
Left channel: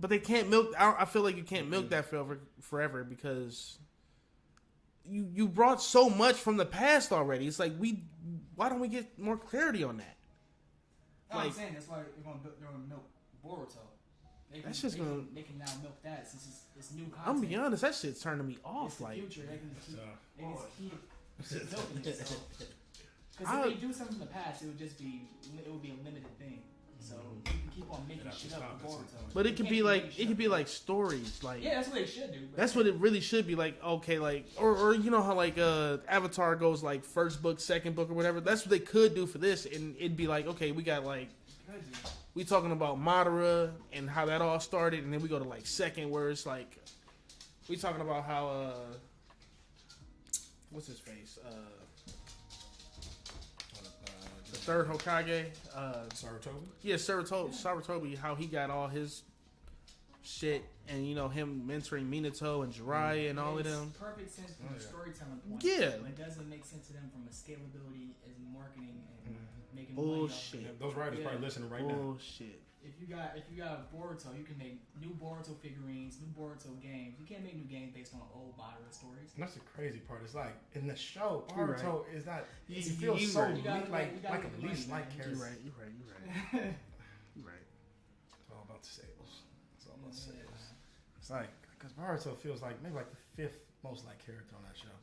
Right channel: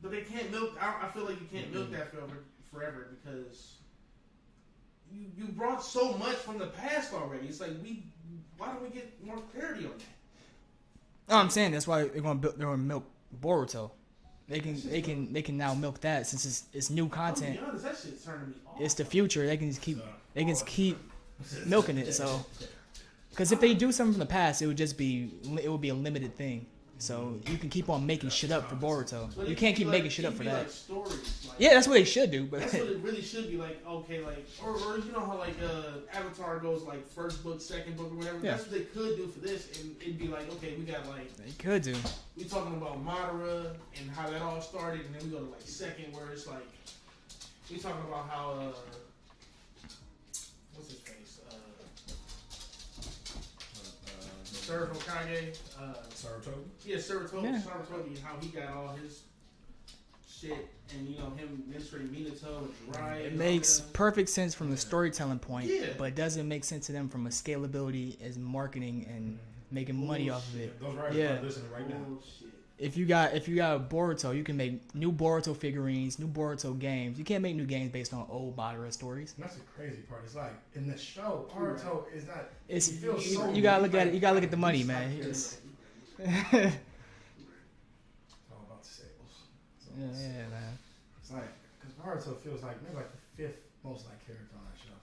But they can't milk. I feel like you can't milk that forever because you brought so much from the past already. It's like why don't we get more clarity on that? No, I'm saying that's why they're gonna milk Boruto. They can now milk that since it's new I'm content. gonna be honest, that shit's turning me off. It's the future. They can just keep milking it. So, because if they do something from the past, it would be a limited thing. So you can keep on making shit up for Boruto. But you it can't keep making shit it up could for be that. like stories. Yeah, that's what they should do. But That's what it really should be like. Okay, or you know how Avatar goes first book, second book, or whatever. Yeah. That's what they could do for this, and it'd be like, okay, we got they could do. we talking about Madara and how that all started, and then we go to second where it's we talking about how what's his face the third Hokage Saratoga. yeah Saratobi Yeah. Saratobi, how he got all his shit, and him mentoring Minato and Jiraiya and all of Makes them. perfect sense from the storytelling point. Yeah. But it doesn't make sense to them from a scalability as marketing and making money off of Bullshit. it. Those writers Yeah. are listening right now. Bullshit. If you got Boruto, you can make new Boruto figurines, new Boruto games. You can't make new games based on old Madara stories. And that's the crazy part. It's like in the show, You're Naruto is not. It's he feels so you gotta look weak, at it. You gotta look at the like money, beast man. like You're character. right. It's all about the sales. It's all Yeah, about sales. man. It's like because Naruto feels like maybe the 5th most liked character on that show.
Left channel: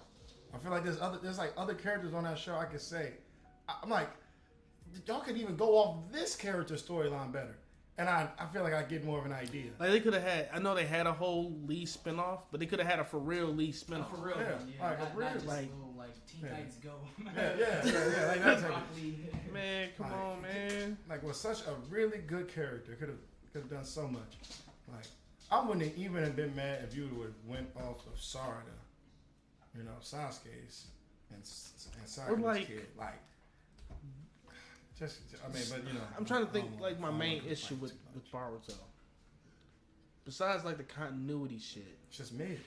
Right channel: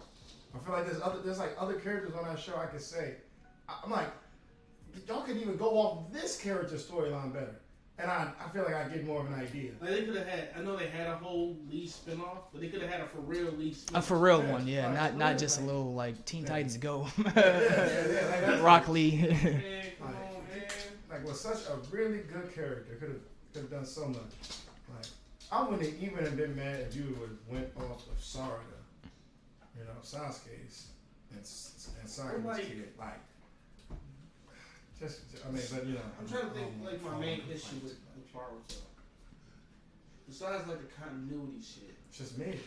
I feel like there's other characters on that show I could say. I'm like, y'all could even go off this character storyline better, and I feel like I get more of an idea. They could have had. I know they had a whole Lee spinoff, but they could have had a for real Lee spinoff. A for real Yeah, one, yeah. like, Not for just real, a little Teen yeah. Titans Go. Yeah. Rock Lee. Man, come on, man. Like, was such a really good character. Could have Could have done so much. Like, I wouldn't even have been mad if you would went off of Sarada, Sasuke's and Sakura's like- kid. Like, just, I mean, but I'm trying to think like my main issue with Boruto. Besides like the continuity shit, it's just mid.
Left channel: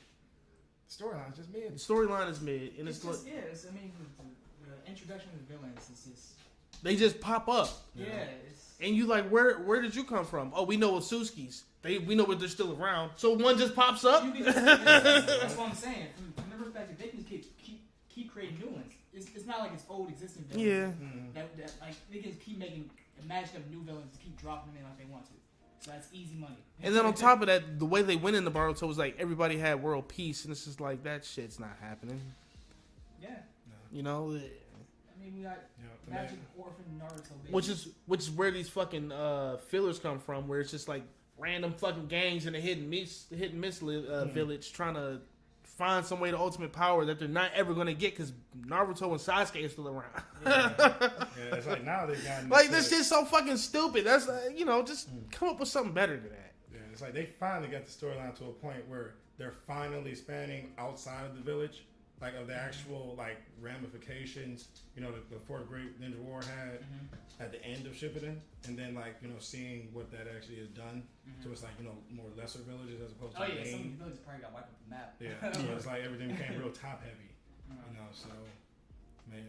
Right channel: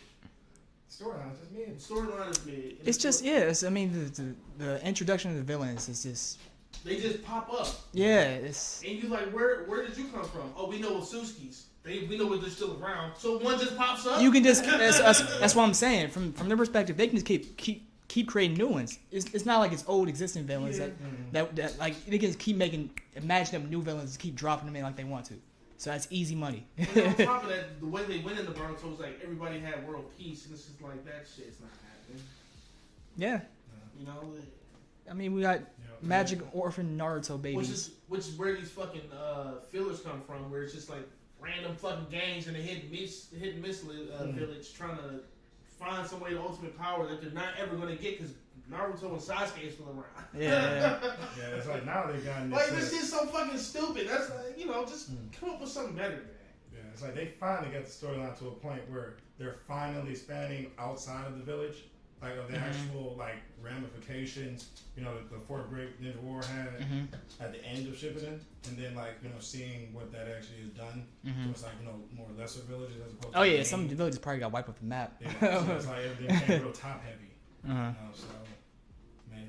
Storyline is just mid. the storyline is mid. And It's just I mean the introduction of the villains is just they just pop up, it's and you like where did you come from? Oh, we know it's Suski's. We know they're still around. So one just pops up. you can just that's what I'm saying. From their perspective, they can just keep creating new ones. It's not like it's old existing villains that like they can keep imagine them new villains, keep dropping them in like they want to. So that's easy money. And then on top of that, the way they went into Boruto was like everybody had world peace, and it's just like that shit's not happening. Yeah, You know, I mean we got Magic Orphan Naruto baby, which is where these fucking fillers come from, where it's just like random fucking gangs in a hidden miss village trying to find some way to ultimate power that they're not ever gonna get because Naruto and Sasuke are still around. Yeah, it's like now they've gotten like this shit's so fucking stupid. That's just come up with something better than that. Yeah, it's like they finally got the storyline to a point where they're finally spanning outside of the village, like of the actual like ramifications. The fourth great ninja war had at the end of Shippuden, and then seeing what that actually has done. So it's like more lesser villages as opposed to. Oh yeah, some villages probably got wiped off the map. Yeah, so it's like everything became real top heavy. So man,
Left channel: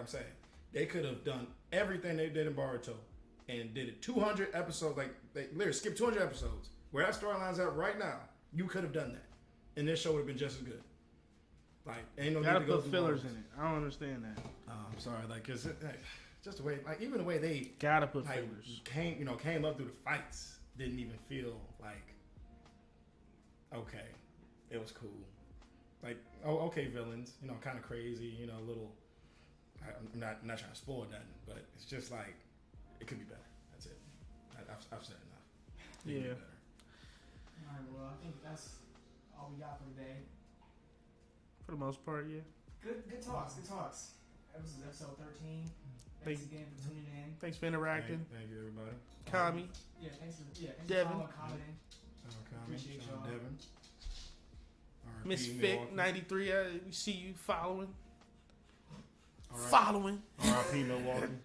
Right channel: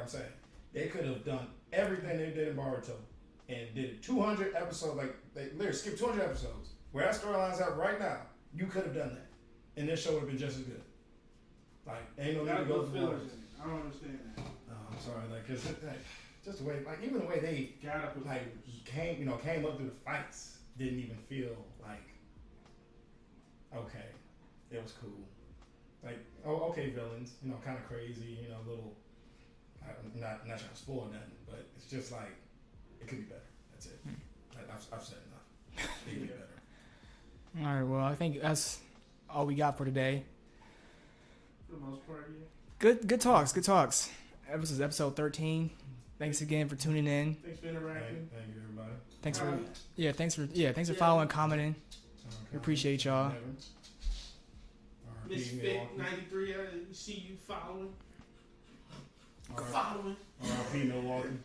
I'm saying they could have done everything they did in Boruto and did it 200 episodes. Like they literally skipped 200 episodes. Where that storyline's at right now, you could have done that, and this show would have been just as good. Like ain't no Gotta need to go put through fillers Boruto. in it. I don't understand that. Oh, I'm sorry, cause just the way, even the way they Gotta put fillers. came up through the fights didn't even feel like okay, it was cool. Like okay, villains, kind of crazy, little. I'm not trying to spoil nothing, but it's just like it could be better. That's it. I've said enough. It could be better. All right, well I think that's all we got for today. For the most part, yeah. Good talks. This is episode 13. Thanks again for tuning in. Thanks for interacting. Thank you, everybody. Thanks for following, commenting. We appreciate y'all. Misfit 93. We see you following. R.I.P. Milwaukee.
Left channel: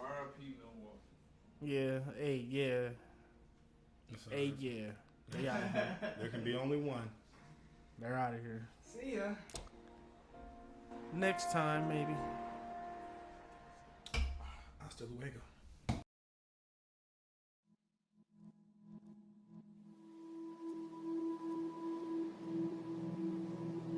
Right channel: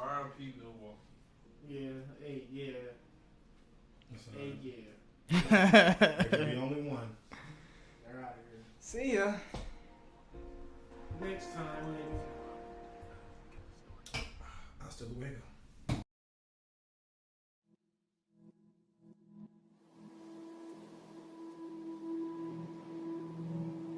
R.I.P. Milwaukee. Yeah. Hey. Yeah. Hey. Yeah. There could be only one. They're out of here. See ya. Next time, maybe. Hasta luego.